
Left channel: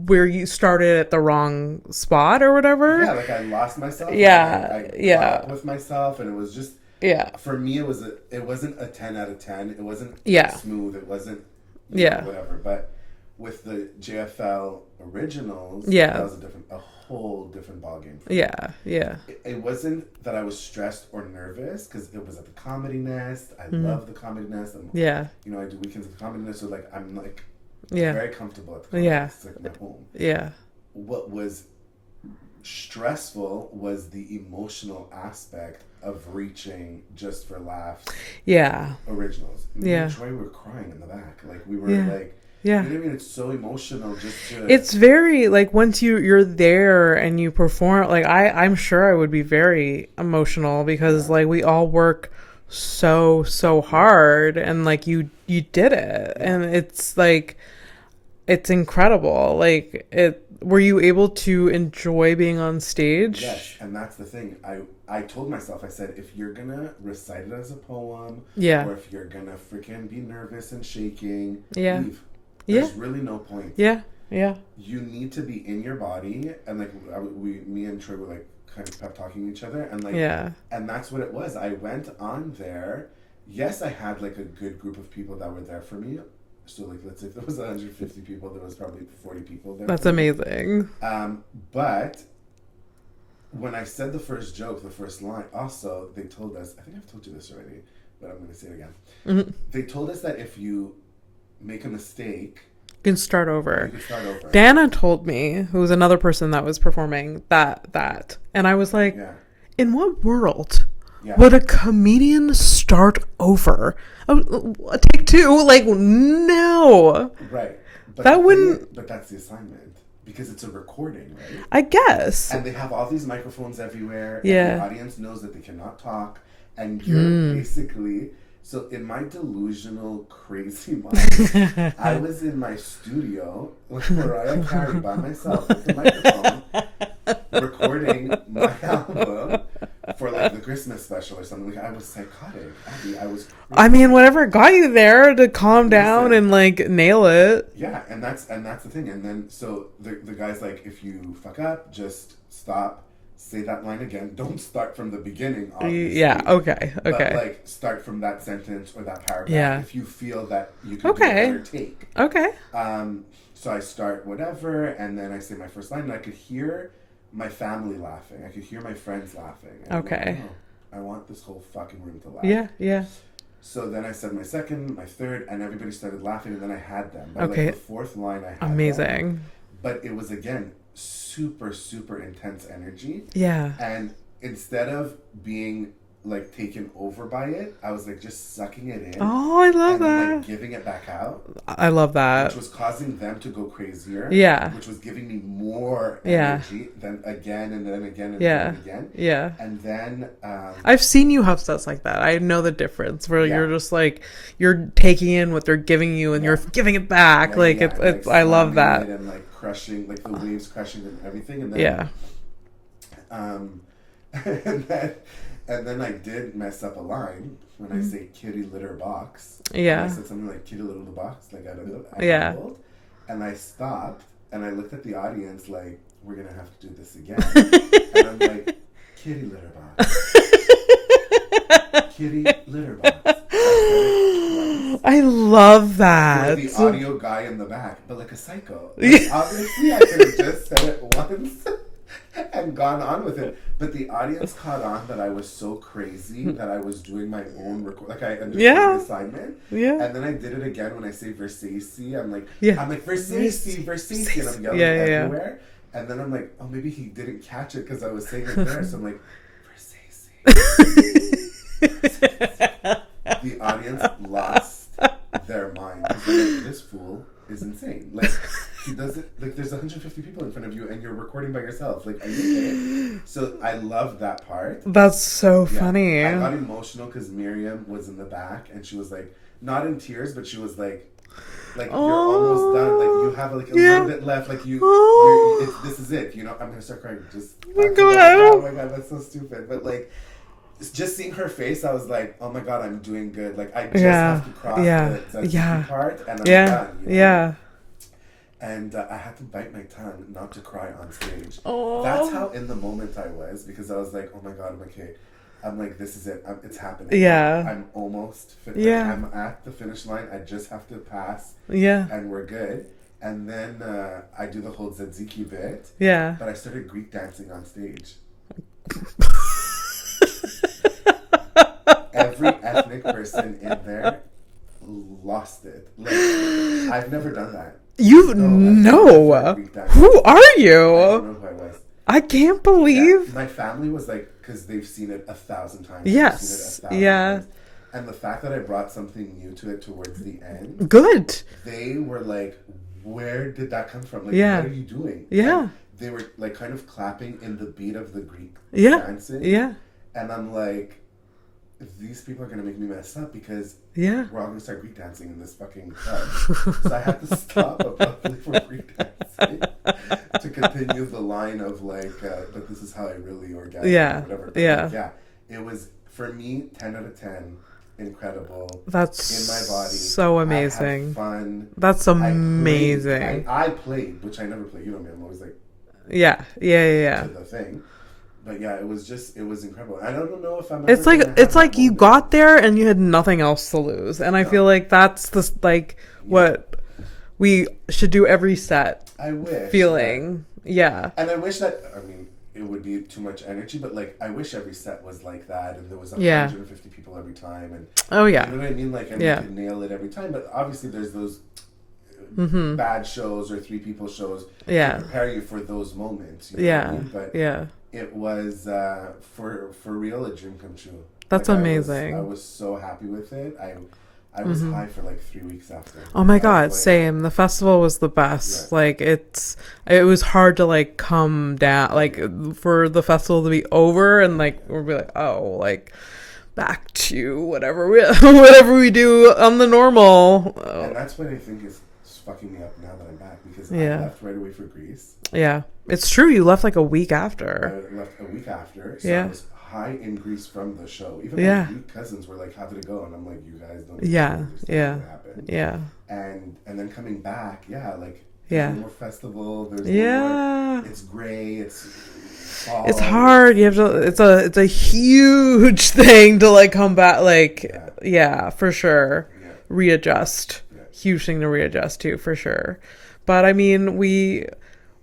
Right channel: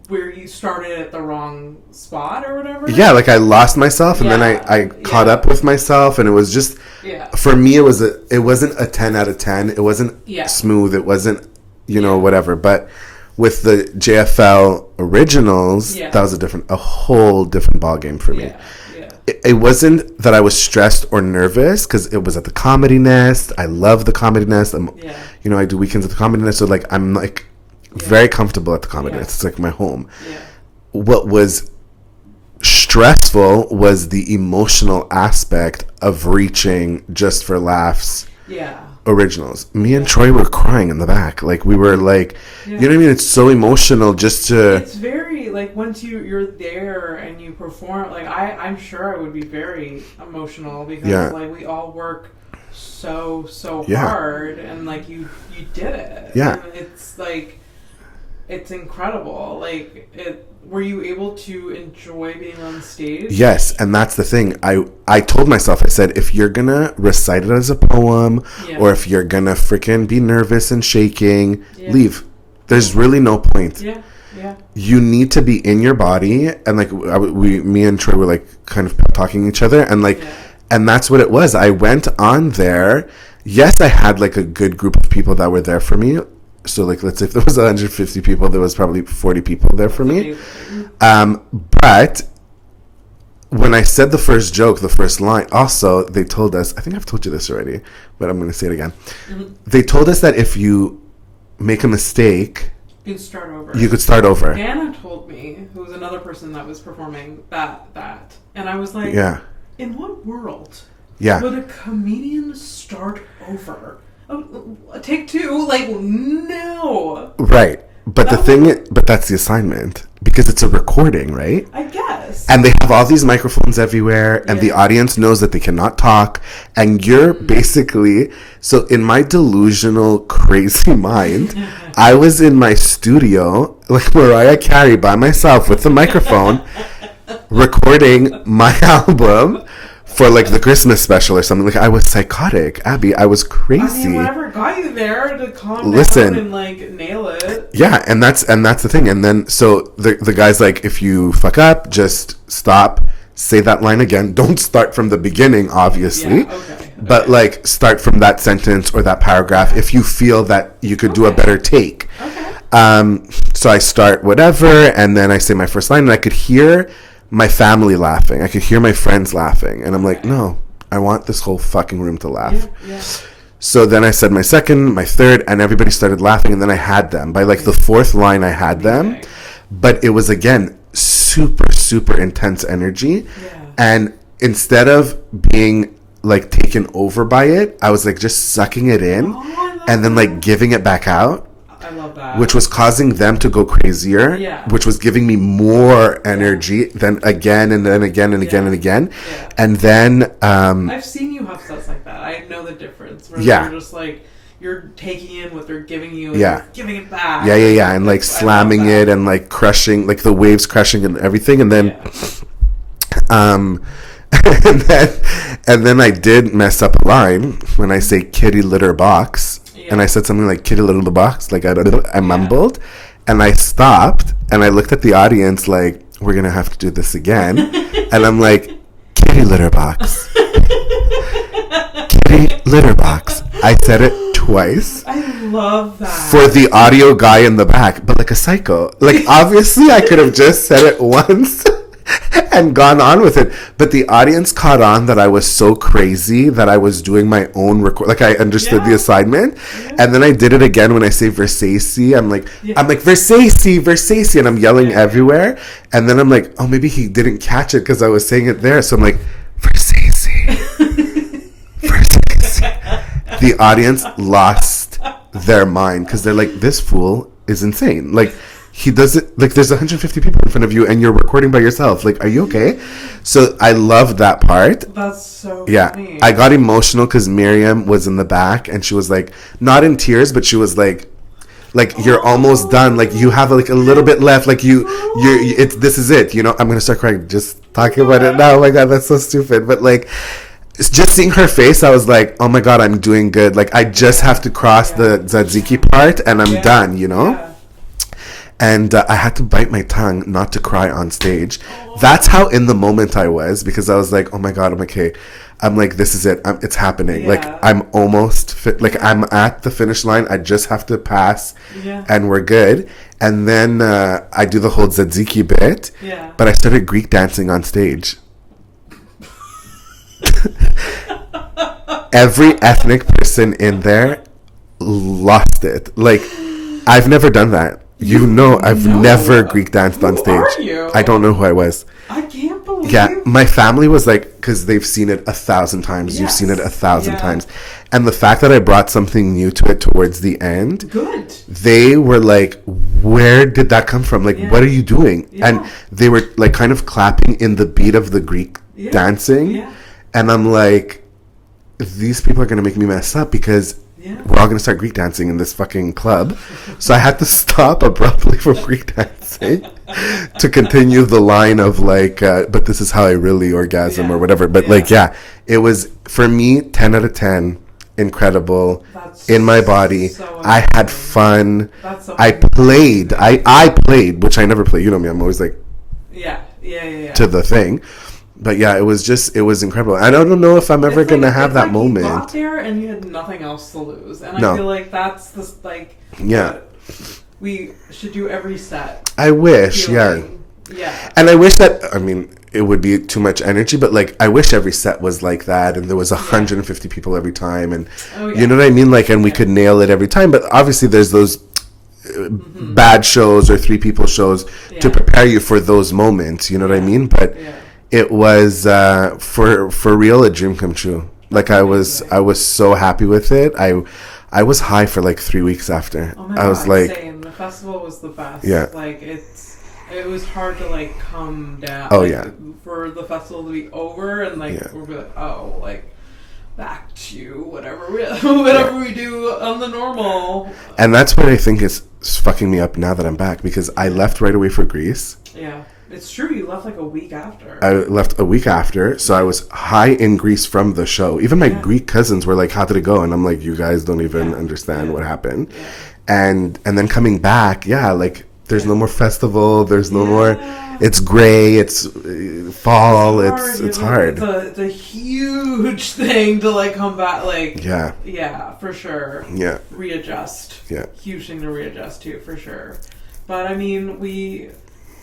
where you started at the wrong spot or whatever. Yeah, like, I lost myself, and then I caught up with myself, and it was just for me, it wasn't a 10 out of 10. It wasn't smooth. It wasn't, you know, whatever. But with the JFL Originals, that was a whole different ballgame for me. It wasn't that I was stressed or nervous, because it was at the Comedy Nest. I love the Comedy Nest. You know, I do weekends at the Comedy Nest, so, like, I'm like very comfortable at the Comedy Nest. It's like my home. What was stressful was the emotional aspect of reaching Just for Laughs Originals. Me and Troy were crying in the back. Like, we were like, you know what I mean? It's so emotional just to... It's very, like, once you're there and you perform, like, I'm sure I would be very emotional, because like, we all work so hard, and like, you did it. And it's like, it's incredible. Like, were you able to enjoy being on stage? Yes, and that's the thing. I told myself, I said, if you're gonna recite it as a poem, or if you're gonna freaking be nervous and shaking, leave. There's really no point. You need to be in your body, and like, me and Troy were like kind of talking to each other, and like, and that's what it was. I went on there. Yes, I had like a good group of people that were there for me. So, like, let's say if there was 150 people, there was probably 40 people there for me. That's amazing. But when I said the first joke, the first line, also, they told us, I think I've told you this already, but I'm going to say it again. They told us that if you make a mistake... You can start over. You could start over. Dana told me, who was another person that was performing, that. And I was like, in what world would a comedian start over? Take 2, like, no. Right. But but that's the assignment because it's a recording, right? I guess. And they have all these microphones everywhere, and the audience knows that they cannot talk, and you're basically, so in my delusional, crazy mind, I was in my studio, like Mariah Carey by myself with the microphone, recording my album for like the Christmas special or something. Like I was psychotic, Abby. I was crazy. I mean, whatever got you there to calm down and like nail it. Yeah, and that's the thing. And then so the guy's like, if you fuck up, just stop, say that line again. Don't start from the beginning, obviously. Yeah, okay. But like start from that sentence or that paragraph if you feel that you could do a better take. Okay. So I start whatever, and then I say my first line, and I could hear my family laughing. I could hear my friends laughing. And I'm like, no, I want this whole fucking room to laugh. Yeah. So then I said my second, my third, and everybody started laughing. And then I had them. By like the fourth line, I had them. But it was, again, super, super intense energy. Yeah. And instead of being like taken over by it, I was like just sucking it in. Oh, I love and then that. like giving it back out. I love that. Which was causing them to go crazier. Yeah. Which was giving me more energy than again and then again and again and again. Yeah. And then I've seen you have sets like that. I know the difference. Where you're just like you're taking in what they're giving you and you're giving it back. Yeah. And like slamming it and like crushing, like the waves crushing and everything. And then and then I did mess up a line when I say kitty litter box. Yeah. And I said something like kitty litter box, like I mumbled, and I stopped and I looked at the audience like, we're gonna have to do this again. And I'm like, kitty litter box. Kitty litter box. I said it twice. I love that. For the audio guy in the back, but like a psycho. Like obviously I could have just said it once and gone on with it, but the audience caught on that I was so crazy that I was doing my own record. Like I understood the assignment, and then I did it again when I say Versace. I'm like Versace, and I'm yelling everywhere. And then I'm like, oh, maybe he didn't catch it because I was saying it there. So I'm like, Versace, Versace. The audience lost their mind because they're like, this fool is insane. Like. He does it like there's 150 people in front of you and you're recording by yourself. Like, are you okay? So I loved that part. That's so funny. I got emotional because Miriam was in the back and she was like, not in tears, but she was like you're almost done. Like you have like a little bit left. Like this is it. You know, I'm gonna start crying just talking about it now. Oh my god, that's so stupid. But like. Just seeing her face, I was like, oh my god, I'm doing good. Like I just have to cross the tzatziki part and I'm done. You know. Yeah. And I had to bite my tongue not to cry on stage. Aww. That's how in the moment I was, because I was like, oh my god, I'm okay. I'm like, this is it. It's happening. Yeah. Like I'm almost I'm at the finish line. I just have to pass. Yeah. And we're good. And then I do the whole tzatziki bit. Yeah. But I started Greek dancing on stage. Every ethnic person in there lost it. Like I've never done that. I've never Greek danced on stage. Who are you? I don't know who I was. I can't believe. Yeah, my family was like, because they've seen it 1,000 times. Yes. You've seen it 1,000 times. And the fact that I brought something new to it towards the end. Good. They were like, where did that come from? Like, what are you doing? Yeah. And they were like kind of clapping in the beat of the Greek dancing. Yeah. And I'm like, these people are going to make me mess up because we're all going to start Greek dancing in this fucking club. So I had to stop abruptly from Greek dancing to continue the line of like, but this is how I really orgasm or whatever. But it was, for me, 10 out of 10. Incredible. That's in my body. So amazing. I had fun. That's amazing. I played, which I never play. You know me, I'm always like, to the thing. But yeah, it was incredible. I don't know if I'm ever going to have that moment. You got there and you had nothing else to lose. And I feel like that's what we should do every set. I wish, yeah. And I wish that, I mean, it would be too much energy, but like, I wish every set was like that and there was 150 people every time. And you know what I mean? Like, and we could nail it every time. But obviously there's those bad shows or 3 people shows to prepare you for those moments. You know what I mean? But it was for real a dream come true. That's amazing. I was so happy with it. I I was high for like 3 weeks after. Oh my I God, was like, same. The festival was the best. Yeah. Like, it was hard to like come down, Oh, like yeah. for the festival to be over and like Yeah. we're like, oh, like back to whatever we do on the normal. And that's what I think is fucking me up now that I'm back, because I Yeah. left right away for Greece. Yeah, it's true. You left like a week after. I left a week after, so Yeah. I was high in Greece from the show. Even my Yeah. Greek cousins were like, "How did it go?" And I'm like, "You guys don't even Yeah. understand Yeah. what happened." Yeah. And then coming back, yeah, like there's Yeah. no more festival. There's no Yeah. more. It's gray. It's fall. It's hard. It's hard. It's a huge thing to like come back. Like Yeah. for sure. Yeah. Readjust. Yeah. Huge thing to readjust to for sure. But I mean,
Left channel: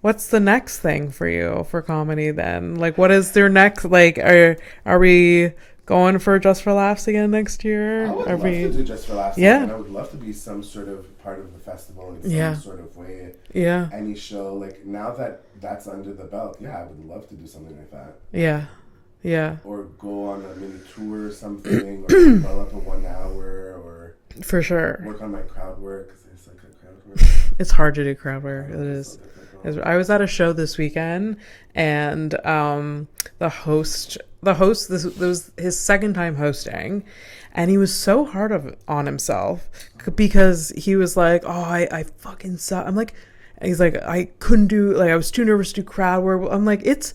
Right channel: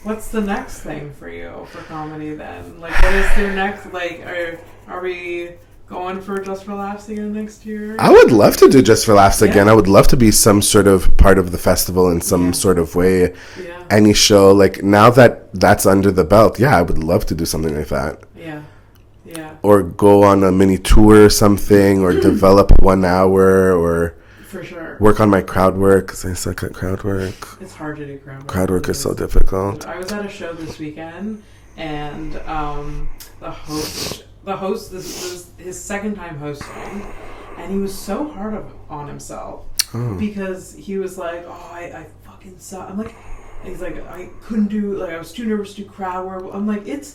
what's the next thing for you for comedy then? Like, what is their next? Like, are we going for Just for Laughs again next year? I would love to do Just for Laughs Yeah. again. I would love to be some sort of part of the festival in some Yeah. sort of way. Yeah. Any show, like now that that's under the belt, yeah, I would love to do something like that. Yeah. Yeah. Or go on a mini tour or something, or develop 1 hour, or For sure. work on my crowd work, because I suck at crowd work. It's hard to do crowd work. Crowd work It is so difficult. I was at a show this weekend, and the host, this was his second time hosting, and he was so hard on himself because he was like, "Oh, I fucking suck." I'm like, he's like, "I couldn't do, like, I was too nervous to do crowd work." I'm like, it's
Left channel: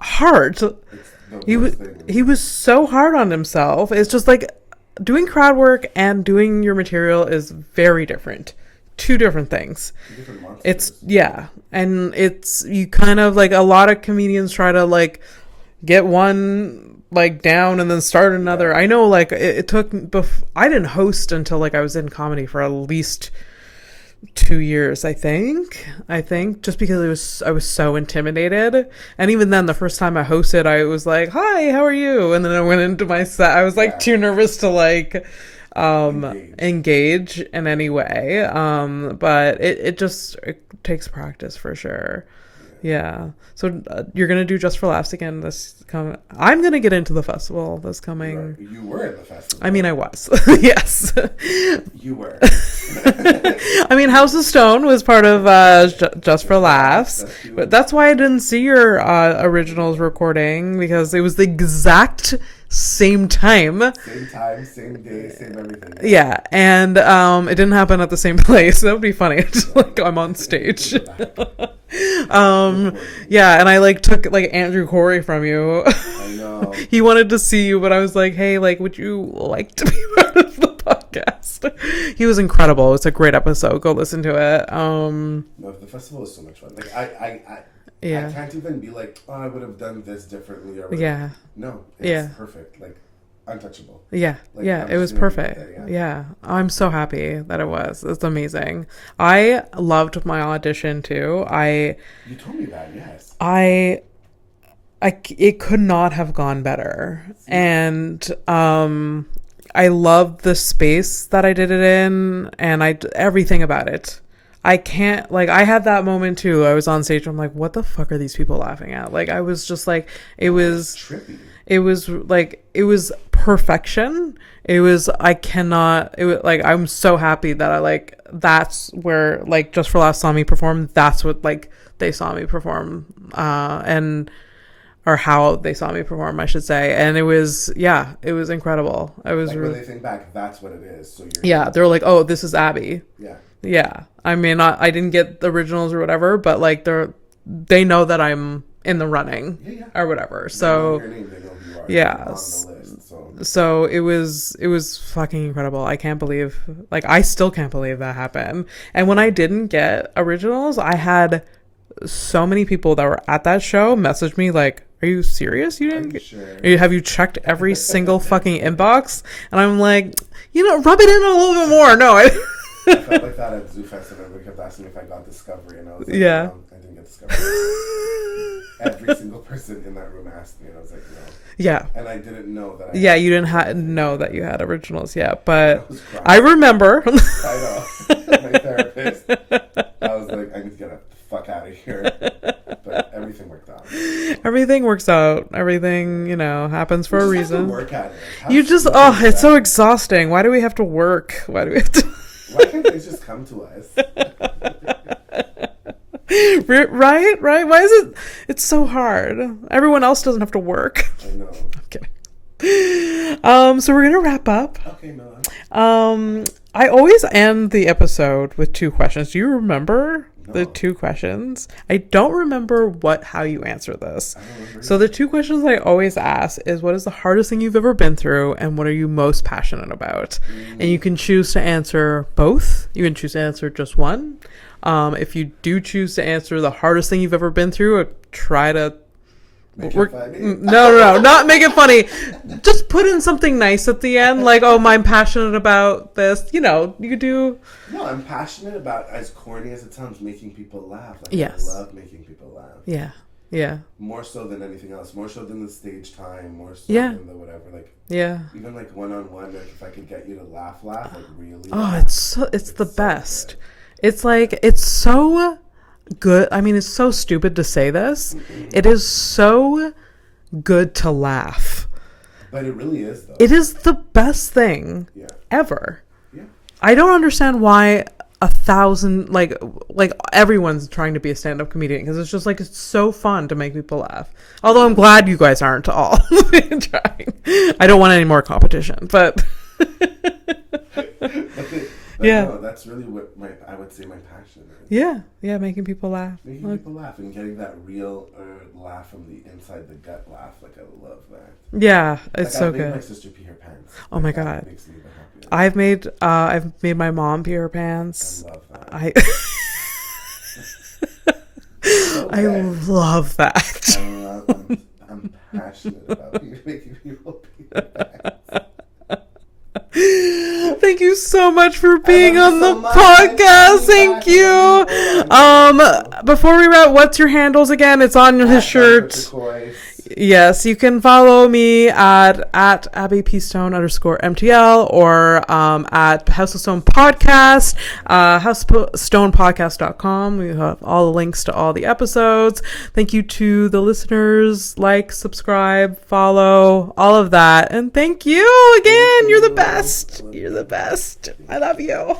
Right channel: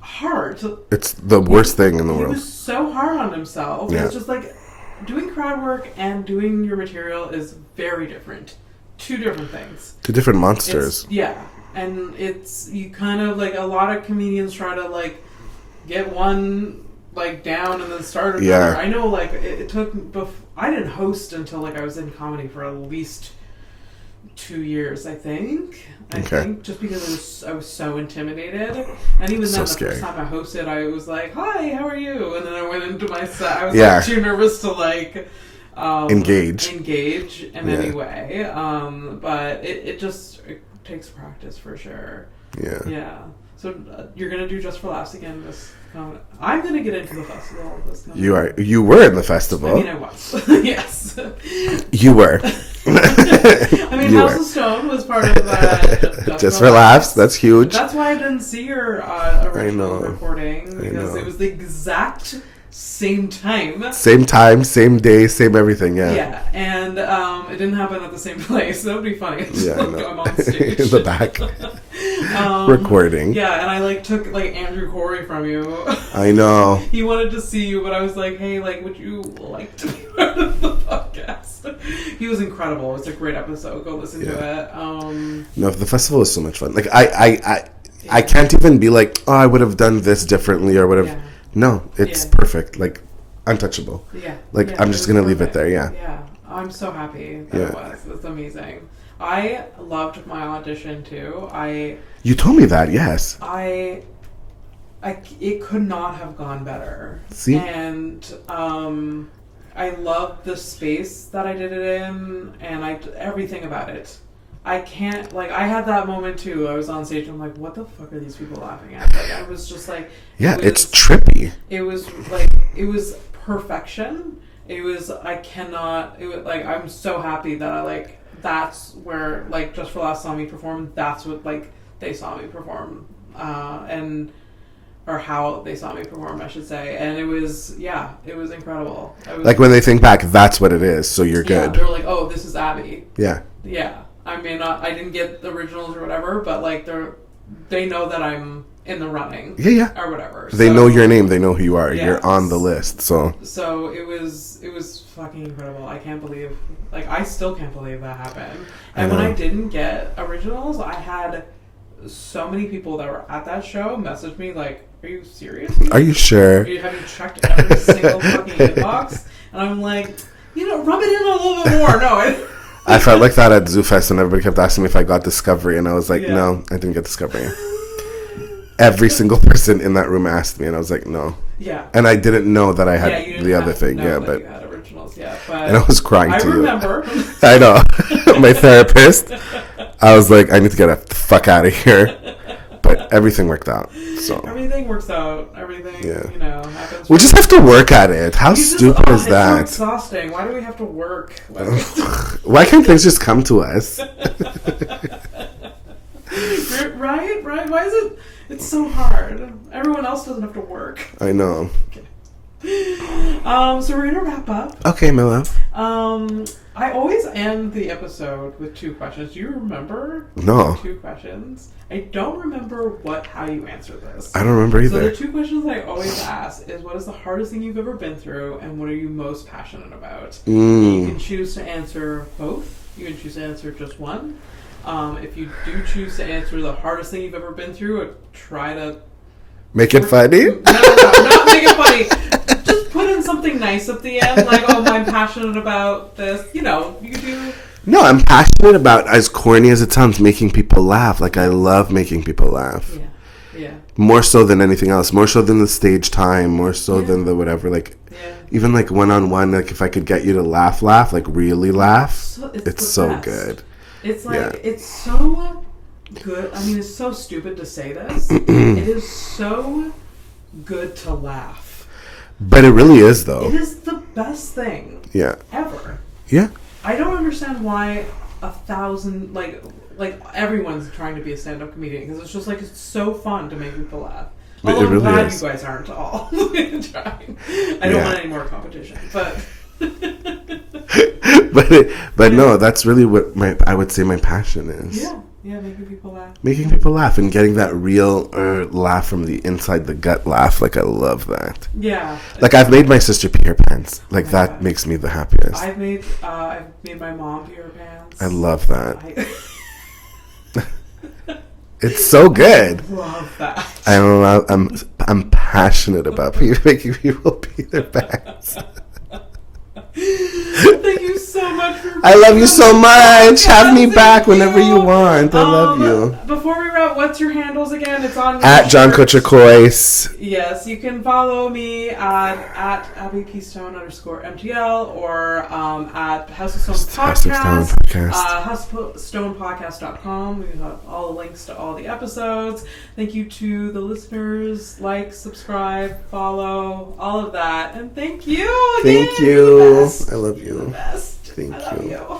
hard. It's the worst thing in the He world. was so hard on himself. Yeah. It's just like doing crowd work and doing your material is very different. Two different things. Two different monsters. And it's, you kind of like, a lot of comedians try to like get one like down and then start another. Yeah. I know, like it took I didn't host until like I was in comedy for at least 2 years, I think just because I was so intimidated. And even then, So the first scary. time I hosted, I was like, "Hi, how are you?" And then I went into my set. I was Yeah. like too nervous to like engage in any way. But it takes practice for sure. Yeah. So you're gonna do Just for Laughs again this coming. I'm gonna get into the festival this coming. You were in the festival. I mean, I was. Yes. You were. I mean, House of Stone was part of Just for Laughs. That's huge. That's why I didn't see your originals know. recording, because it was the exact same time. Same time, same day, same everything. Yeah. Yeah, and it didn't happen at the same place. That would be funny. Yeah, Like, no. I'm on stage in the back. Recording. Yeah, and I like took like Andrew Corey from you. I know. He wanted to see you, but I was like, "Hey, like, would you like to be part of the podcast?" He was incredible. It was a great episode. Go listen to it. No, the festival is so much fun. Like I can't even be like, "Oh, I would have done this differently," or whatever. Yeah. No, it's Yeah. perfect. Like untouchable. Yeah. Like, yeah, I'm it just was gonna leave it perfect. there, yeah. Yeah. I'm so happy that it Yeah. was. It's amazing. I loved my audition too. You told me that, yes. It could not have gone better. See? And I loved the space that I did it in, and everything about it. I can't, like, I had that moment too. I was on stage, I'm like, what the fuck are these people laughing at? Like, I was just like, It's trippy. it was like, it was perfection. It was, like, I'm so happy that that's where, like, Just for Laughs saw me perform. That's what, like, they saw me perform, or how they saw me perform, I should say. And it was incredible. Like, when they think back, that's what it is, so you're yeah, good. they're like, oh, this is Abby. Yeah. Yeah. I mean, I didn't get the originals or whatever, but like they know that I'm in the running. Yeah. Or whatever. They know your name. They know who you are. Yeah. You're on the list. So it was fucking incredible. I can't believe, like, I still can't believe that happened. And when I didn't get originals, I had so many people that were at that show message me like, "Are you serious? Are you sure? Have you checked every single fucking inbox?" And I'm like, rub it in a little bit more. No, I felt like that at Zoofest, and everybody kept asking me if I got Discovery, and I was like, Yeah. no, I didn't get Discovery. Every single person in that room asked me, and I was like, no. Yeah. And I didn't know that I had You didn't the other thing. know Yeah, that but- you had originals. Yeah, but And I was crying. I too. remember. I know. My therapist. I was like, I need to get the fuck out of here. But everything worked out. So. Everything works out. Everything, you know, happens for We just have to work at it. How stupid is that? It's so exhausting. Why do we have to work? Why can't things just come to us? Right? Why is it? It's so hard. Everyone else doesn't have to work. I know. Okay. So we're gonna wrap up. Okay, Mila. I always end the episode with 2 questions. Do you remember the 2 questions? I don't remember how you answer this. I don't remember either. So the 2 questions I always ask is, what is the hardest thing you've ever been through, and what are you most passionate about? And you can choose to answer both. You can choose to answer just one. If you do choose to answer the hardest thing you've ever been through, try to make it funny? No, not make it funny. Just put in something nice at the end, like, oh, I'm passionate about this. You know, you do. No, I'm passionate about, as corny as it sounds, making people laugh. Like, yes. I love making people laugh. Yeah, yeah. More so than anything else. More so than the stage time. More so than the whatever. Like, even like one-on-one, like if I could get you to laugh, like really laugh. It's so best. Good. It's like, it's so good. I mean, it's so stupid to say this. It is so good to laugh. But it really is, though. It is the best thing ever. Yeah. I don't understand why 1,000, like everyone's trying to be a stand-up comedian, because it's just like, it's so fun to make people laugh. Although I'm glad you guys aren't all trying. I don't want any more competition, but... but no, that's really what I would say my passion is. Yeah, making people laugh. Making people laugh and getting that real laugh from the inside the gut laugh. Like, I love that. Yeah. Like, I've made my sister pee her pants. Like, that makes me the happiest. I've made my mom pee her pants. I love that. It's so good. I love that. I'm passionate about making people pee their pants. Thank you so much for being I love you so much. Podcast. Have me back whenever you want. Before we wrap, what's your handles again? It's on your at shirt. John Cortocois. Yes, you can follow me at AbbyPStone_MTL or at House of Stone Podcast, HouseStonePodcast.com. We have all the links to all the episodes. Thank you to the listeners. Like, subscribe, follow, all of that. And thank you again. You're the best. I love you. You're the best. I love you.